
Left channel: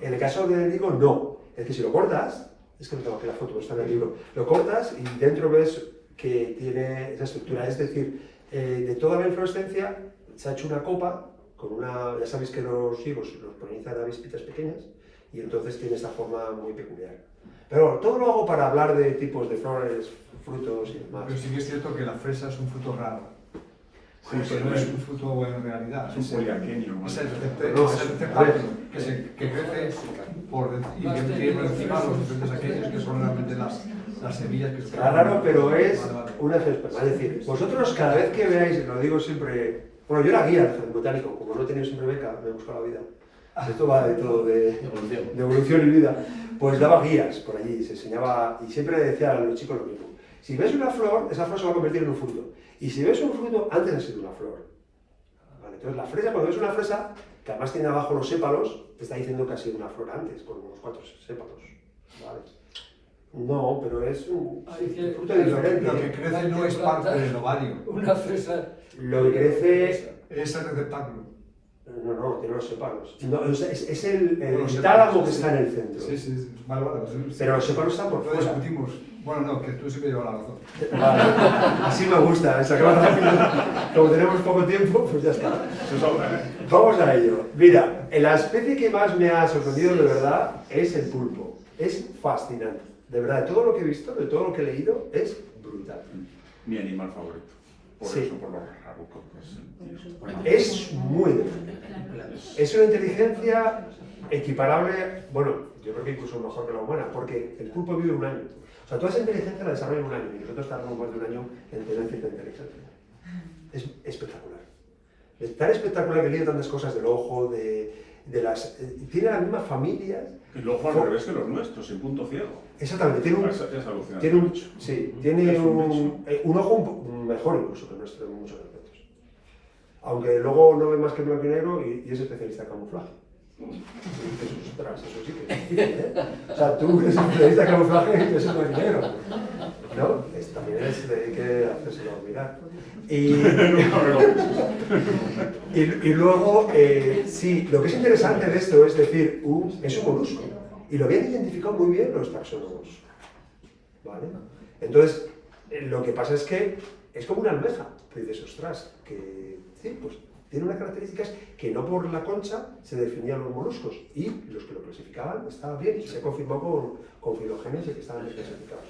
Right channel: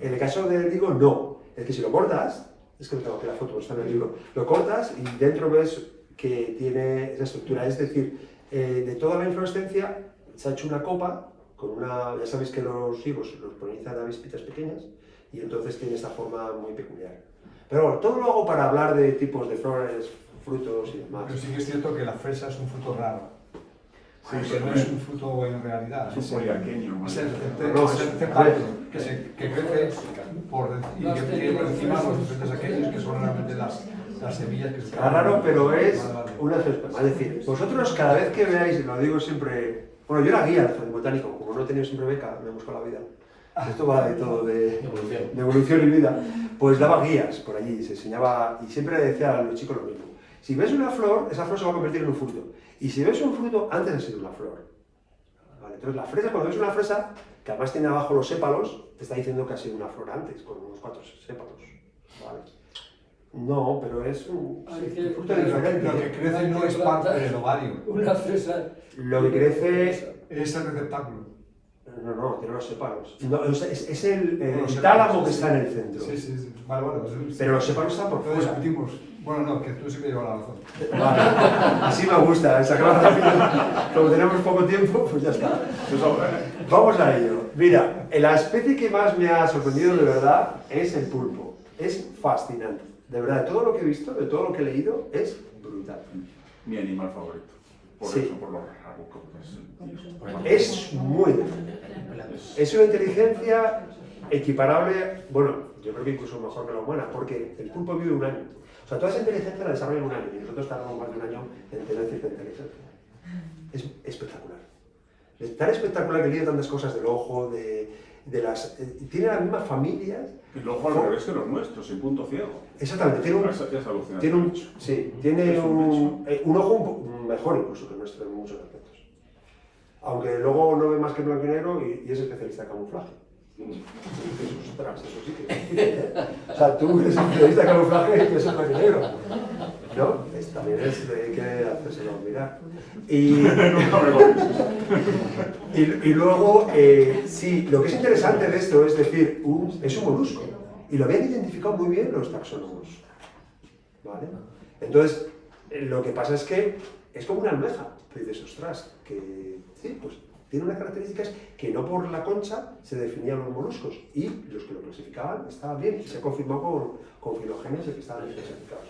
En el caso del higo, no. Es que si lo cortas, es que no tengo aquí la foto, está en el libro, lo cortas y dentro ves que tiene esa estructura. Es decir, de toda la inflorescencia se ha hecho una copa con una, ya sabéis que los higos los polinizan a avispitas pequeñas y entonces tiene esta forma muy peculiar. Pero bueno, todo lo hago para hablar de tipos de flores, frutos y demás. Pero sí que es cierto que la fresa es un fruto raro. Sí, pero no es un fruto en realidad. Es un poliaquenio. Es el que crece y que tiene por encima los diferentes aquellos que son realmente las semillas que son. Raro, pero es una excepción. Es decir, vosotros cada vez que veáis, y lo digo siempre, bueno, yo era guía del jardín botánico, como no he tenido siempre beca, me busco la vida. Esto va de todo, de evolución y vida. Pues daba guías por allí, se enseñaba, y siempre decía a los chicos lo mismo. Si ves una flor, esa flor se va a convertir en un fruto. Y si ves un fruto, antes ha sido una flor. ¿Vale? Entonces la fresa, cuando ves una fresa, que además tiene abajo los sépalos, te está diciendo que ha sido una flor antes, con unos 4 sépalos. ¿Vale? No, pero es un fruto diferente. Lo que crece no es parte del ovario. Una fresa. Lo que crece es el receptáculo. No, tiene los sépalos. No, es el tálamo que está en el centro. Sí. Vale. Pero los sépalos están por fuera. Lo discutimos. Bueno, no, que tú sí que llevas la razón. Vale. Así me gusta, sacamos rápido. Como tenemos poco tiempo, pues ya está. Vamos a ello. Mira, la especie que más me ha sorprendido de verdad es el pulpo. Es fascinante. De verdad, de todo lo que he visto, de todo lo que he leído, es brutal. Mi animal favorito. Por Sí. eso, por lo raro que Es muy grande. Es una inteligencia equiparable, bueno, yo creo que incluso mejor que la humana, porque el pulpo vive 1 año. O sea, toda esa inteligencia la desarrolla en 1 año y nosotros tardamos más de 1 año en tener cierta inteligencia. Es espectacular. Es tan espectacular que tiene tantas cosas del ojo, de las... tiene las mismas familias. El ojo al revés que los nuestros, en punto ciego. Exactamente, tiene un... Es alucinante. Tiene un ojo mejor incluso que el nuestro en muchos aspectos. Aunque luego no ve más que blanco y negro y es especialista en camuflaje. Y dices, ostras, eso sí que es difícil, ¿eh? O sea, tú eres especialista en camuflaje y ves el blanco y negro. ¿No? También hay que hacérselo mirar. Y luego, sí, lo que es interesante de esto es decir, es un molusco. Y lo habían identificado muy bien los taxónomos. ¿Vale? Entonces, lo que pasa es que es como una almeja. Tú dices, ostras, que sí, pues tiene unas características que no por la concha se definían los moluscos. Y los que lo clasificaban estaban bien. Y se confirmó con filogenias de que estaban bien clasificados.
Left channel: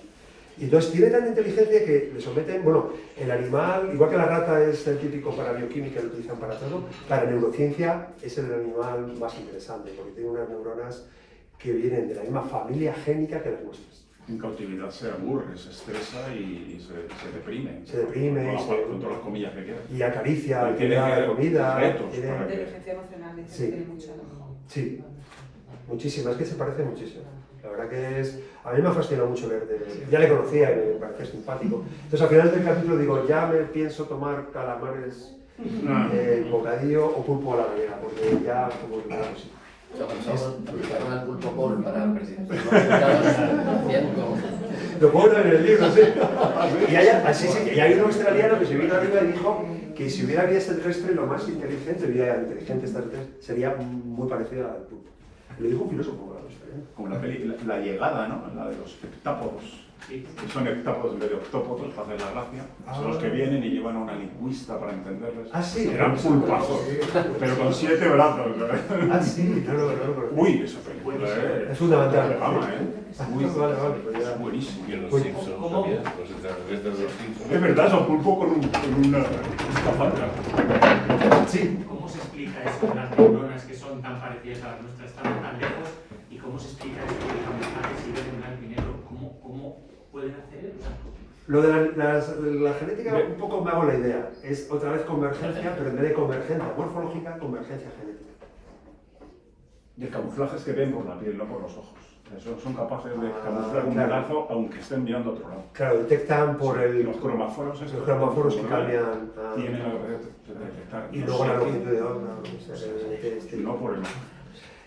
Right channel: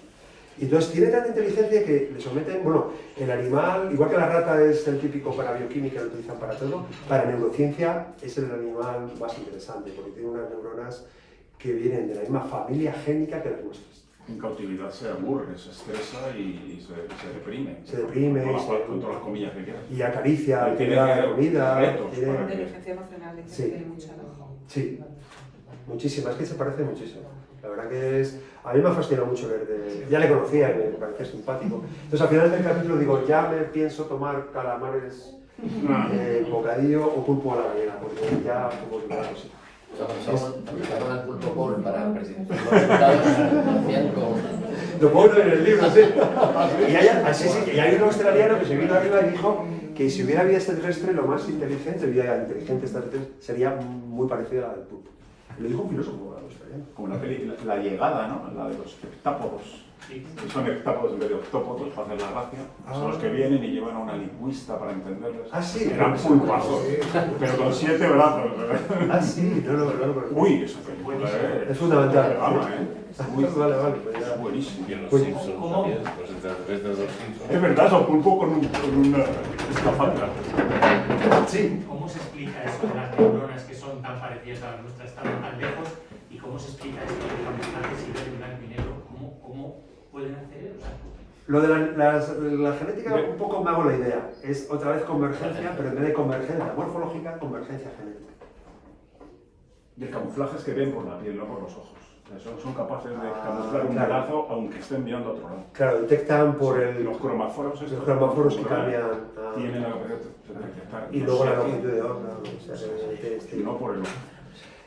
Y entonces tiene tanta inteligencia que le someten, bueno, el animal, igual que la rata es el típico para bioquímica, lo utilizan para todo, para neurociencia es el animal más interesante, porque tiene unas neuronas que vienen de la misma familia génica que las nuestras. En cautividad se aburre, se estresa y se deprime. Se deprime, con todas las comillas que quieras. y acaricia, Y le tiene da que- de comida, retos, tiene- para- Inteligencia emocional, dice Sí. que tiene mucha. Sí, muchísimo, es que se parece muchísimo. La verdad que es... A mí me ha fascinado mucho ver de... Ya le conocía y me parecía simpático. Entonces al final del capítulo digo, ya me pienso tomar calamares, bocadillo o pulpo a la gallega, porque ya como que claro, sí. Aplicaron el pulpo Paul para presentar los resultados, hacían con... Lo pongo en el libro, sí. Y hay un australiano que se vino arriba y dijo que si hubiera vida extraterrestre, lo más inteligente, vida inteligente extraterrestre, sería muy parecida a la del pulpo. Lo dijo un filósofo australiano. Como la peli, la llegada, ¿no? La de los heptápodos. Que son heptápodos en vez de octópodos, para hacer la gracia. Son los que vienen y llevan a una lingüista para entenderles. Ah, sí. Eran pulpazos, pero con 7 brazos, ¿verdad? Ah, sí, no lo Uy, esa película es fundamental. Vale, pues ya. Es buenísimo. Pues, ¿Cómo? Es verdad, son pulpo con una escafandra. Sí. ¿Cómo se explica eso de las neuronas que son tan parecidas a las nuestras, tan lejos? ¿Y cómo se explica esto de los mensajes y ver en blanco y negro? ¿Cómo pueden hacer eso? Lo de la genética, un poco me hago la idea. Es otra vez convergencia, pero en vez de convergencia morfológica, convergencia genética. Y el camuflaje es que ven por la piel, no por los ojos. Son capaces de camuflar un claro. brazo aunque estén mirando a otro lado. Claro, detectan por el... Los cromáforos, Los cromáforos que cambian... tienen la capacidad de detectar. Y luego la longitud de onda, ¿no? No por el...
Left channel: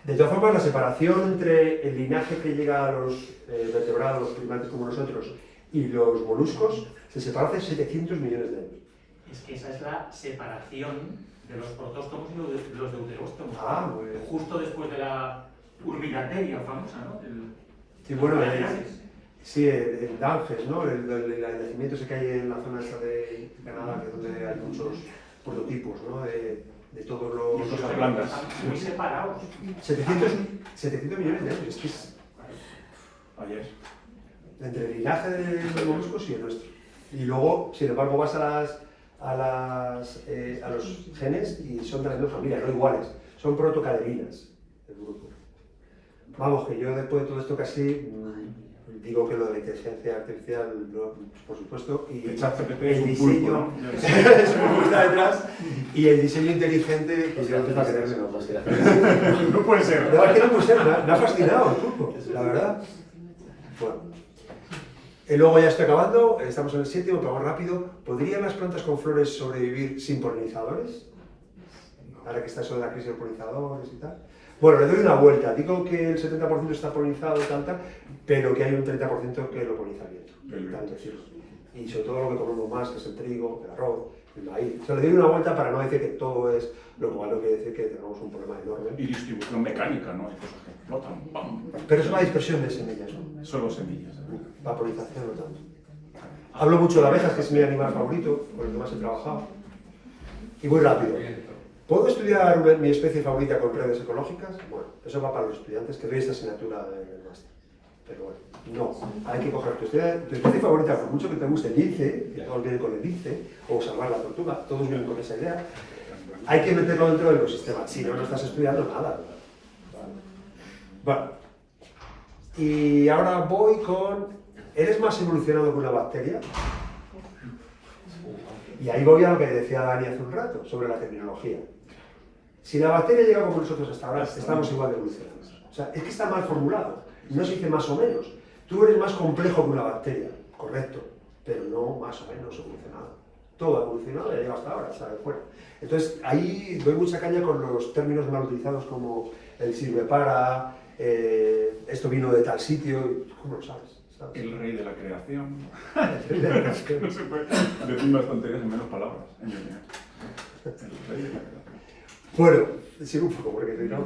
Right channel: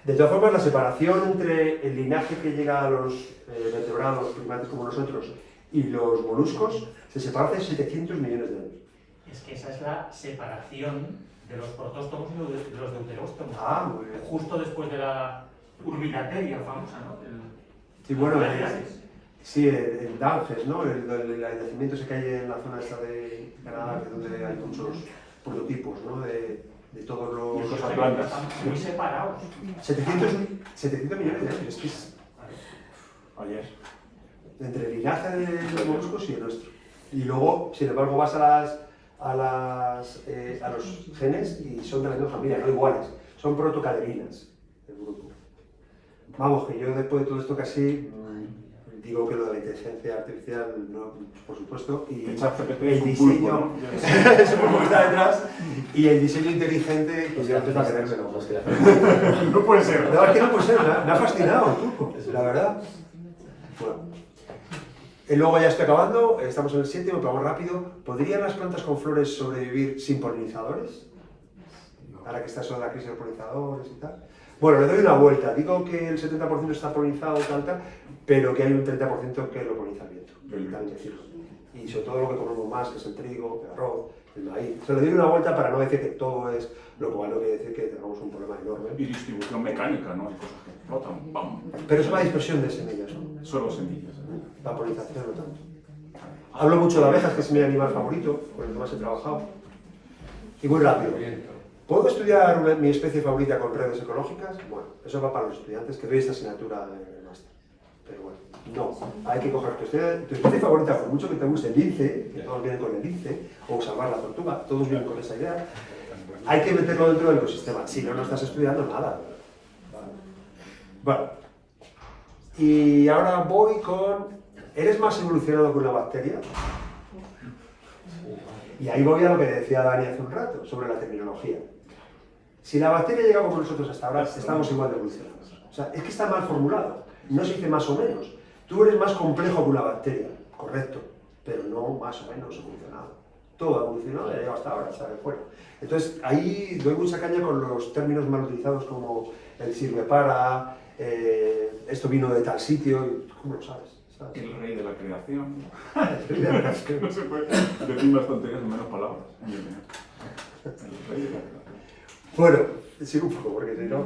De todas formas, la separación entre el linaje que llega a los vertebrados, los primates como nosotros, y los moluscos, se separa hace 700 millones de años. Es que esa es la separación de los protóstomos y los deuteróstomos. Ah, muy bien. Justo después de la urbilateria famosa, ¿no? Sí, bueno, sí, el Danges, ¿no? El yacimiento ese que hay en la zona esta de Canadá, que es donde hay muchos prototipos, ¿no? De todos los... Y cosas blancas. Muy separados. 700 millones de años, es que es Ayer. entre el linaje de los moluscos y el nuestro. Y luego, sin embargo, vas a los genes y son de la misma familia, no iguales, son protocaderinas el grupo. Vamos, que yo después de todo esto casi digo que lo de la inteligencia artificial, no, por supuesto, y El ChatGPT el es un diseño, pulpo, ¿no? es un pulpo que está detrás, y el diseño inteligente, que ya empezó a creérmelo. No puede ser. No, es que no puede ser, me ha fascinado el pulpo, la verdad. Bueno. Y luego ya estoy acabando, estamos en el 7, vamos rápido. ¿Podrían las plantas con flores sobrevivir sin polinizadores? Ahora que está eso de la crisis de polinizadores y tal. Bueno, le doy una vuelta. Digo que el 70% está polinizado tal, pero que hay un 30% que lo poliniza el viento. Y sobre todo lo que comemos más, que es el trigo, el arroz, el maíz. Se le doy una vuelta para no decir que todo es lo cual no quiere decir que tenemos un problema enorme. Y distribución mecánica, ¿no? Hay cosas que explotan, ¡pam! Pero es la dispersión de semillas, ¿no? Solo semillas. La polinización no tanto. Hablo mucho de abejas, que es mi animal favorito, con el que más he trabajado. Y muy rápido. ¿Puedo estudiar mi especie favorita con redes ecológicas? Bueno, eso va para los estudiantes que doy esta asignatura en el máster. Pero bueno, no. Hay que coger tu especie favorita, por mucho que te guste el lince, que todos vienen con el lince, o salvar la tortuga, todos vienen con esa idea. Hay que meterlo dentro del ecosistema. Si no, no estás estudiando nada. Bueno. Y ahora voy con... ¿Eres más evolucionado que una bacteria? Y ahí voy a lo que decía Dani hace un rato, sobre la terminología. Si la bacteria llega como nosotros hasta ahora, estamos igual de evolucionados. O sea, es que está mal formulado. No se dice más o menos. Tú eres más complejo que una bacteria, correcto, pero no más o menos evolucionado. Todo ha evolucionado y ha llegado hasta ahora, está de fuera. Entonces, ahí doy mucha caña con los términos mal utilizados como el sirve para, esto vino de tal sitio, ¿cómo lo sabes? El rey de la creación. El rey de la creación. No se puede decir más tonterías en menos palabras. El rey de la creación. Bueno, sigo un poco porque si no...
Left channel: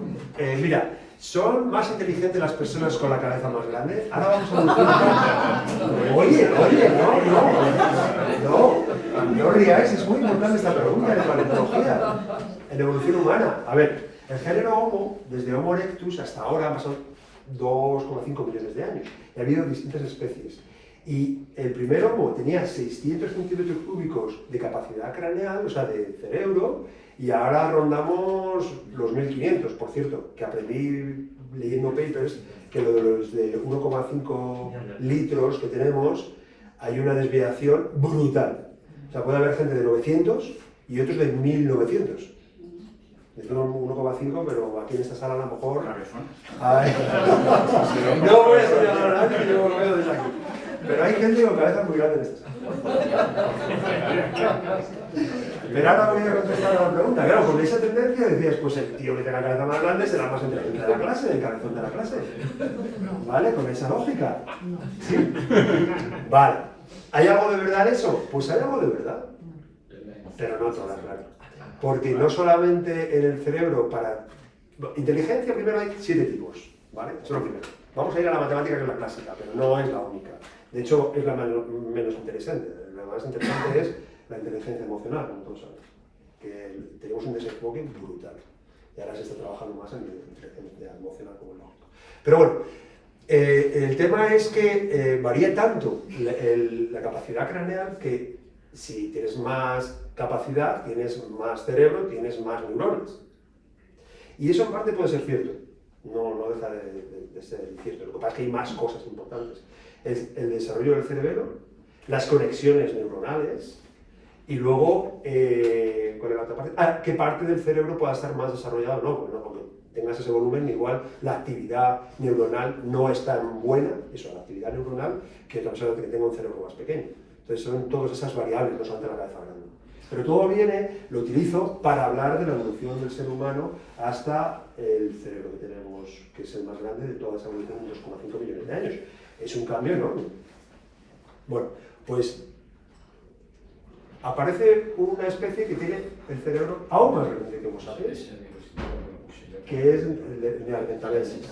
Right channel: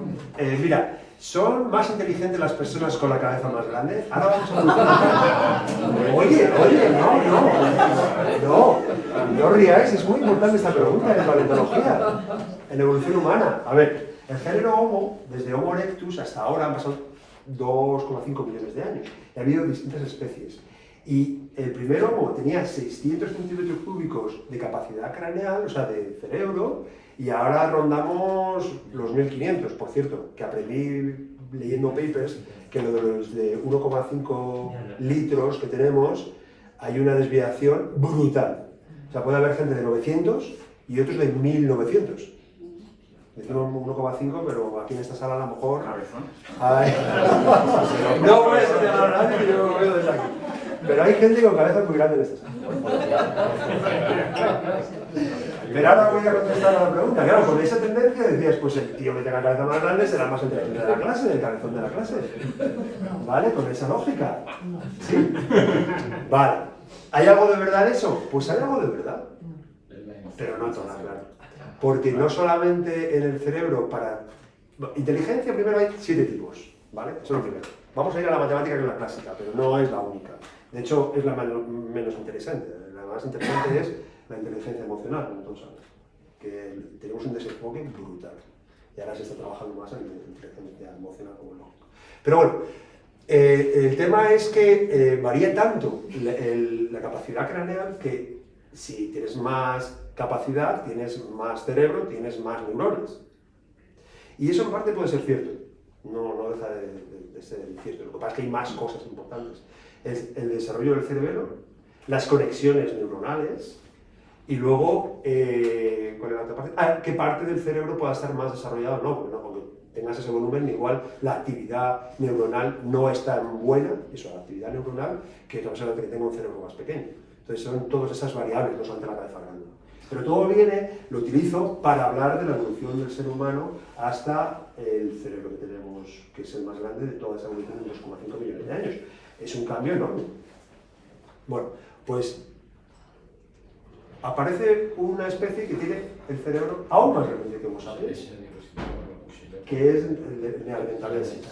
mira, ¿son más inteligentes las personas con la cabeza más grande? Ahora vamos a Oye, no ríais, es muy importante esta pregunta de paleontología, en evolución humana. A ver, el género Homo, desde Homo erectus hasta ahora han pasado 2,5 millones de años. Y ha habido distintas especies. Y el primero, como tenía 600 centímetros cúbicos de capacidad craneal, o sea, de cerebro, y ahora rondamos los 1500, por cierto, que aprendí leyendo papers que lo de los de 1,5 litros que tenemos, hay una desviación brutal. O sea, puede haber gente de 900 y otros de 1900. Decimos 1,5, pero aquí en esta sala a lo mejor... No voy a señalar a nadie, yo lo veo desde aquí. Pero hay gente con cabezas muy grandes en esta sala. Pero ahora voy a contestar a la pregunta. Claro, con esa tendencia decías, pues el tío que tenga la cabeza más grande será el más inteligente de la clase, el cabezón de la clase. ¿Vale? Con esa lógica. ¿Sí? Vale. ¿Hay algo de verdad en eso? Pues hay algo de verdad. Pero no todas, claro. Porque no solamente en el cerebro para... Inteligencia primero hay 7 tipos, ¿vale? Eso es lo primero. Vamos a ir a la matemática que es la clásica, pero no es la única. De hecho, es la menos interesante. La más interesante es la inteligencia emocional, como todos sabes. Que tenemos un desenfoque brutal. Y ahora se está trabajando más en la inteligencia emocional como lógico. Pero bueno, el tema es que varía tanto la capacidad craneal que si tienes más capacidad, tienes más cerebro, tienes más neuronas. Y eso en parte puede ser cierto. No deja de ser cierto. Lo que pasa es que hay más cosas importantes. El desarrollo del cerebro, las conexiones neuronales y luego, ¿cuál es la otra parte? ¿Qué parte del cerebro pueda estar más desarrollado? No, porque cuando tengas ese volumen, igual la actividad neuronal no es tan buena, eso, la actividad neuronal, que otra persona que tenga un cerebro más pequeño. Entonces son todas esas variables, no solamente la cabeza grande. Pero todo lo utilizo para hablar de la evolución del ser humano hasta el cerebro que tenemos, que es el más grande de toda esa evolución de 2,5 millones de años. Es un cambio enorme. Bueno, pues aparece una especie que tiene el cerebro aún más grande que Homo sapiens, que es el neandertalensis,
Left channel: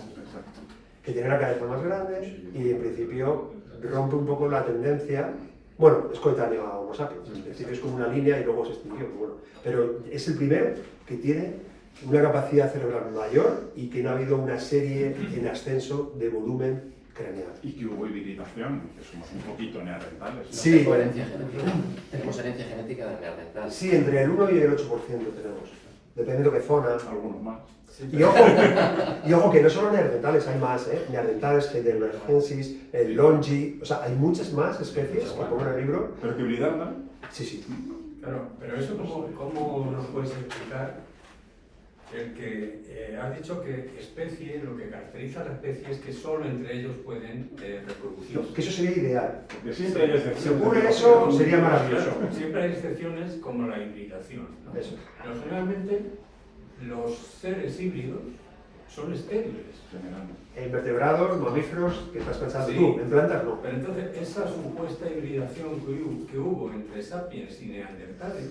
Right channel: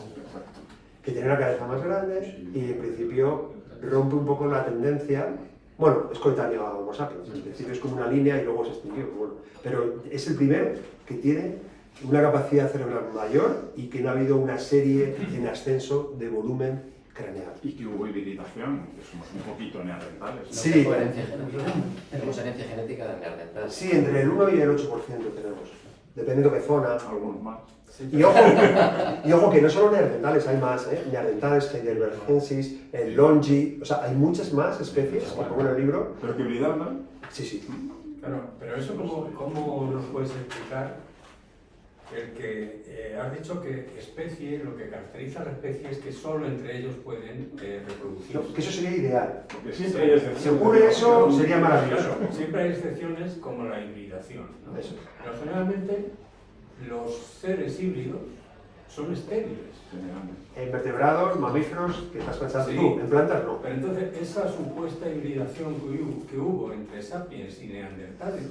que tiene la cabeza más grande y en principio rompe un poco la tendencia. Bueno, es coetáneo a Homo sapiens, en principio es como una línea y luego se extinguió, bueno, pero es el primero que tiene una capacidad cerebral mayor y que no ha habido una serie en ascenso de volumen craneal. Y que hubo hibridación, que somos un poquito neandertales. No Sí. tenemos herencia genética. Tenemos herencia genética de neandertal. Sí, entre el 1 y el 8% tenemos, dependiendo de qué zona. Algunos más. Y ojo que no solo neandertales, hay más, neandertales, heidelbergensis, el longi, o sea, hay muchas más especies que pongo en el libro. Pero que hibridan, ¿no? Sí, sí. Claro, pero eso ¿cómo nos puedes explicar? El que has dicho que especie, lo que caracteriza a la especie es que solo entre ellos pueden reproducirse. No, que eso sería ideal. Porque siempre hay Si excepciones. ocurre eso, sería maravilloso. Siempre hay excepciones como la hibridación, ¿no? Eso. Pero generalmente los seres híbridos son estériles. En vertebrados, mamíferos, ¿qué estás pensando Sí. tú? En plantas no. Pero entonces esa supuesta hibridación que hubo entre sapiens y neandertales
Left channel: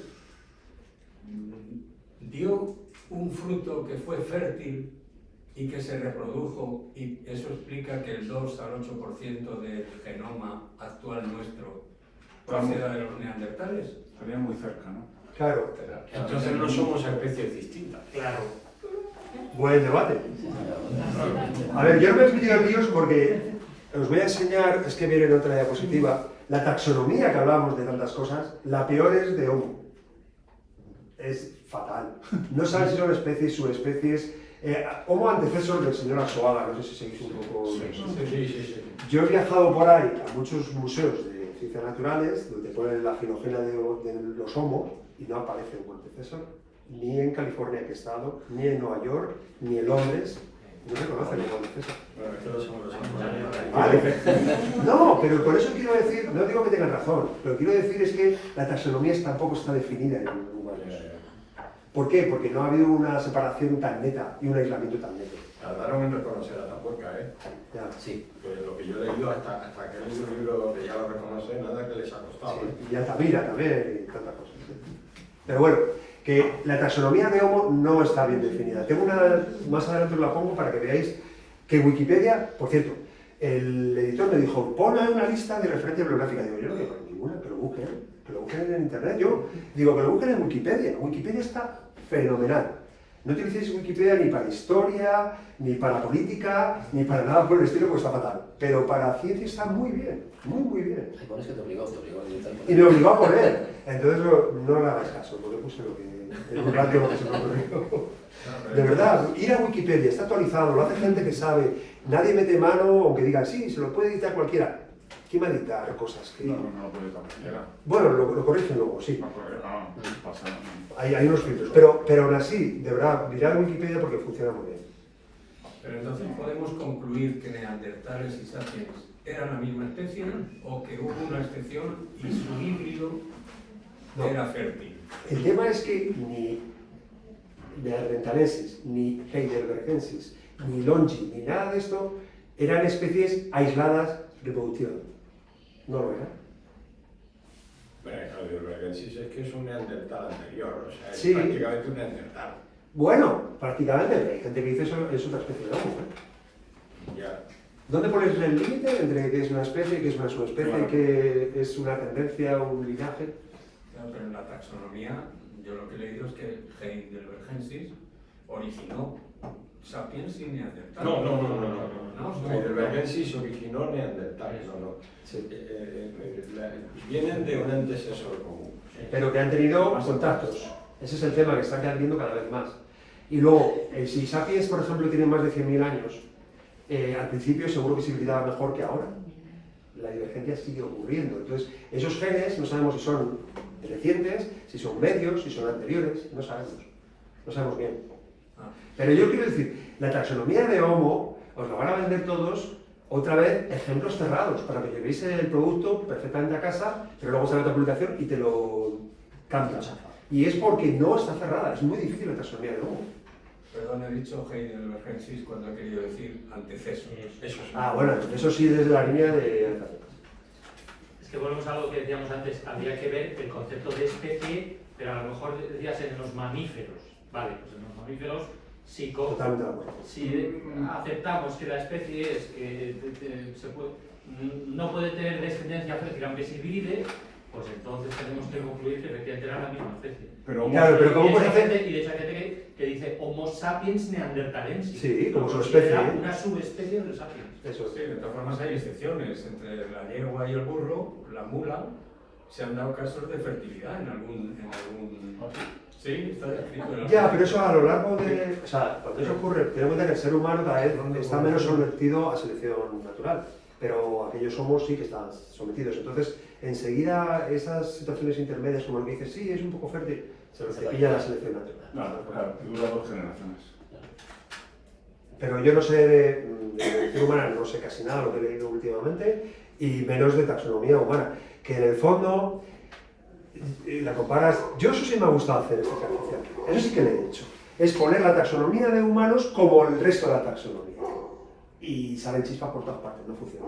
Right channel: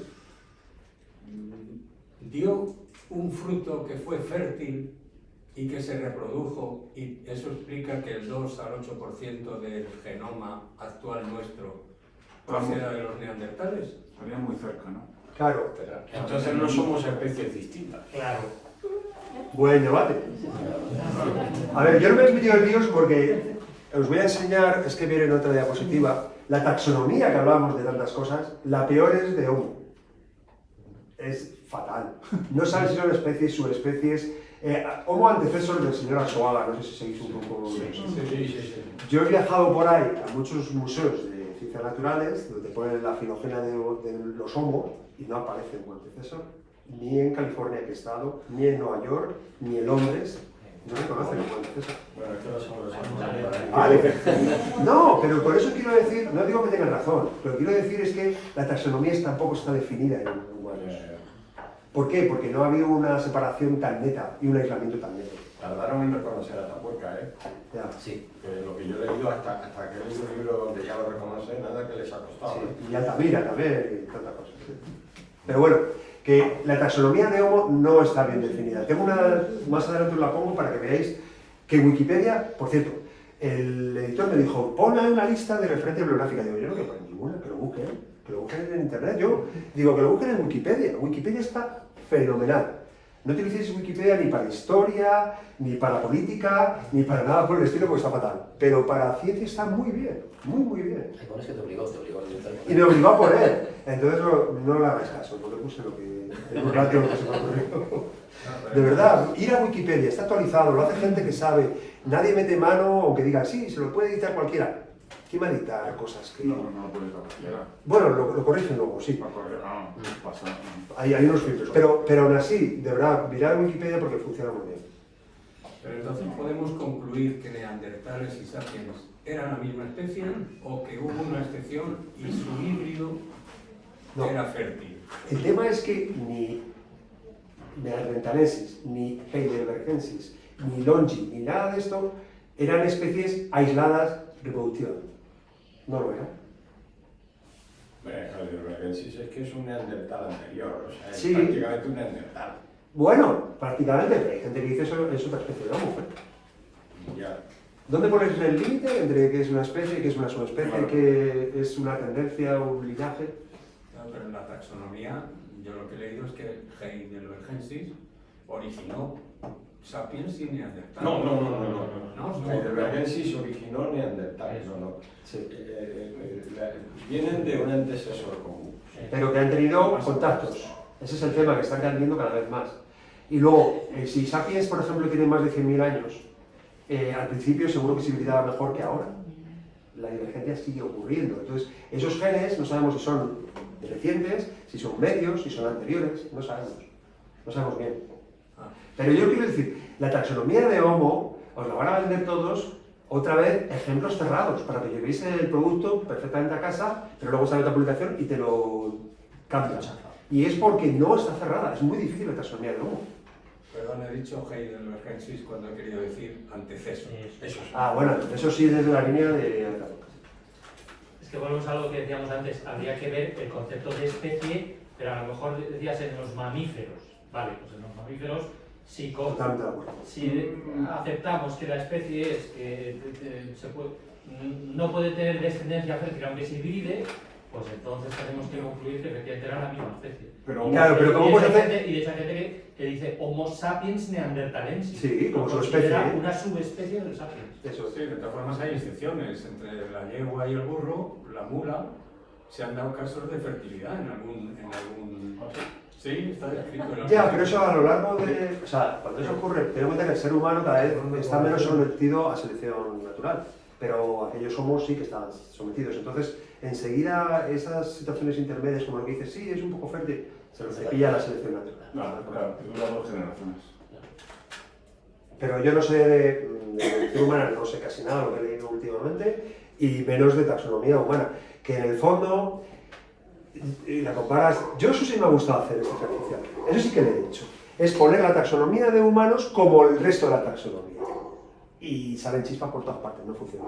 dio un fruto que fue fértil y que se reprodujo, y eso explica que el 2 al 8% del genoma actual nuestro proceda de los neandertales. Estaría muy cerca, ¿no? Claro. Entonces no somos especies distintas. Claro. Buen debate. A ver, yo no me he metido en líos porque os voy a enseñar, es que viene en otra diapositiva, la taxonomía que hablamos de tantas cosas, la peor es de Homo. Es fatal. No saben si son especies, subespecies. Homo antecesor del señor Arzuaga, no sé si seguís un poco. Sí. Yo he viajado por ahí a muchos museos de ciencias naturales donde ponen la filogenia de los Homo y no aparece Homo antecesor, ni en California que he estado, ni en Nueva York, ni en Londres. No se conoce Homo antecesor. Bueno, es que no somos los Homo. Vale. No, pero por eso quiero decir, no digo que tengan razón, lo que quiero decir es que la taxonomía tampoco está definida en lugares. ¿Por qué? Porque no ha habido una separación tan neta y un aislamiento tan neto. Tardaron en reconocer a Tapuerca, ¿eh? Ya. Sí. Que lo que yo he leído hasta que he leído un libro donde ya lo reconoce, nada que les ha costado. Sí, y Altamira también, y tantas cosas. Pero bueno, que la taxonomía de Homo no está bien definida. Tengo una, más adelante os la pongo para que veáis que Wikipedia, por cierto, el editor me dijo, ponle una lista de referencia bibliográfica. Digo, yo no tengo ninguna, que lo busquen en internet. Yo digo, que lo busquen en Wikipedia. Wikipedia está fenomenal. No utilicéis Wikipedia ni para historia, ni para política, ni para nada por el estilo, porque está fatal. Pero para ciencia está muy bien, muy bien. Hay pones que te obligó a editar. Y me obligó a poner. Entonces no le hagáis caso, porque puse lo que... en un rato lo que se me ocurrió. De verdad, ir a Wikipedia, está actualizado, lo hace gente que sabe. Nadie mete mano, aunque digan, sí, se lo puede editar cualquiera. ¿Quién va a editar cosas? Que... No puede editar cualquiera. Bueno, lo corrigen luego, sí. No, pasa. Hay unos filtros, pero aún así, de verdad, mirad Wikipedia porque funciona muy bien. Pero entonces podemos concluir que neandertales y sapiens eran la misma especie o que hubo una excepción y su híbrido era fértil. El tema es que ni neandertalensis, ni heidelbergensis, ni longi, ni nada de esto eran especies aisladas de evolución. No lo eran. Heidelbergensis es que es un neandertal anterior, o sea, es Sí. prácticamente un neandertal. Bueno, prácticamente, pero hay gente que dice eso es otra especie de homo. Ya. ¿Dónde pones el límite entre qué es una especie, qué es una subespecie, qué es una tendencia, un linaje? Claro, pero en la taxonomía, yo lo que he leído es que Heidelbergensis originó sapiens y neandertal. No. Heidelbergensis originó neandertales, no. Sí. Vienen de un antecesor común. Pero que han tenido contactos. Ese es el tema que están cambiando cada vez más. Y luego, si sapiens, por ejemplo, tienen más de 100.000 años, al principio seguro que se hibridaba mejor que ahora. La divergencia sigue ocurriendo. Entonces, esos genes no sabemos si son recientes, si son medios, si son anteriores, no sabemos. No sabemos bien. Pero yo quiero decir, la taxonomía de Homo os la van a vender todos, otra vez, ejemplos cerrados, para que llevéis el producto perfectamente a casa, pero luego sale otra publicación y te lo cambias. Y es porque no está cerrada, es muy difícil la taxonomía de Homo. Perdón, he dicho Heidelbergensis cuando he querido decir antecesor. Eso sí. Ah, bueno, eso sí desde la línea de... Es que volvemos a lo que decíamos antes, habría que ver el concepto de especie, pero a lo mejor decías en los mamíferos. Vale, pues en los mamíferos, Totalmente de acuerdo. si aceptamos que la especie es no puede tener descendencia fértil aunque se hibride, pues entonces tenemos que concluir que efectivamente era la misma especie. Pero, claro, pero ¿cómo puede hacer? Y de hecho hay gente que dice Homo sapiens neanderthalensis. Sí, como su especie. Una subespecie de los sapiens. Eso sí, de todas formas hay excepciones. Entre la yegua y el burro, la mula, se han dado casos de fertilidad en algún... Sí, está escrito en la... Ya, pero eso a lo largo de... O sea, cuando eso ocurre, tenemos que ver que el ser humano cada vez está menos sometido a selección natural. Pero aquellos homos sí que están sometidos. Entonces, enseguida esas situaciones intermedias, como lo que dices, sí, es un poco fértil, se lo cepilla la selección natural. Claro, dura 2 generaciones. Pero yo no sé de evolución humana, no sé casi nada lo que he leído últimamente, y menos de taxonomía humana. Que en el fondo, la comparas... Yo eso sí me ha gustado hacer este ejercicio. Eso sí que lo he hecho. Es poner la taxonomía de humanos como el resto de la taxonomía. Y salen chispas por todas partes, no funciona.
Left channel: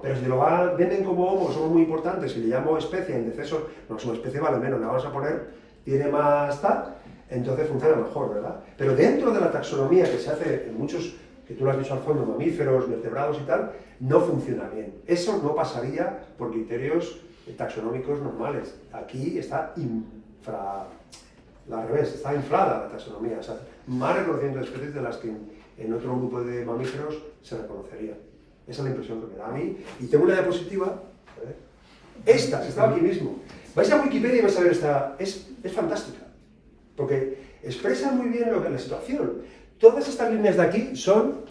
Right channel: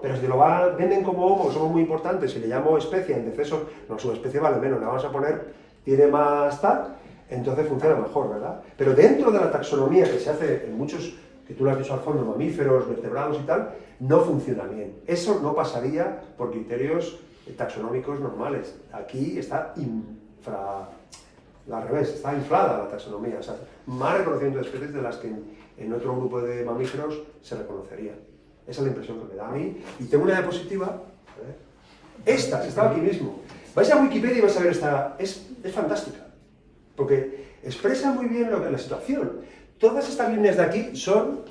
Pero si lo venden como homo, somos muy importantes, si le llamo especie, antecesor, no, su especie vale menos, la vamos a poner, tiene más tal, entonces funciona mejor, ¿verdad? Pero dentro de la taxonomía que se hace en muchos, que tú lo has dicho al fondo, mamíferos, vertebrados y tal, no funciona bien. Eso no pasaría por criterios taxonómicos normales. Aquí está al revés, está inflada la taxonomía, o sea, más reconocimiento de especies de las que en otro grupo de mamíferos se reconocería. Esa es la impresión que me da a mí. Y tengo una diapositiva, esta, que estaba aquí mismo. Vais a Wikipedia y vais a ver esta, es fantástica, porque expresa muy bien lo que la situación. Todas estas líneas de aquí son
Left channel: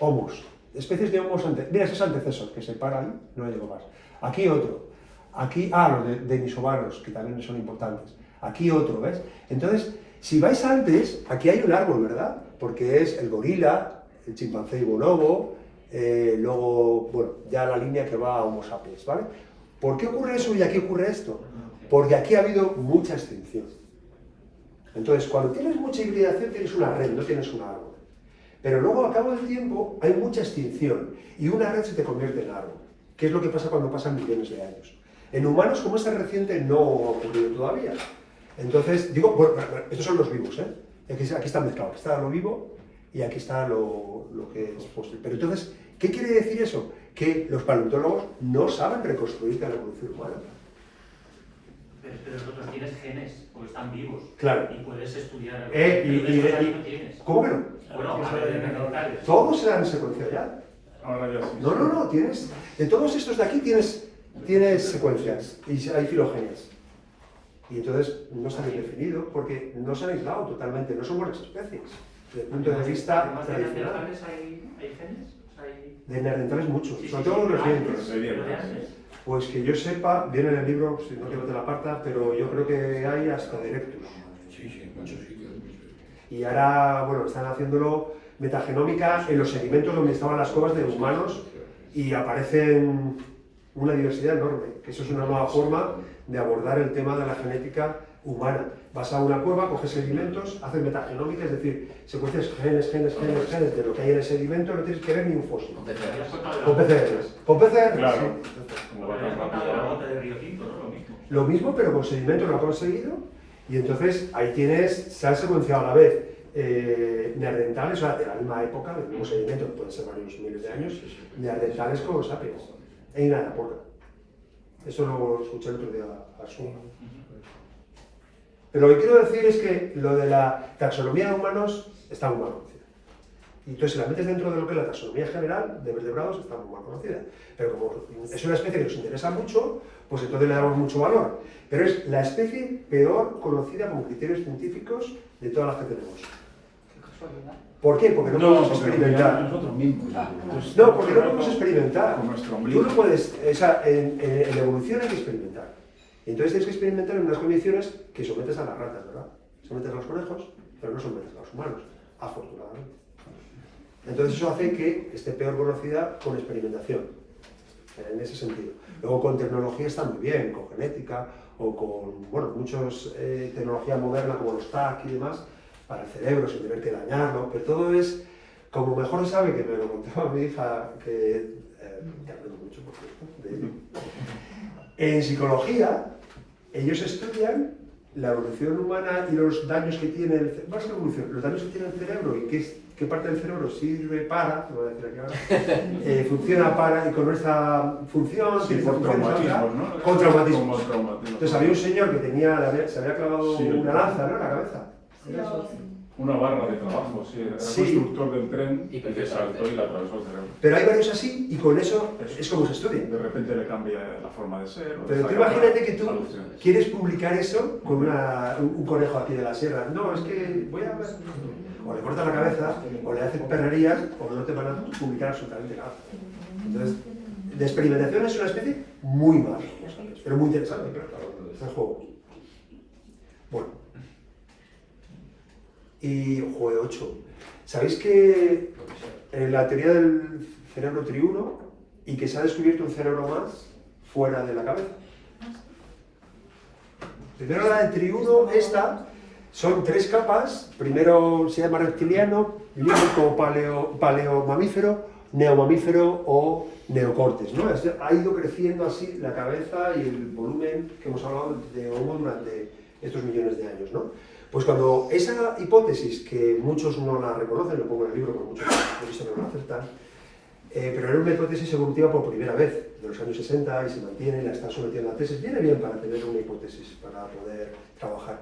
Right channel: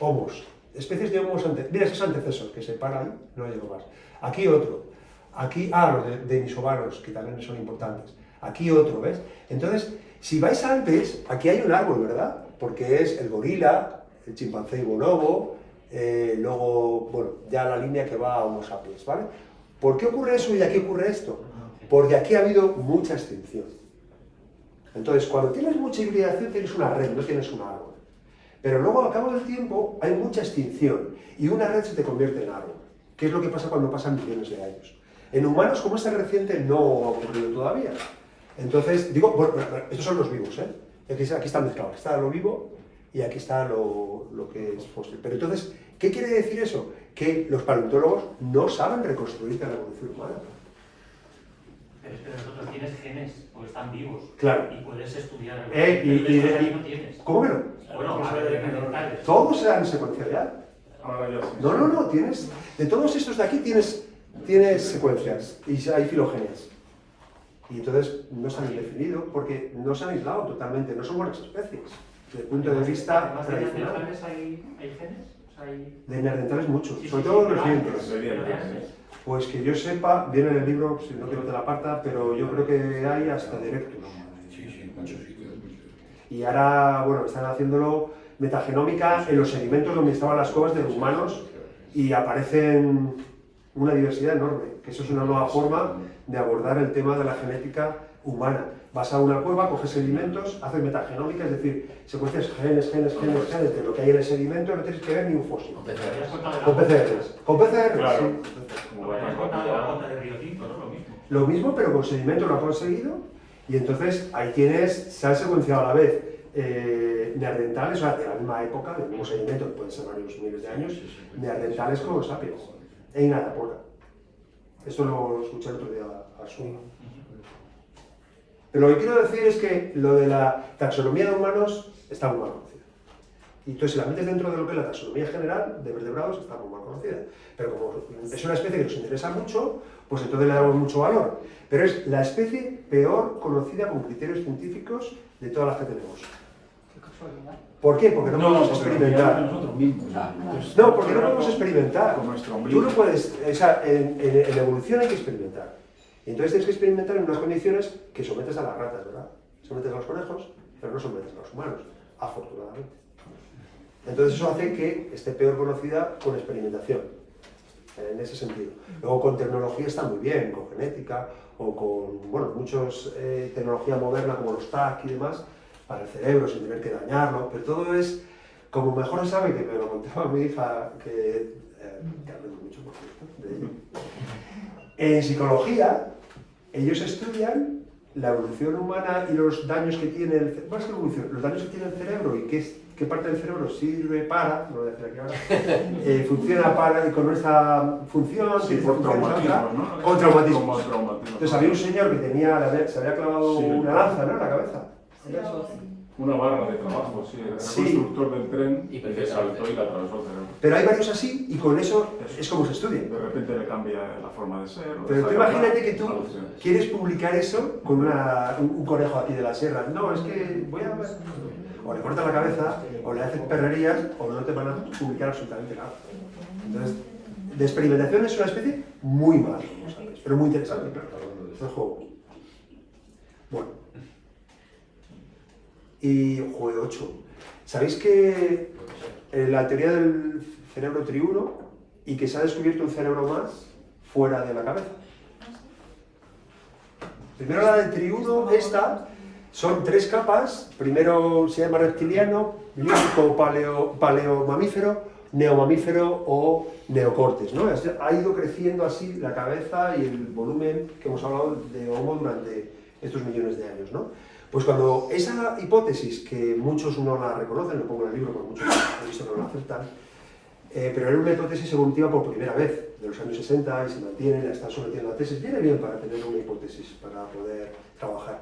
homos, especies de homos antecesores. Mira, ese es antecesor, que se para ahí, no llego más. Aquí otro. Aquí, los de Nisobaros, que también son importantes. Aquí otro, ¿ves? Entonces, si vais antes, aquí hay un árbol, ¿verdad? Porque es el gorila, el chimpancé y bonobo, luego, bueno, ya la línea que va a Homo sapiens, ¿vale? ¿Por qué ocurre eso y aquí ocurre esto? Porque aquí ha habido mucha extinción. Entonces, cuando tienes mucha hibridación, tienes una red, no tienes un árbol. Pero luego, al cabo del tiempo, hay mucha extinción y una red se te convierte en árbol. ¿Qué es lo que pasa cuando pasan millones de años? En humanos, como es tan reciente, no ha ocurrido todavía. Entonces, digo, bueno, estos son los vivos, ¿eh? Aquí está mezclado, aquí está lo vivo y aquí está lo que es fósil. Pero entonces, ¿qué quiere decir eso? Que los paleontólogos no saben reconstruir la evolución humana. Pero es que los otros tienes genes, porque están vivos. Claro. Y puedes estudiar. Y no tienes. ¿Cómo que no? Bueno, a ver, neandertales. Todos se dan secuencialidad. Ahora ya sí. No, tienes. De todos estos de aquí tienes secuencias y hay filogenias. Y entonces no se han definido porque no se han aislado totalmente, no son buenas especies. Desde el punto de vista ¿Además de tradicional. neandertales hay genes? O sea, hay... De neandertales muchos, Sí, sobre sí, todo sí, los pero dientes. antes. Pues que yo sepa, viene en el libro, si no quiero te la aparta, pero yo creo que hay hasta directos. Sí, muchos sitios. Y ahora, bueno, están haciéndolo metagenómica en los sedimentos donde estaban las cuevas de los humanos y aparecen una diversidad enorme, que eso es una nueva forma de abordar el tema de la genética humana. Vas a una cueva, coges sedimentos, haces metagenómica, es decir, secuencias genes de lo que hay en el sedimento, no tienes que ver ni un fósil. Con PCRs. Con PCRs, Claro. sí. Habías contado de la gota de Río Tinto, ¿no? Lo mismo. Lo mismo, pero con sedimentos lo han conseguido. Y entonces ahí se han secuenciado a la vez neandertales, o sea, de la misma época, del mismo sedimento, que pueden ser varios miles de años, neandertales con los sapiens. En una época. Esto lo escuché el otro día a Suma. Pero lo que quiero decir es que lo de la taxonomía de humanos está muy mal conocida. Y entonces, si la metes dentro de lo que es la taxonomía general de vertebrados, está muy mal conocida. Pero como es una especie que nos interesa mucho, pues entonces le damos mucho valor. Pero es la especie peor conocida con criterios científicos de todas las que tenemos. ¿Por qué? Porque no podemos experimentar. Nosotros mismos. No, porque no podemos experimentar. Con nuestro Tú ombligo. no puedes, o sea, en la evolución hay que experimentar. Entonces tienes que experimentar en unas condiciones que sometes a las ratas, ¿verdad? Sometes a los conejos, pero no sometes a los humanos, afortunadamente. Entonces eso hace que esté peor conocida con experimentación, en ese sentido. Luego con tecnología está muy bien, con genética o con, bueno, muchos tecnología moderna como los TAC y demás, para el cerebro sin tener que dañarlo, pero todo es, como mejor sabe, que me lo contaba mi hija, que aprendo mucho por cierto, de ello. En psicología, ellos estudian la evolución humana y los daños que tiene el cerebro, más que evolución, los daños que tiene el cerebro y qué parte del cerebro sirve para, no voy a decir aquí ahora, funciona para, y con esta función, Sí, por traumatismos, ¿no? con traumatismos. Como traumatismos. Entonces había un señor que se había clavado Sí. una lanza, ¿no?, en la cabeza. Una barra de trabajo, sí. Era Sí. constructor del tren y le saltó y le atravesó el cerebro. Pero hay varios así y con eso es como se estudia. De repente le cambia la forma de ser. Pero tú imagínate que tú quieres publicar eso con un conejo aquí de la sierra. No, es que voy a ver. O le cortas la cabeza, o le haces perrerías, o no te van a publicar absolutamente nada. Entonces, de experimentación es una especie muy mala, pero muy interesante, claro. Es el juego. Bueno. Y juego 8. ¿Sabéis que la teoría del cerebro triuno y que se ha descubierto un cerebro más fuera de la cabeza? Primero la del triuno, esta, son 3 capas. Primero se llama reptiliano, límico paleomamífero, neomamífero o neocortes, ¿no? Ha ido creciendo así la cabeza y el volumen que hemos hablado de Homo durante estos millones de años, ¿no? Pues cuando esa hipótesis, que muchos no la reconocen, lo pongo en el libro, pero muchos he visto no la aceptan, pero era una hipótesis evolutiva por primera vez, de los años 60, y se mantiene, la están sometiendo a tesis, viene bien para tener una hipótesis, para poder trabajar.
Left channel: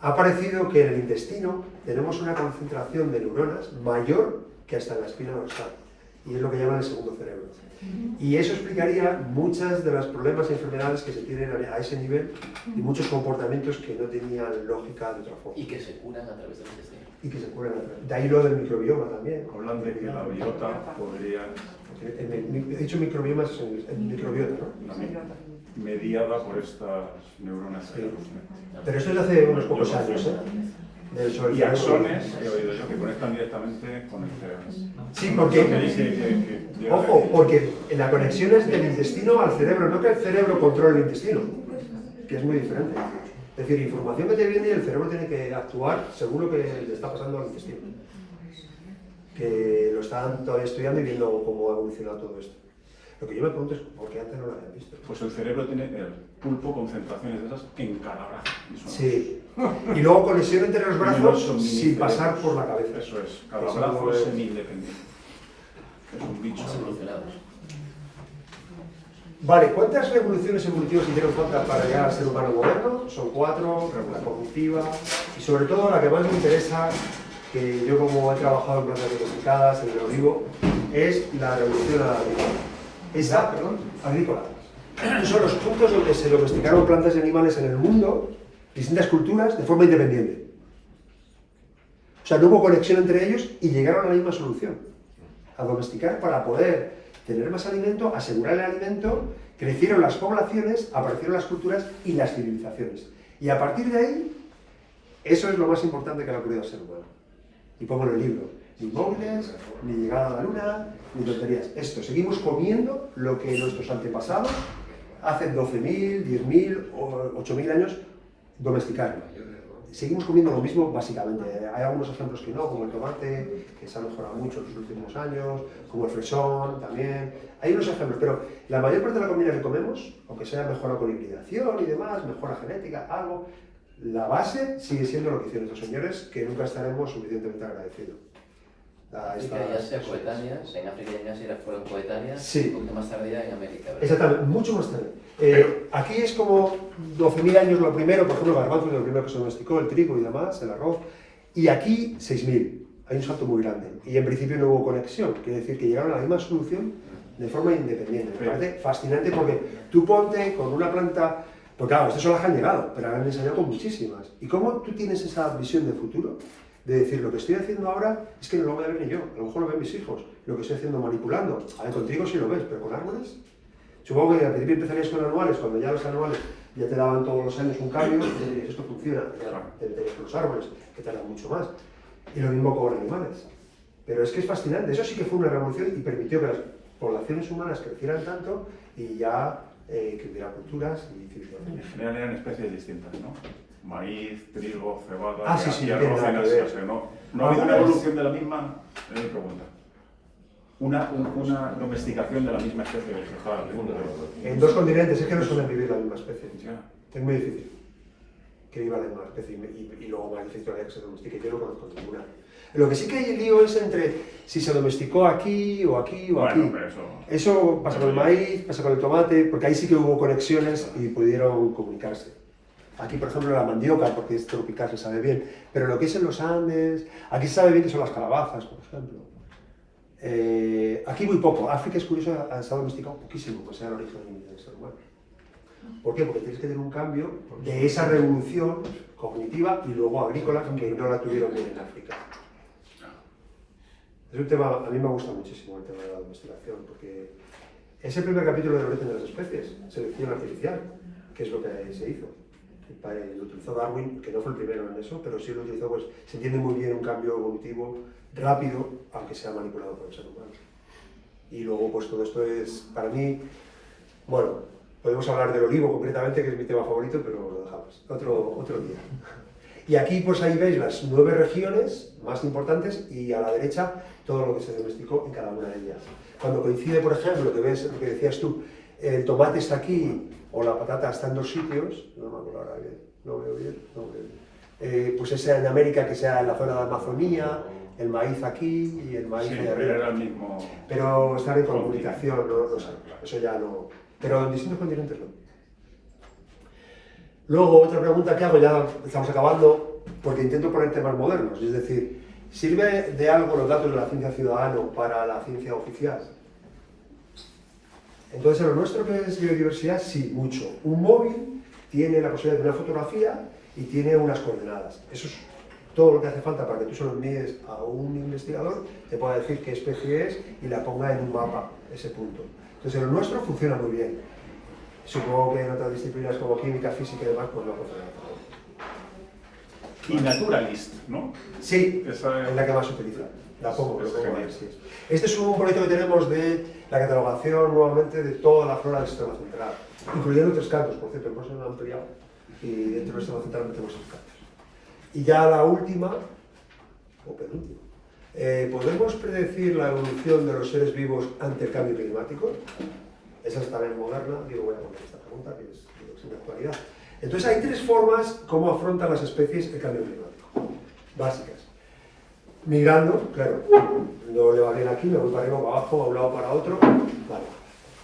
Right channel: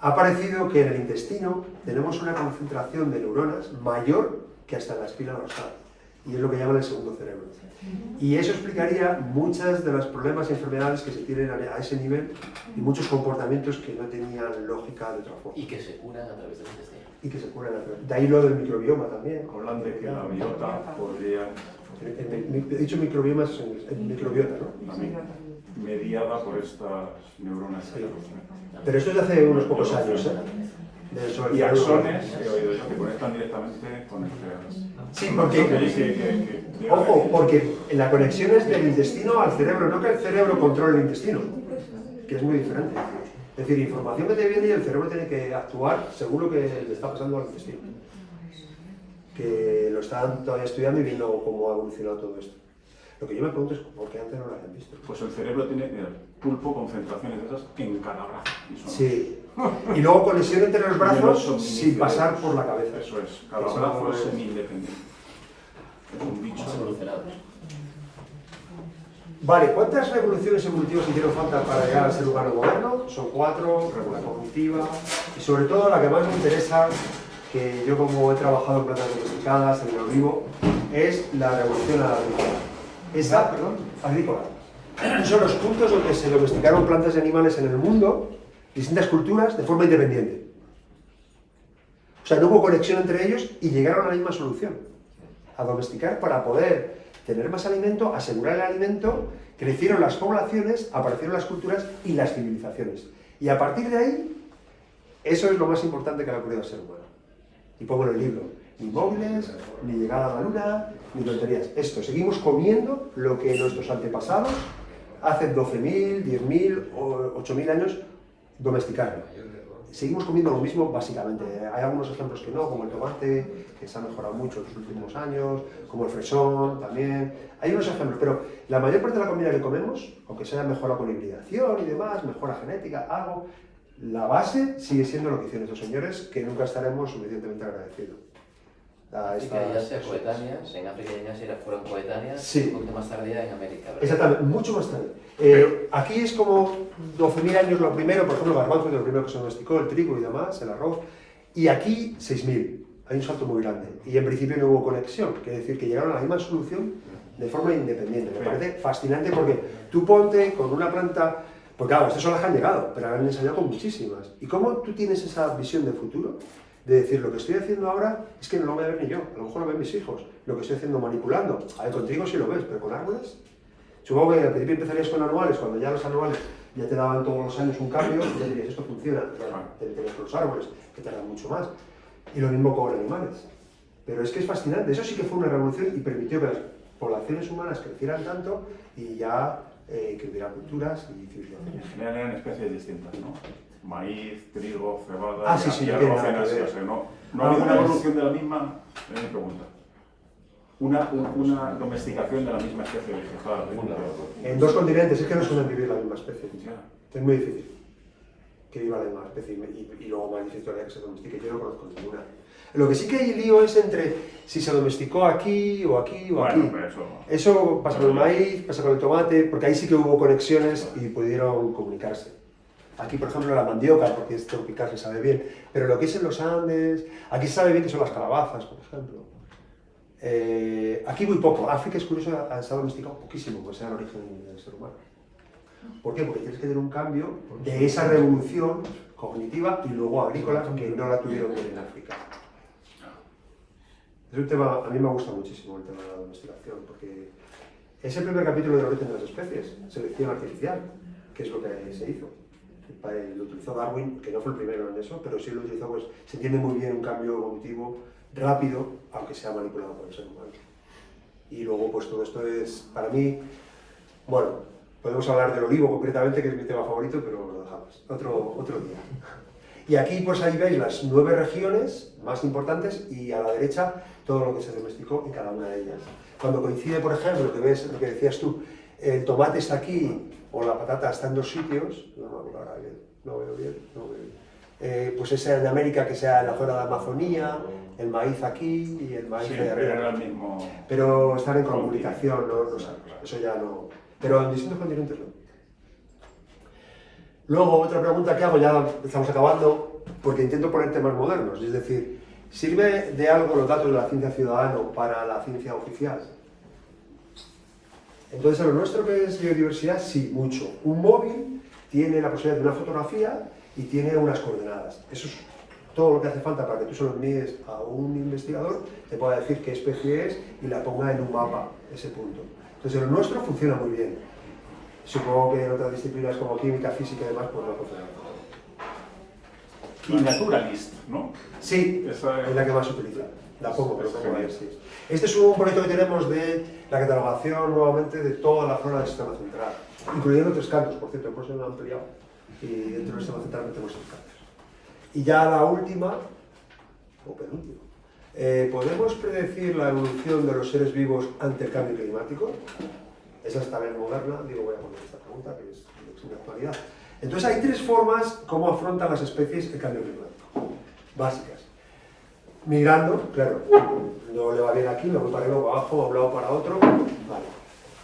Ha parecido que en el intestino tenemos una concentración de neuronas mayor que hasta en la espina dorsal, y es lo que llaman el segundo cerebro. Y eso explicaría muchos de los problemas y enfermedades que se tienen a ese nivel y muchos comportamientos que no tenían lógica de otra forma. Y que se curan a través del intestino. Y que se curan a través. De ahí lo del microbioma también. Hablan de que la biota podría... He dicho microbioma, es en microbiota, ¿no? Mediada por estas neuronas. Sí. Pero esto es de hace unos pocos años, ¿eh? Y axones, he oído yo, que conectan directamente con el cerebro. Sí, porque, ojo, porque la conexión es del intestino al cerebro, no que el cerebro controle el intestino, que es muy diferente. Es decir, información que te viene y el cerebro tiene que actuar según lo que le está pasando al intestino. Que lo están todavía estudiando y viendo cómo ha evolucionado todo esto. Lo que yo me pregunto es por qué antes no lo habían visto. Pues el cerebro tiene el pulpo concentraciones de esas en cada brazo. Sí. Y luego conexión entre los brazos sin pasar por la cabeza. Eso es, cada brazo es semi-independiente. Es un bicho. Evolucionados. Vale, ¿cuántas revoluciones evolutivas hicieron falta para llegar al ser humano moderno? Son 4, la cognitiva, y sobre todo la que más me interesa, que yo como he trabajado en plantas domesticadas, en el olivo, es la revolución agrícola. Son los puntos donde se domesticaron plantas y animales en el mundo, distintas culturas, de forma independiente. O sea, no hubo conexión entre ellos y llegaron a la misma solución, a domesticar para poder tener más alimento, asegurar el alimento, crecieron las poblaciones, aparecieron las culturas y las civilizaciones. Y a partir de ahí, eso es lo más importante que le ha ocurrido al ser humano. Y pongo en el libro, ni móviles, ni llegada a la luna, ni tonterías. Esto, seguimos comiendo lo que nuestros antepasados hace 12.000, 10.000 o 8.000 años domesticaron. Seguimos comiendo lo mismo básicamente. Hay algunos ejemplos que no, como el tomate, que se ha mejorado mucho en los últimos años, como el fresón también. Hay unos ejemplos, pero la mayor parte de la comida que comemos, aunque sea mejorado con hibridación y demás, mejora genética, algo, la base sigue siendo lo que hicieron estos señores, que nunca estaremos suficientemente agradecidos. Y que ya sean coetáneas, en África y en Asia fueron coetáneas, sí. Un poquito más tarde ya en América, ¿verdad? Exactamente, mucho más tarde. Aquí es como 12.000 años lo primero, por ejemplo, el garbanzo es lo primero que se domesticó, el trigo y demás, el arroz, y aquí 6.000. Hay un salto muy grande. Y en principio no hubo conexión, quiere decir que llegaron a la misma solución de forma independiente. Me parece fascinante porque tú ponte con una planta, porque claro, estas son las que han llegado, pero han enseñado con muchísimas. ¿Y cómo tú tienes esa visión de futuro? De decir, lo que estoy haciendo ahora es que no lo voy a ver ni yo, a lo mejor lo ven mis hijos, lo que estoy haciendo manipulando. A ver, contigo sí lo ves, pero con árboles. Supongo que al principio empezarías con anuales, cuando ya los anuales ya te daban todos los años un cambio, y te dirías, esto funciona, te meterías con los árboles, que tardan mucho más. Y lo mismo con animales. Pero es que es fascinante, eso sí que fue una revolución y permitió que las poblaciones humanas crecieran tanto y ya que hubiera culturas y civilizaciones. En general eran especies distintas, ¿no? Maíz, trigo, cebada, sí, y no arroz tiene nada que ver. o sea, no hay una evolución de la misma, es mi pregunta. Una domesticación de la misma especie vegetal. En dos continentes es que no suelen vivir la misma especie. Ya. Es muy difícil que viva la misma especie y luego más difícil todavía que se domestique. Yo no conozco ninguna. Lo que sí que hay el lío es entre si se domesticó aquí o aquí o aquí. Pero eso pasa con el maíz, pasa con el tomate, porque ahí sí que hubo conexiones y pudieron comunicarse. Aquí, por ejemplo, la mandioca, porque es tropical, se sabe bien, pero lo que es en los Andes, aquí se sabe bien que son las calabazas, por ejemplo. Aquí muy poco. África es curioso, ha estado domesticado poquísimo, pues sea el origen del ser humano. ¿Por qué? Porque tienes que tener un cambio de esa revolución cognitiva y luego agrícola que no la tuvieron bien en África. Es un tema, a mí me gusta muchísimo el tema de la domesticación, porque es el primer capítulo del origen de las especies, selección artificial, que es lo que se hizo. Lo utilizó Darwin, que no fue el primero en eso, pero sí lo utilizó, pues se entiende muy bien un cambio evolutivo rápido, aunque sea manipulado por el ser humano. Y luego, pues todo esto es, para mí, bueno, podemos hablar del olivo concretamente, que es mi tema favorito, pero lo dejamos otro día. Y aquí, pues ahí veis las 9 regiones más importantes y a la derecha todo lo que se domesticó en cada una de ellas. Cuando coincide, por ejemplo, que ves lo que decías tú, el tomate está aquí o la patata está en 2 sitios, no me acuerdo ahora bien, no veo bien. Pues esa en América, que sea en la zona de Amazonía, el maíz aquí y el maíz sí, allá arriba. era el mismo. Pero están en comunicación, no sabemos, eso ya no. Pero en distintos continentes no. Luego, otra pregunta que hago, ya estamos acabando, porque intento poner temas modernos, es decir, ¿sirve de algo los datos de la ciencia ciudadana para la ciencia oficial? Entonces, en lo nuestro que es biodiversidad, sí, mucho. Un móvil tiene la posibilidad de una fotografía y tiene unas coordenadas. Eso es todo lo que hace falta para que tú se lo envíes a un investigador, te pueda decir qué especie es y la ponga en un mapa, ese punto. Entonces, en lo nuestro funciona muy bien. Supongo que en otras disciplinas como química, física y demás, pues no funciona. Y Naturalist, ¿no? Sí, esa es la que más se utiliza. La pongo, pero pongo genial. sí. Este es un proyecto que tenemos de la catalogación nuevamente de toda la zona del sistema central, incluyendo 3 campos, por cierto, el próximo han ampliado y dentro del sistema central metemos 6 campos. Y ya la última, o penúltima, ¿podemos predecir la evolución de los seres vivos ante el cambio climático? Esa es también moderna, digo, voy a poner esta pregunta que es de actualidad. Entonces hay 3 formas como afrontan las especies el cambio climático, básicas. Migrando, claro, no le va bien aquí, me voy para arriba, para abajo, a un lado para otro, vale.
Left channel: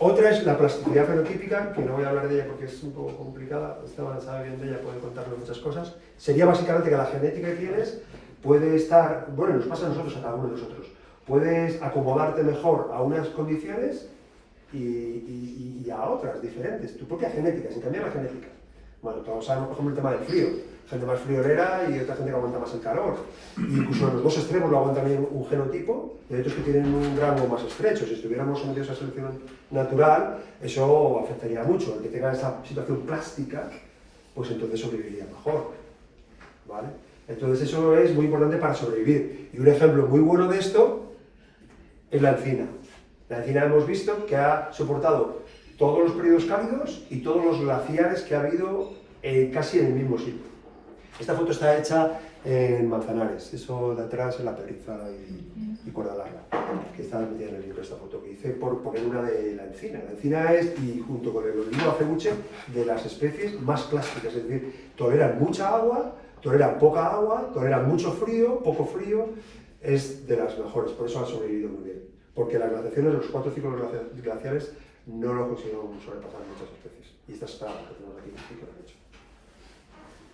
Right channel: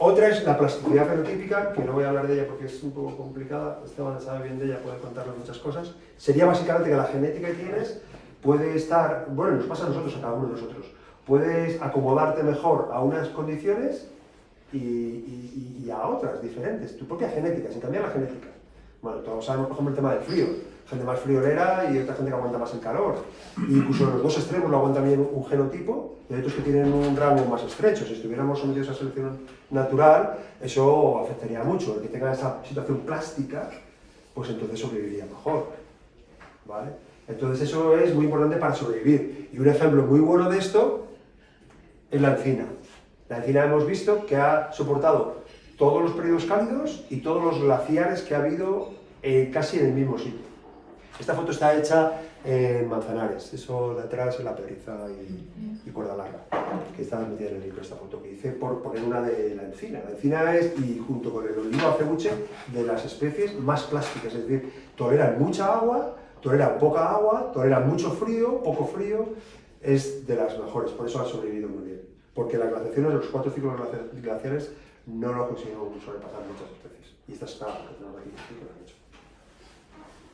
Otra es la plasticidad fenotípica, que no voy a hablar de ella porque es un poco complicada, Esteban sabe bien de ella, puede contarnos muchas cosas. Sería básicamente que la genética que tienes puede estar, bueno, nos pasa a nosotros, a cada uno de nosotros, puedes acomodarte mejor a unas condiciones y a otras diferentes, tu propia genética, sin cambiar la genética. Bueno, todos sabemos, por ejemplo, el tema del frío. Gente más friolera y otra gente que aguanta más el calor. Incluso en los dos extremos lo aguantan bien un genotipo y hay otros que tienen un rango más estrecho. Si estuviéramos sometidos a selección natural, eso afectaría mucho. El que tenga esa situación plástica, pues entonces sobreviviría mejor. ¿Vale? Entonces eso es muy importante para sobrevivir. Y un ejemplo muy bueno de esto es la encina. La encina hemos visto que ha soportado todos los periodos cálidos y todos los glaciares que ha habido casi en el mismo sitio. Esta foto está hecha en Manzanares, eso de atrás es la Perriza y Cuerda Larga, que está metida en el libro esta foto, que hice por poner una de la encina. La encina es, y junto con el olivo acebuche, de las especies más plásticas, es decir, toleran mucha agua, toleran poca agua, toleran mucho frío, poco frío, es de las mejores, por eso han sobrevivido muy bien. Porque las glaciaciones, los 4 ciclos glaciares, no lo consiguieron sobrepasar muchas especies. Y esta es la que tenemos aquí, que lo han hecho.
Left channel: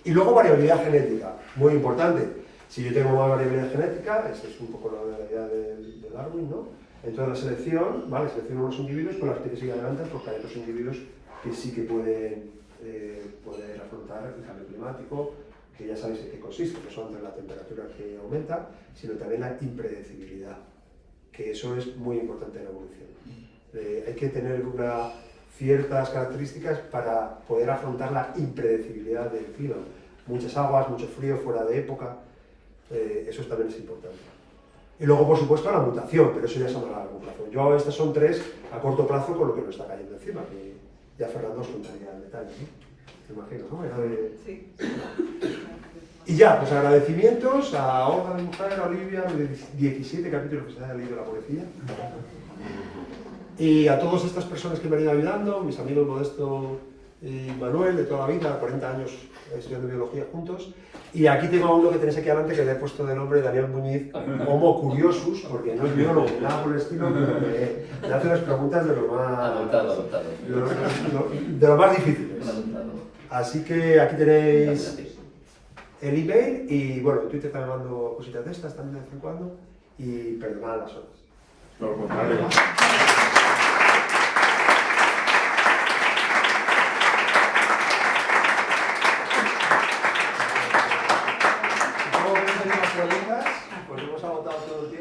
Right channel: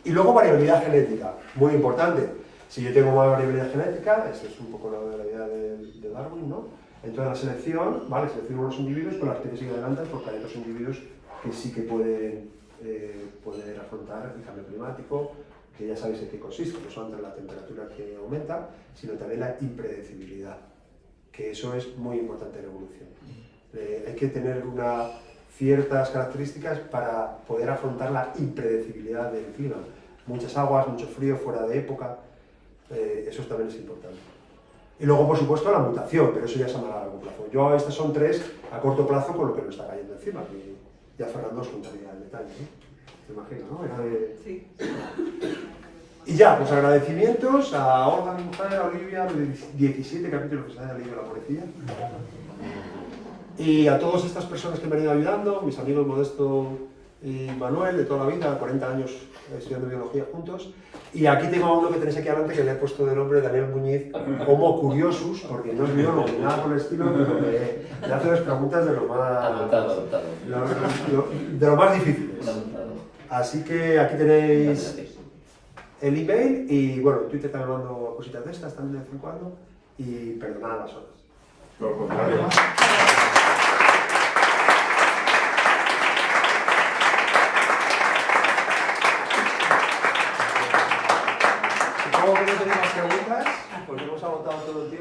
Y luego variabilidad genética, muy importante. Si yo tengo más variabilidad genética, esta es un poco la idea de Darwin, ¿no? Entonces la selección, ¿vale? Selecciono unos individuos con las que te siguen adelante, porque hay otros individuos que sí que pueden poder afrontar el cambio climático, que ya sabéis en qué consiste, no solamente la temperatura que aumenta, sino también la impredecibilidad, que eso es muy importante en la evolución. Hay que tener ciertas características para poder afrontar la impredecibilidad del clima. Muchas aguas, mucho frío, fuera de época, eso también es importante. Y luego, por supuesto, la mutación, pero eso ya es a largo plazo. Estas son 3 a corto plazo con lo que nos está cayendo encima, que ya Fernando os contaría en detalle, ¿no? Me imagino, ¿no? Sí. Y ya, pues agradecimientos a Olga, mi mujer, a Olivia, de 17 capítulos que se da del libro La Pobrecilla. Y a todas estas personas que me han ido ayudando, mis amigos Modesto y Manuel, de toda la vida, 40 años estudiando biología juntos. Y aquí tengo a uno que tenéis aquí adelante que le he puesto de nombre Daniel Muñiz, Homo Curiosus, porque no es biólogo ni nada por el estilo, pero que le hace unas preguntas de lo más difíciles. Así que aquí tenéis el email y bueno, en Twitter también mando cositas de estas también de vez en cuando y perdonad las horas. Por lo contrario. Supongo que no tenemos preguntas, pues hemos agotado todo el tiempo.